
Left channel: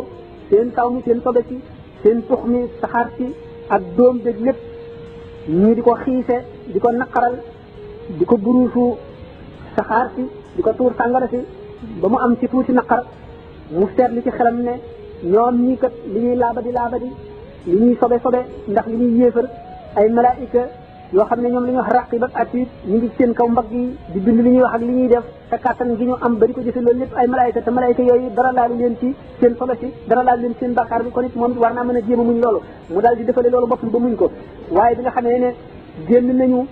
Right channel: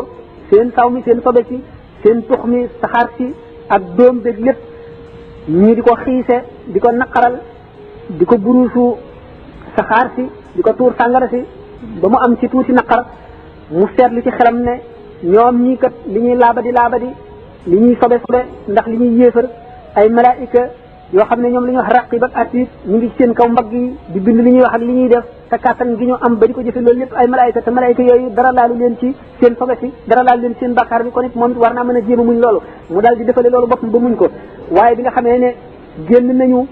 seen saw mi seen sobe si seen tux mi saxaar si ak doom dég lépp ñii di ko xiise di ko naqaral di ko buruusu saxaar si di ko tuur sàngara si ba mu am ci tuuti naqar mu seetlu ci xelam ne ñoom ñii kat li ñuy laabadi li ñuy sobe ndax li ñuy yéefar ay malaayika yoo xam ne ñoom li ñuy wax raqib ak atiid ñu ngi seen kaw mbagg yi di bind li ñuy wax ak li ñuy def te kàttan gi ñu am ba di ko jëfe loolu lépp ay malaayika te malaayika yooyu dara laalu leen ci seen sobe si dara laalu leen seen bàkkaar bi kon it moom war naa mën a jéem a muñ loolu mu daal di defale loolu boppam ba muñ ko waaye bi nga xamee ne génn nañu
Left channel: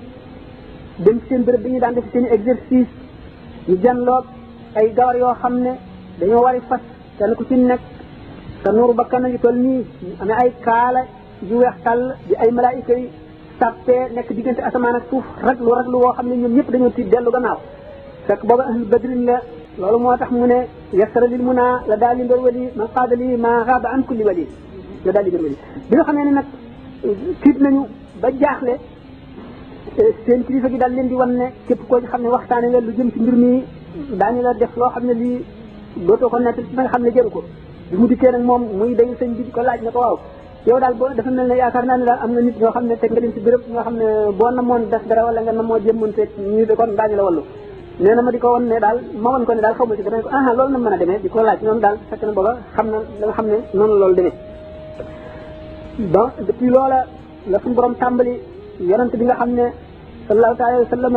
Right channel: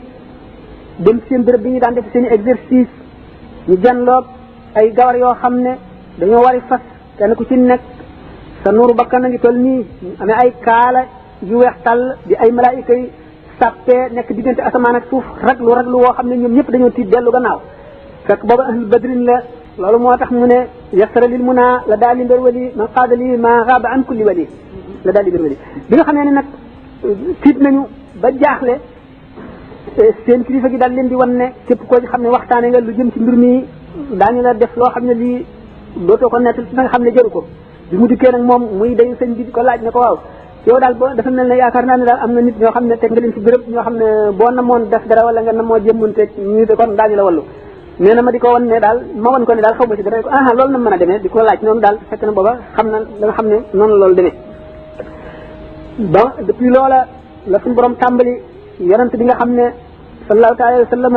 dem seen béréb bi ñu daan def seen i exercice ñu janloog ay gawar yoo xam ne dañoo wari fas kenn ku ci nekk sa nuuru bakkan a ngi toll nii amee ay kaala yu weex tàll di ay malaayika yi sàppee nekk diggante asamaan ak suuf raglu woo xam ne ñoom ñëpp dañoo tiit dellu gannaaw fekk booba ahlu badrin la loolu moo tax mu ne yasara lil muna la daal li mbir wali ma qaada li ma xaaba an kulli wali la daal li mbir wali bi nga xamee ne nag tiit nañu ba jaaxle seen kilifa gi daal leen di wan ne képp koo xam ne waxtaane nga lu jëm ci mbir mi daañu la def loo xam ne lii dootoo ko nettal ci nga xam ne jëru ko bi mu dikkee nag moom muy dayu sëñ bi ko laaj ne ko waaw yow daal boo dafa mel ne yaakaar naa ne daal am na nit ñoo xam ne teg nga leen ci béréb ñoo xam ne boo namoon def dara wala nga namoo jëmmante ñu de kon daañu la wallu nee na ma di ko wan ne daal ma wan ko ne daal xaw ma ci dara ko loolu na mën a demee di ko laaj noonu daal fekk na booba xam na da nga xam ne noonu loolu demee donc depuis loola la suñu borom tàmbali yonent bi nga xam ne sallallahu alayhi wa sallam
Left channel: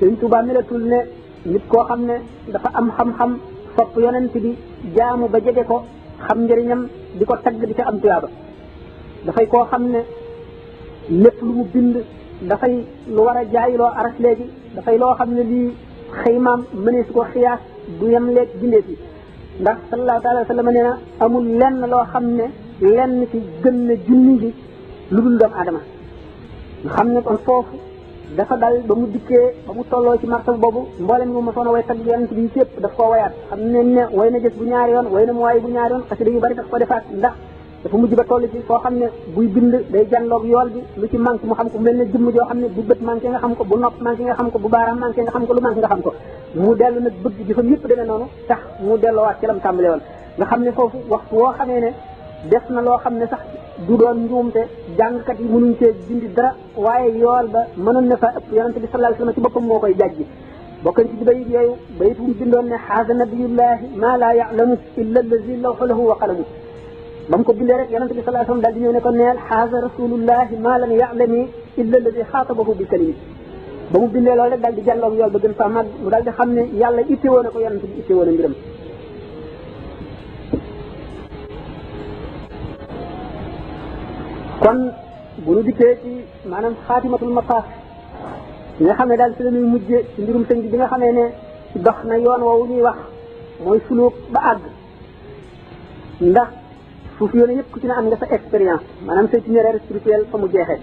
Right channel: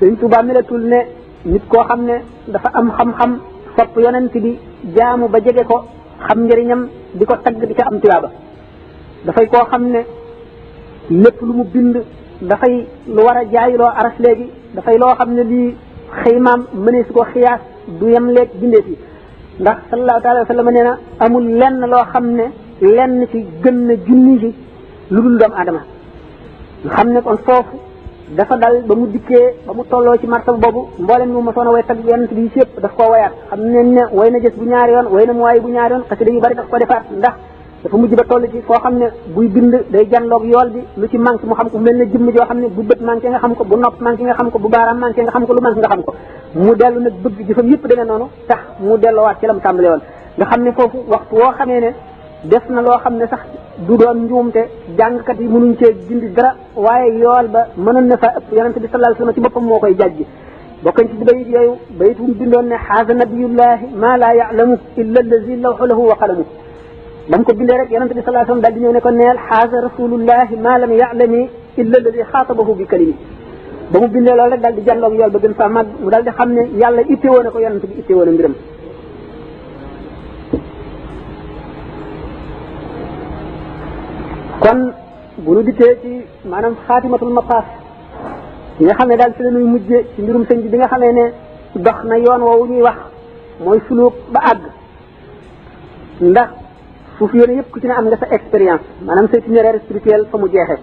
Sëriñ Tuubaa melatul ne nit koo xam ne dafa am xam-xam sopp yonent bi jaamu ba jege ko xam njëriñam di ko tagg di ko am tuyaaba dafay koo xam ne lépp lu mu bind dafay lu war a jaayiloo aras léegi dafay loo xam ne lii xëymaam mënee su ko xiyaas du yem leeg bindeef yi ndax sallallahu taala wa sallam nee na amul lenn loo xam ne lenn ci gën na junni ji lu dul doomu aadama nga xam ne kon foofu dafa dal ba mu dikkee ba mu tolloo ci martaba boobu mboolem ñu mosoon a way tag yonent bi yëpp daf koo wayaat xam ne ne way na jës bu ñaari yoon way na mu waay bu ñaari yoon xasida yu bari daf ko defaat ndax dafa mujj ba toll ci foo xam ne buy bind day janloog yool bi lu ci manqué mu xam ko mel ne jëmm joo xam ne bu bët manqué nga xam ko bu nopp manqué nga xam ko bu baaraam manqué nga xam ko lu manqué nga xam ko mu dellu nag bëgg jëfam yëpp dana noonu tax mu delloowaat ci lam tàmbale woon nga xam ne foofu waxtu woo xamee ne def na loo xam ne sax du doon njuumte jàngkat yi mënuñ cee dindi dara waaye yool ba mënoon na fa ëpp yonente bi sallallahu alayhi wasallam ci boppam moo koy jàjji bokkañ ci bayit yooyu bayit mu bindoon ne xaasa nabiyullahi ma la ya'lamu illa allazi lawhu lahu wa qalamu ba mu ko bindee rek yonente bi sallallahu alayhi wasallam daal di ñëw ne ko neel xaasa rasulullahi ma lam ya'lami illa allazi xaatabahu bi kalimi ba mu bindee loolu rek daal di jàlloog yool ba gën fa mag mu daal di xam ne yàlla ittewoo na ko yonente bi ittewoo na mbiram kon bu nu dikkee ci maanaam xaatimatul mafaas yi nga xam ne daal ci la ñuy mujje ci mbirum sëñ bi bi nga xamee ne dox na yoon woowu ñuy wax mooy suluk ba àgg ndax foofu yéene yëpp ku ci ne am nga sa expérience maanaam sa itinéraire spirituel fa mu jeexee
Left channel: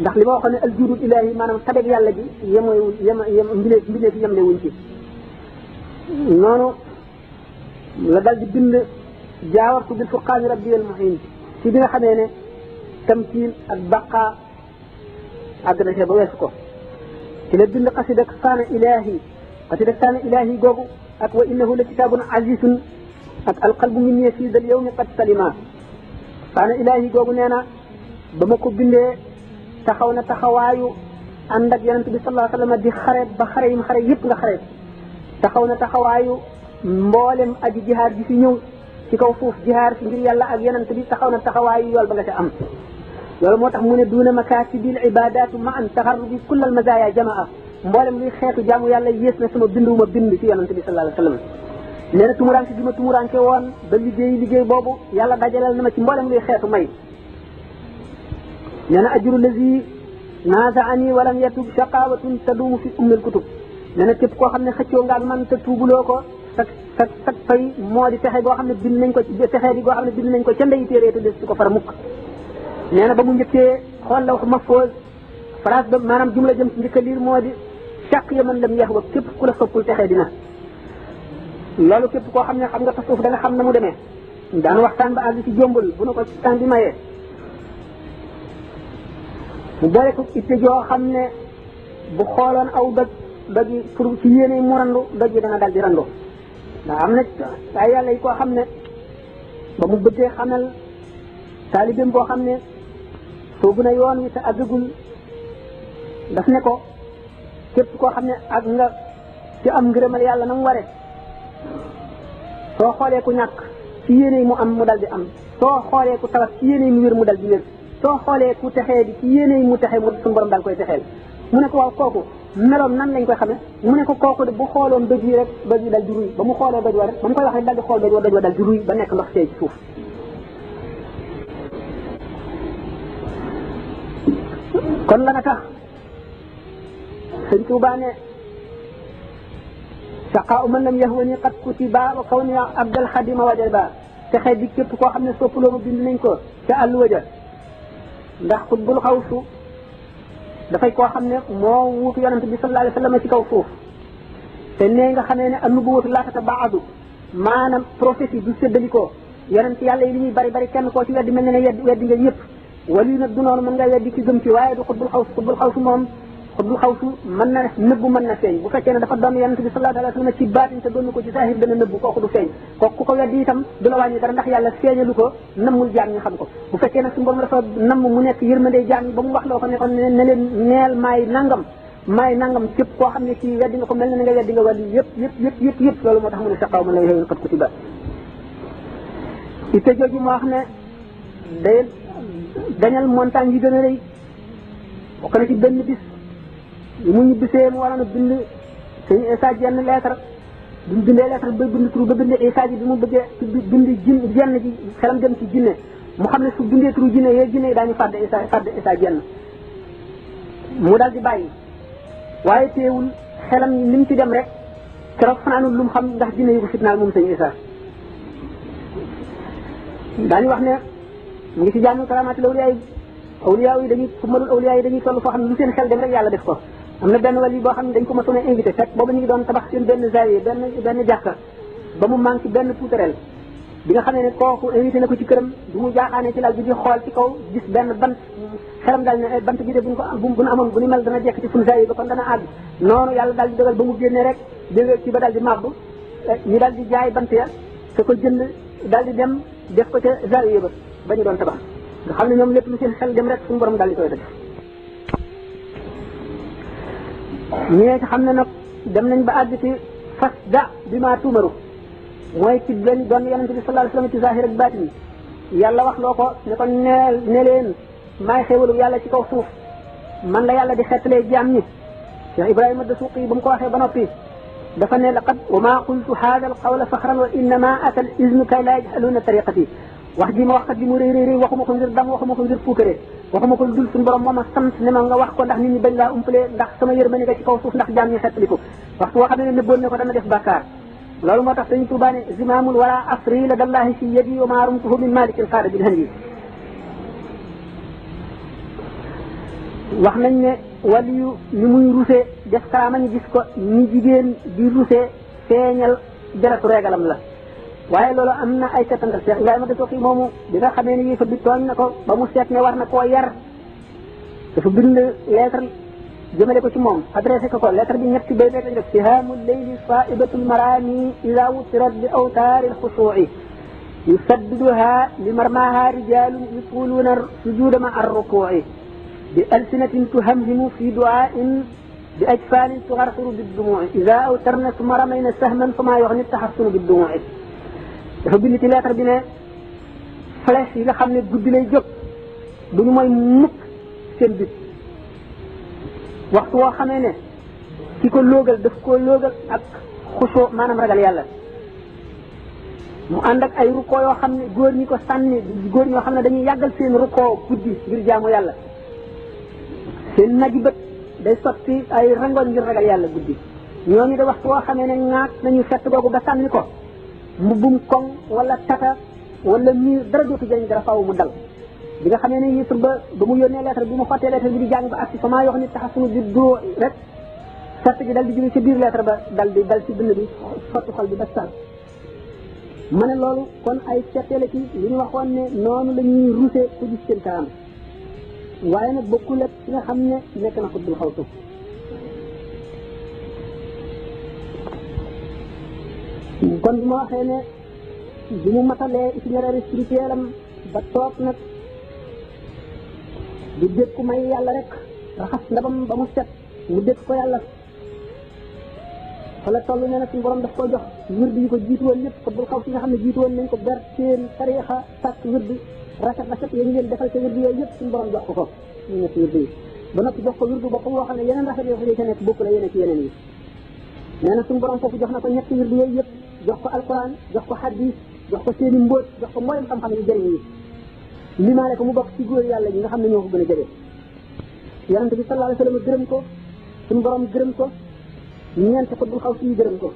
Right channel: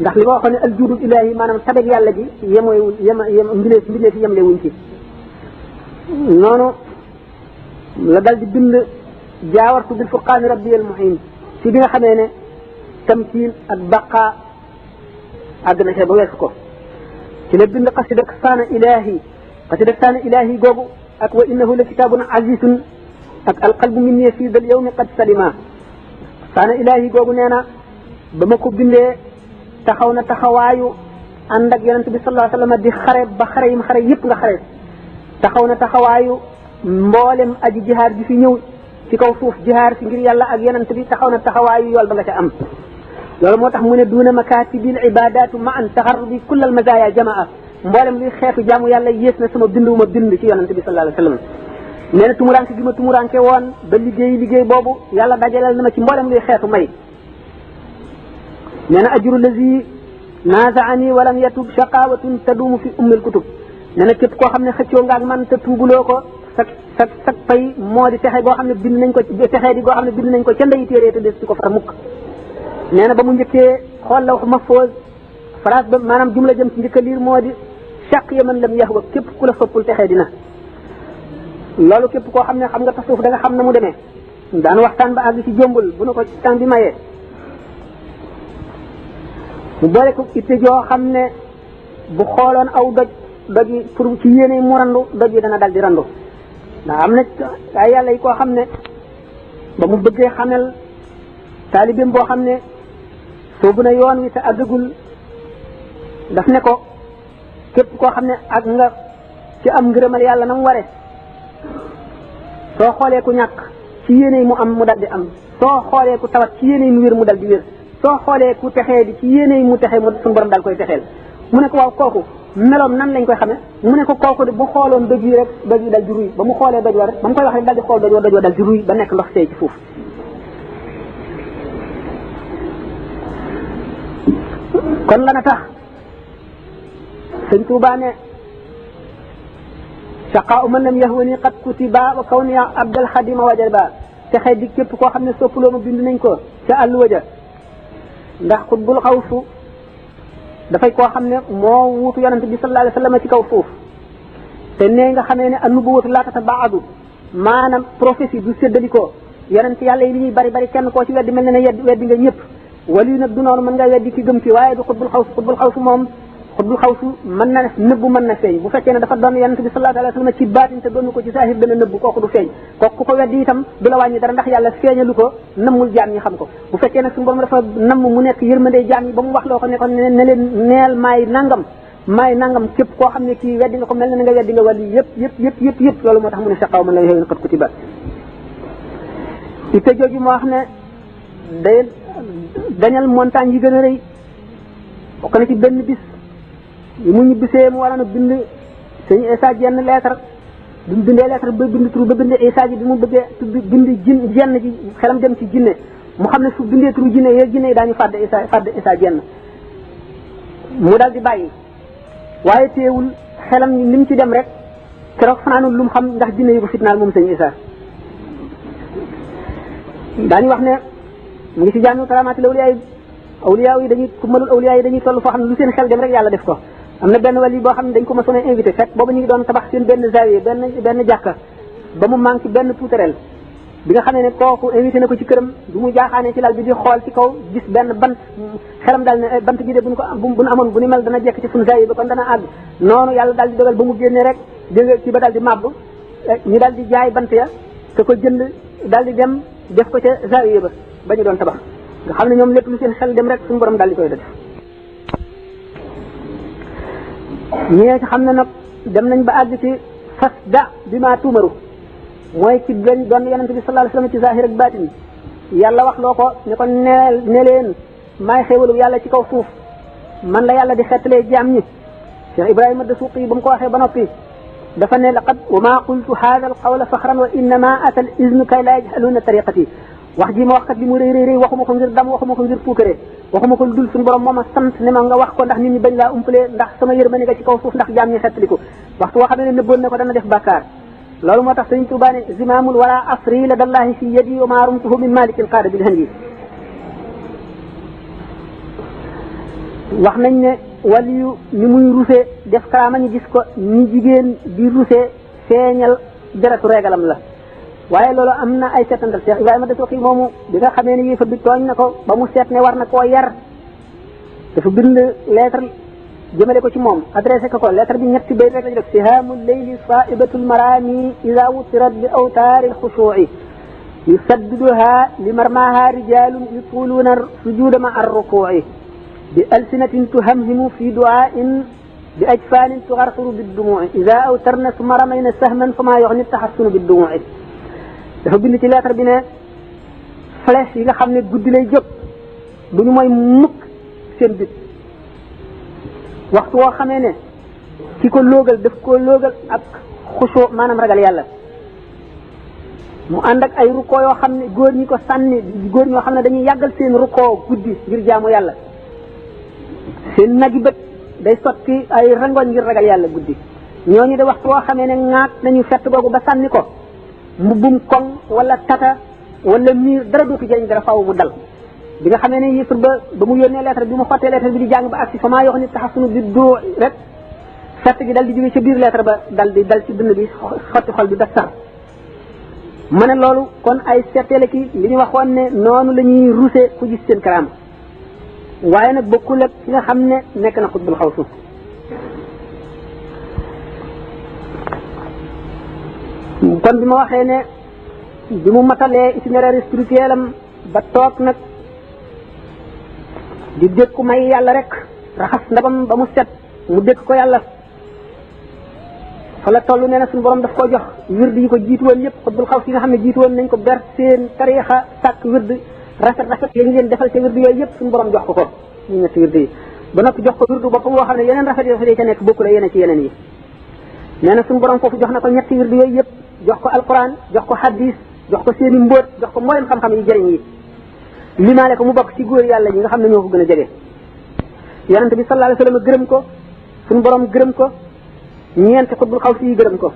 ndax li ma waxoon ne al juudul ilaahi maanaam tabeg yàlla gi yemoywul yem mbindeef yi yemle wuñ ci noonu la dal di bind jaawartu bil furqaani rabbi al muhin ci bi nga xamee ne tamkiin ak baqa àgg na see ba weesu ko ci la bind xasida saana ilaahi googu ak wa innahu la kitaabun azizun ak alqalbu minni fii dal yawmi qad salima saana ilaahi googu nee na ba ma ko bindee taxaw na taxawaayu ànd ak yonent bi sallallahu alayhi wa sallam di xare ba xare yim xare yëpp nga xare taxaw na taxawaayu mboolem aji jihaar ji fi ñëw ci kaw suuf jihaar fi ngir yàlla ak yonent bi taxaw na taxawaayu yool ba nga ca am loolu moo tax mu ne duuna makaatibil ibadatu ma an taxarrubi kullal mazaya jamaa mboolem luy xeetu jaamu yàlla yées na sama bind wu ma bind ci yonent bi sallallahu alayhi wa sallam nee na tumuranke gi ma tumuranke woon ba liggéey boobu yàlla dajaleel na ma ci mboolem luy xeetu may nee na ajru lazi nazaani walam yatub shaqawatun tadumu fi ummil kutub nee na képp koo xam ne xëccoo nga ak man te tuubuloo ko sa pay moo di texe goo xam ne bind nañ ko texee di goo xam ne bind nañ ko ca ndeyi téere te des ci ko far mukk nee na ba mu njëkkee xool la wax mahfouz phrase ba maanaam jumla jëm ci njëkk a liir moo di chaq ya man lam yaxwa képp ku la soppul texee dina loolu képp koo xam ne xam nga tasawuf da nga xam na mu demee daan waxtaan ba àgg ci jombul bu na ko ci temps bi mayee mu boole ko itte joo xam ne bu xooloon aw doj yi pour ci yéene mu randu doj yi dana dal di randu ndax am na ay yàlla yi koo xam ne ba mu bëggee xamel taalibeem boo xam ne soobu na yoon wi te àggagul daf ne ko képp koo xam ne ak nga ci am ngërëmal yàlla na mu ware soo xoolee ku ñàkk ci yéene mu am mu dal di am soo xoolee ku tawat ci yéene mu wér mu dal di wér soo xoolee ku texee di ci yéene mu texee mu suñu borom dal koy texeel mu ne ko waaw kooku meloom nan lañ koy xamee mu ne ko kooku de bu xooloon doj yi rek doj yi dal di ruy ba mu xoolee doj wa rek ba mu koy wax rek dal di xool doj wa dal di ruy ba nekk ndox seey ci suuf kon la na tax sëñ Tuubaa ne saqaa man lam yahwani qad kutiba wa kawni abdal xadima wajaba texe di képp koo xam ne soppaloo ma bind nañ ko ca àlluwa ja ndax xutbul xawsu dafay koo xam ne moo wuutu yonente bi sallallahu alayhi wa sallam ci kaw suuf te nee nga xamee ne annubuwatu laa tatabaadu maanaam prophétie du séddalikoo yonente yàlla yi li ñuy bari bari kenn koo ci weddi mel ne ne weddi nga ñëpp wali nag du noonu mën nga weddi ci gëm ci waaye du xutbul xawsu moom xutbul xawsu mën na nëbbu mën na feeñ bu fekkee ne dafa doon yonente bi sallallahu alayhi wa sallam ci baatin te doon ko ci zahir dana nëbbu kooku du feeñ kooku ku ko weddi itam du la wàññi dara ndax yàlla feeñalu ko nammul jaam ñi xam ko bu fekkee ne suñu borom dafa namm mu nekk yërmande jaam ñi ba mu wax loo ko ne ko ne leen neel maay nangam képp koo xam ne kii weddi nga ko mel ne nga weddi nga wàllu yëpp loolu moo tax mu ne saqaaw man la yowén xat kutiba itte jooju moo wax ne day dañal montagne yi gën a rëy bokk na ci benn bis yi mu ñibbisee mu waroon a bind sëñ Isa jenn lettre bi mu bindee lettre ba bind turu ba bind Isa ji bi mu bëggee bind jenn ji xelam dem ci jinne mu xam ne su bindee turu jinne yi daañu fàdd Isa jenn mu dal di bàyyi waaye teewul xelam ni mu ci dem rek keroog fanaanul lu mu xam ndax jinne yi ko fitnaal moom sëñ Isa daañu wax ne mu ngi ci jaami karaamaati awliyaa yi dañuy kummalul awliyaa yi dañuy toll foo xam ne lu seen xel dem rek yàlla def ko am na benn wàll yi boo xam ne dañ ko mësoon a invité fekk boobu ñu ngi doon tabax seen benn zawiya benn jàkka ba mu manqué benn puutareel bi nga xamee ne kooku invité na ko ci këram bi mu jaaxaanee ci lal bi di xool ci kaw gis benn bant xelam daal ne bant bi de buñ ko bu nu amoon bu ni mel dana jekk ci suñu zawiya ba kon dana àgg noonu yàlla daal di dogal ba mu génnee rek dégg nga ci ba daal di màbb ñu daal di jaay bant ya te ko jënd daal di dem def ko ca zawiya ba ñu doon tabax nga xam ne ñoom lépp lu seen xel dem rek suñu borom daal di koy def ñee ci xam ne nag dem nañ ba àgg ci fas da bi maa tuumaru mooy ci gën doon yonente bi sallallahu alayhi wasallam ci zahir ak baatin yàlla wax loo ko ne ko ne leen maay xéewalu yàlla ci kaw suuf man la yàlla di xettalee jaam ñi Cheikh Ibrahima Dasuuqi ba mu ko waxee ba noppi dafa ne laqad wa maa qultu haadha al qawla faxran wa innama ata al iznu kay laa yajhaluuna tariqati wax ji ma wax kat li mu rëy rëy waxuma ko ngir dam waxuma ko ngir puukare waxuma ko dul suñu borom moo ma sant ne ma nga wax ko ndax nit ñi bañ laa umpalee ndax sama yërmande nga ci kaw suuf ndax jaam ñi xettaliku waxtu woo xam ne nëbboon na ko dana def bàkkaar loolu moo tax sëñ Tuubaa ne zimaamul wala asri la dallahi fi yadi wa ma rumtuhu min malikin qaada bil handi wax nañ ne waliyu ni muy rusee def karaama ñu gis ko ñi jigéen di rusee feeñal deretu reegalam la waaye loolu am na ay seetantal Cheikh Ibrahima Dasuuqi moomu bi nga xamee ne yéefar bi tooñ na ko ba mu seet ne war na koo yar dafa bind lettre jëmale ko ci moom adressé ko lettre bi ñetti bayt rek la def sihaamu leyli saibatul marami ida wutirat bi awtaari alxushuuci yusaddiduha li marmaha rijalun yutuluuna sujuda ma arrukuuci bi alsinatin tuhamhimu fi duaain bi ajfaanin tugarxiru biddumuuci ida awtarna summa ramayna sahman fa maa yoxni taxassunu biddumuuci dafa bind ci lettre bi ne flèche yi nga xam ne guddi lay jóg bu ñu mooy mukk seen bit waxtu woo xamee ne ki ko loogal daf koo loogal ak xusoo maanaam ragal yàlla mu ànd ak ay rukkoo yoo xam ne góor ñi ko sànni góor ñoo xam ne dañuy yàggal seen rukkoo guddi ngir jaamu yàlla seen nagi bët day sotti ay rangoñ ngir ragal yàlla guddi ñooñu de waxtu woo xamee ne ŋaat nañu fett googu ba sànni ko mbubbum koŋ wala tata wala miir dara dootu jëriñ dara faaw mu dal bi nga xamee ne yëfër ba mu yónnee lettre bi mu xottee lettre bi di jàng ba agsi fa maa yox ni taxasunu bi doo rek fett gi dal di jóge ca biir lettre ba dal ci dënn bi xotti xol bi da sax ma ne loolu kon ay setteele ki li ñu waxoon ne noonu la ñuy ruse ku gis seen karaama waaye nag bokkul ak ki nga xam ne nekk na xutbul xaw suuf kon bi ma waxee ne bi mu matalee itinéraire spirituel am ba toog nag di dékku may yàlla rek raxas ndabam ba mu set mu dékk ko yàlla fa la toll nee na suñu borom daf ko jox wird yi ko jiitu woon yëpp xutbul xaw si nga xam ne jiitu woon nañ ko ber seen tariixa sàkk wird rafet ya ñu leen defal ca wird yooyu yëpp suñu borom jox ko ñu ñetti wird yi ba noppi jox ko wirdu boppam woo xam ne yeneen rafet yi ca nekk bokku la yeneen ci yeneen yi nee na suñu borom foofu jox na ko ñetti wird yooyu yëpp jox ko alquran jox ko hadis jox ko seeni mbóot jox ko mboolem xam-xam yi jëriñ yi limaale ko mu bokk ci góor yàlla ñi nga xam ne ñoo ko gën a jege yonente bi sallallahu alayhi wa sallam gërëm ko suñu borom gërëm ko ñeenti xutbul xaw si yi gërëm ko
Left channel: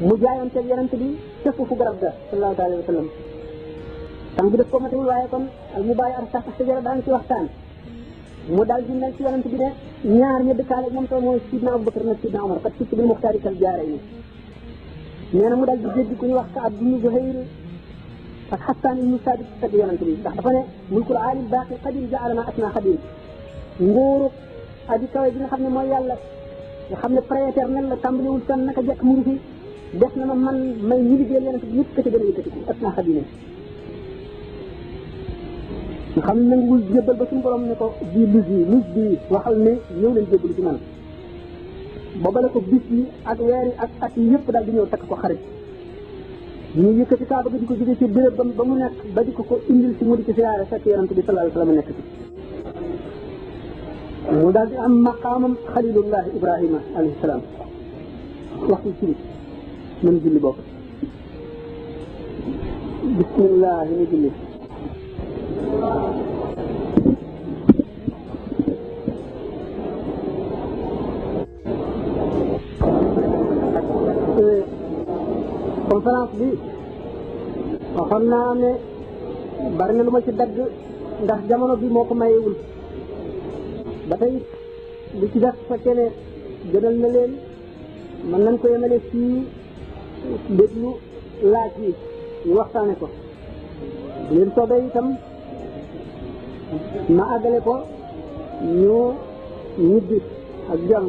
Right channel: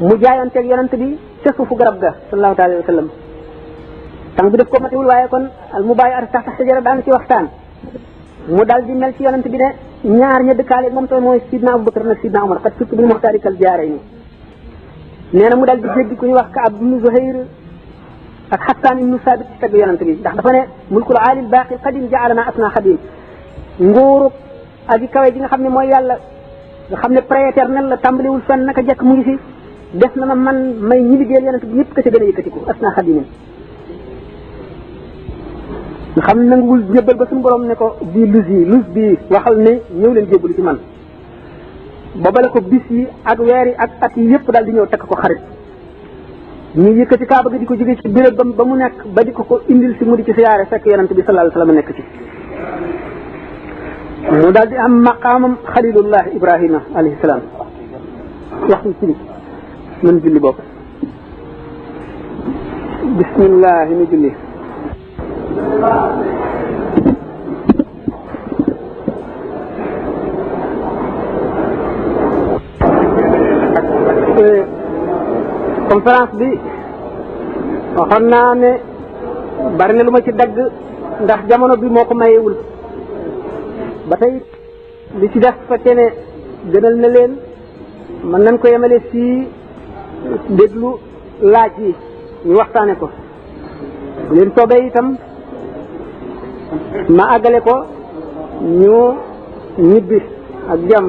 mu jaayanteeg yonente bi ca suufu garab ga sallallahu alayhi wa sallam tàng bi daf ko matewul waaye kon al mubaaya ar taxta sajara daan ci waxtaan mu dal di mel ci yonente bi ne ñaar ña dëkkaale moom tamit mooy sidna Abubakar nag sidna Umar kat surtout bil muxtaari kal jaarayni nee na mu dal di jéggi ku ñuy wax Kaab ibnu Zuhayr ak Xasaan ibnu Saabit ci tagg yonente bi ndax dafa ne mulkul aalil baaqi qadim jaalana asna xadim nguurub aji kawe ji nga xam ne mooy yàlla nga xam ne prééternel la tàmbaliwul fenn naka jekk mu ngi fi def na ma man may ñi liggéeyal yonente bi ñëpp ka ca gën a yëkkatiku asna xadimin nga xam ne nanguwul jébbal ba suñu borom ne ko bii lus bii waxal ne ñëw leen jébbalu ci man boobale ko bis yi ak weer yi ak at yi yëpp daal di ñëw tekk ko xarit ñu yëkkati kaaba gi di ko jóge ci béréb ba mu nekk ba di ko indil si mu di ci siyaare fekk yonente bi sallallahu alayhi wa sallam nekk ci mu daal di am maqaamam xalilullah ibrahima alayhi salaam waxtu ci mën julli bopp bismillah ni julli conférence bi waxoon naa ne bari na lu ma ci dagg ndax jamono bi moo ko mayewul ba tey li ci def fekkee ne gënal na leen mën nañ ko yemale fii déglu laaj yi ñu waxtaane ko bu leen soobee itam ma àggale ko ñu ñibbi ak jàmm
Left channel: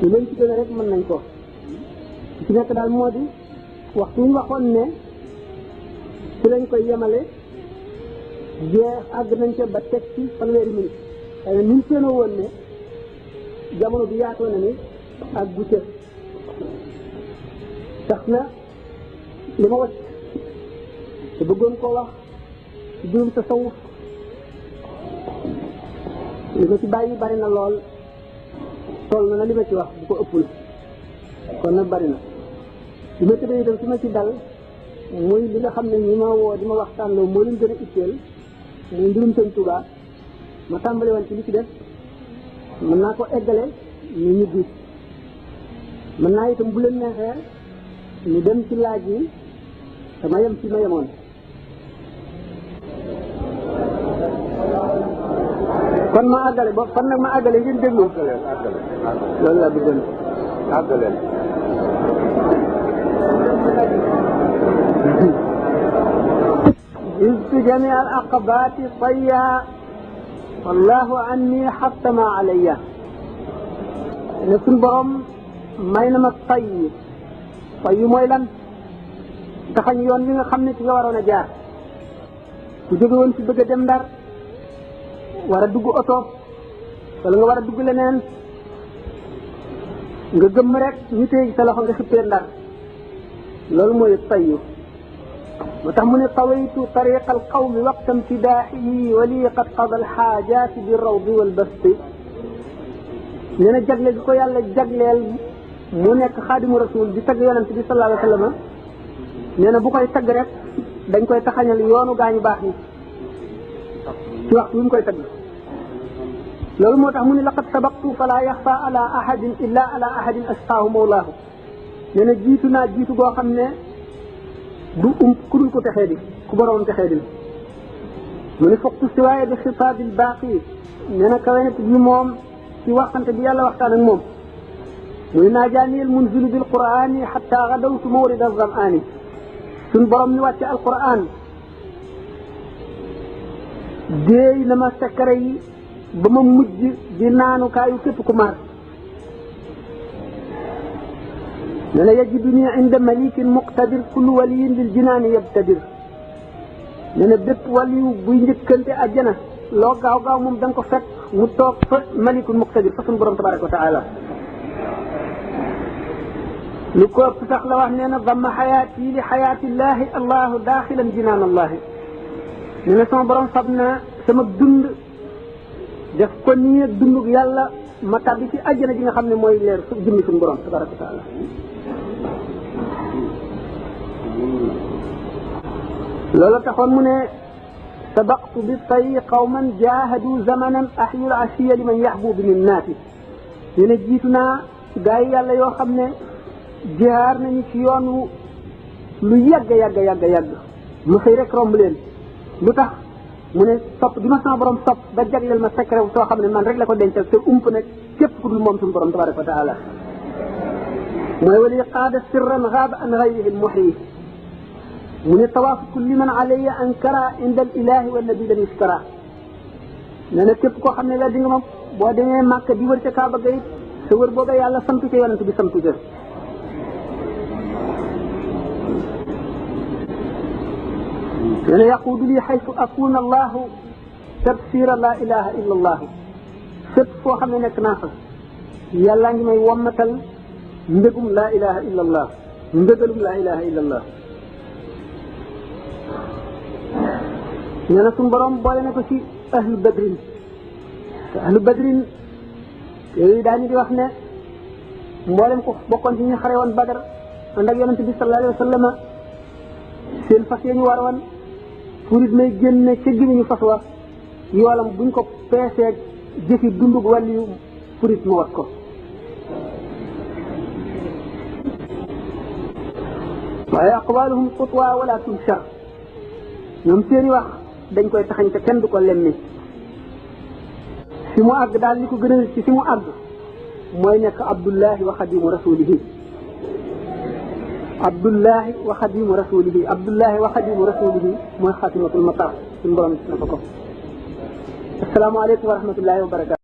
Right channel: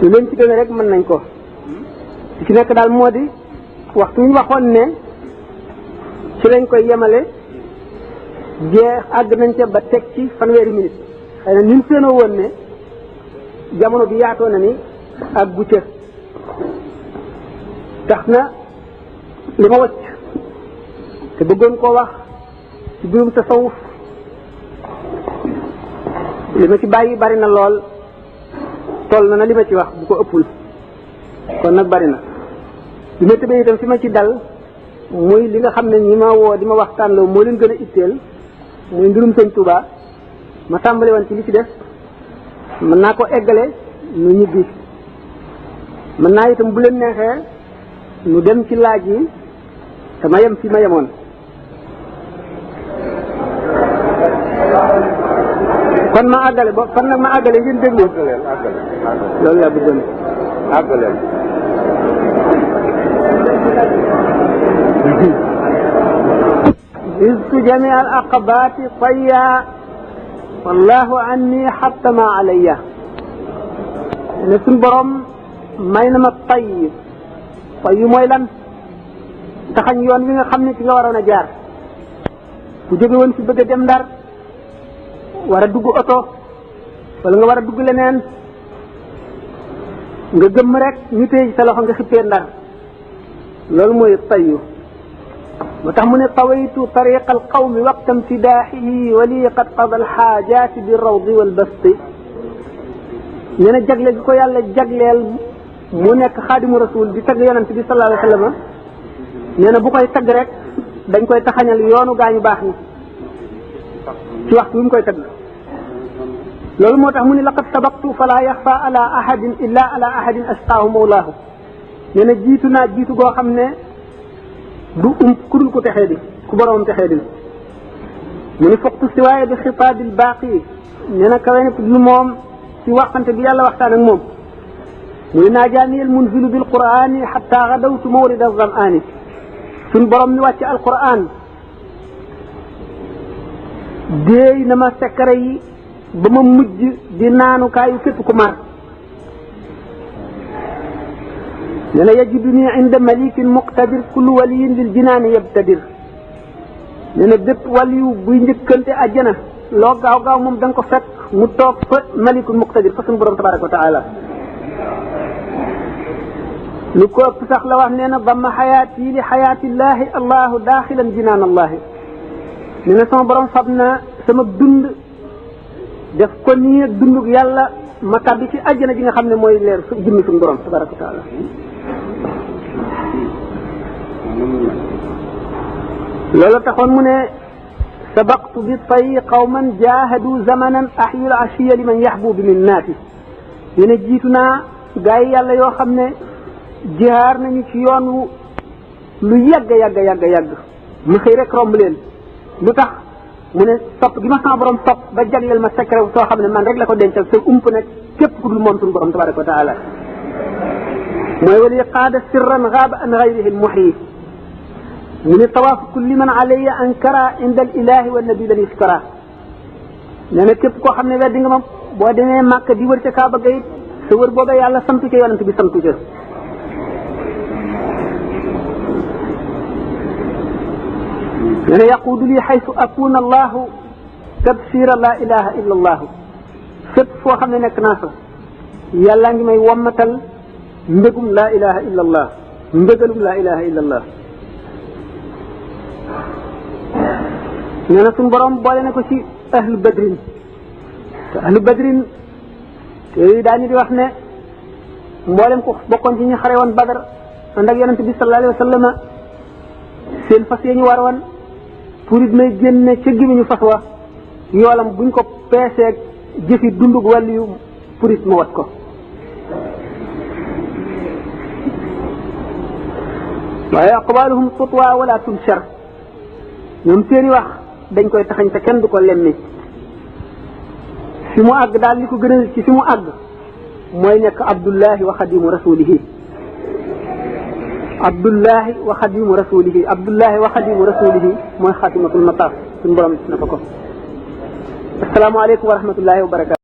lu leen ci gën rek mën nañ ko ci nekk daal moo di waxtu ñu waxoon ne ci lañ koy yemale jeex àgg nañ ca ba teg ci fanweeri minute xëy na ñun seenoo woon ne jamono bi yaatoo na ni ak gu ca tax na li ma wacc te bëggoon koo wax ci biirum tasawuf li ma ci bàyyi bari na lool toll na li ma ci wax bu ko ëppul kon nag bari na li ma tëbee itam fi ma ci dal muy li nga xam ne ñi ma woo di ma waxtaan loo moo leen gën a itteel muy mbirum sëñ Touba ma tàmbali woon ci li ci def mën naa ko eggale nu ñibbi mën naa itam bu leen neexee nu dem ci laaj yi te ma yem fi ma yemoon kon ma àggale ba fan nag ma àggale ngeen déglu loolu laa bëggoon àggale iztu jami al aqabati tayya wallahu anni xattama alayya ne suñ borom may na ma tay yu mooy lan taxañ yoon wi nga xam ne ci nga waroon a jaar ku jóge woon ci bëgg a dem Ndar war a dugg oto wala nga war a dugg leneen nga gëmm rek ñu téye sa loxo nga xippee Ndar loolu mooy tayyu moo tax mu ne tawaytu tariqa alqawmi waqta imtidaaxihi wa lii qad qada alxaajaati bi rawdi walbasti nee na jagle gi ko yàlla jagleel mu nekk xaadimu rasul di tagg yonent bi sallallahu alayhi wa sallam nee na bu koy tagg rek dañ koy taxañal yoonu gaañu baax ni ci waxtu bi mu koy tagg loolu moo tax mu ne laqad sabaqtu fala yaxfa ala ahadin illa ala ahadin astaahu mawlaahu nee na jiitu naa jiitu goo xam ne du ku dul ko texee di ku boroom texee di mu ne foqtu siwaaye bi xitaabil baaqi nee na kawe nag lu moom ci waxante bi yàlla waxtaan ak moom mu ne naajaaniyal munzilu bil qur'aani xatta gadawtu mawrida zamaani suñ borom mi wàcce alquran déey na ma sekkare yi ba ma mujj di naanukaayu képp ku mar nee na yajiduni inda malikin muqtadir kullu waliyin lil jinaani yabtadir nee na bépp waliyu buy njëkkante àjjana loo gaaw gaaw moom da nga ko fekk mu toog fa malikul muqtadir fa suñu borom tabaraka wa taala lu ko ëpp sax la wax nee na damma xayaati li xayaatillahi allahu daaxilan jinaan allahi nee na sama borom fab na sama dund def ko nii ak dundug yàlla ma tàbbi ci àjjana ji nga xam ne mooy leer su jëmmi suñu borom tabaraka wa taala loolu taxoon mu ne sabaqtu bi tay qawman jaahadu zamanan ahyul ashiya liman yaxbubu min naati nee na jiitu naa gaa yi yàlla yoo xam ne jihaar nañu ci yoon wu lu yàgg ma xëy rek romb leen lu tax mu ne topp gi ma sama borom topp ba jagleel ma secret soo xam ne man rek la ko dencal te ump nag képp ku dul moom suñu borom tabaraka wa taala mooy wali qaada sirran gaaba an gayrihi lmuxyi mu ne tawaafu kulli man alayya ankara inda al ilahi wa nabi lan yuskara nee na képp koo xam ne weddi nga ma boo demee màkk di wër ca kaaba ga it sa wër booba yàlla santu ca yonent bi santu ca nee na yaquudu li xaytu akuna allahu tabsira la ilaha illa allahu fépp foo xam ne nekk naa fa yàllaa ngi may wommatal mbégum la ilaha illa allah mbégalum la ilaha illa allah nee na suñu borom boole na ko ci ahlu badrin te ahlu badrin te daañu di wax ne mboolem ko bokkoon ci ñu xare woon badar ànd ak yonent bi sallallahu alayhi wa sallam seen fas yi ñu war woon purit may génne ca gémmiñu fas wa yoolam buñ ko peeseeg jëfi dundug wàllu yu purit ma wat ko waaye aqwaluhum tutwa wala tunshar ñoom seeni wax dañ koy taxañ te kenn du ko lemmi fi mu àgg daal li ko gënal ci fi mu àgg mooy nekk abdullahi wa xadimu rasulihi abdullahi wa xadimu rasulihi abdullahi wa xadimu rasulihi mooy xaatimatul mataaf suñu borom na ko asalaamaaleykum wa rahmatullahi wa barakatu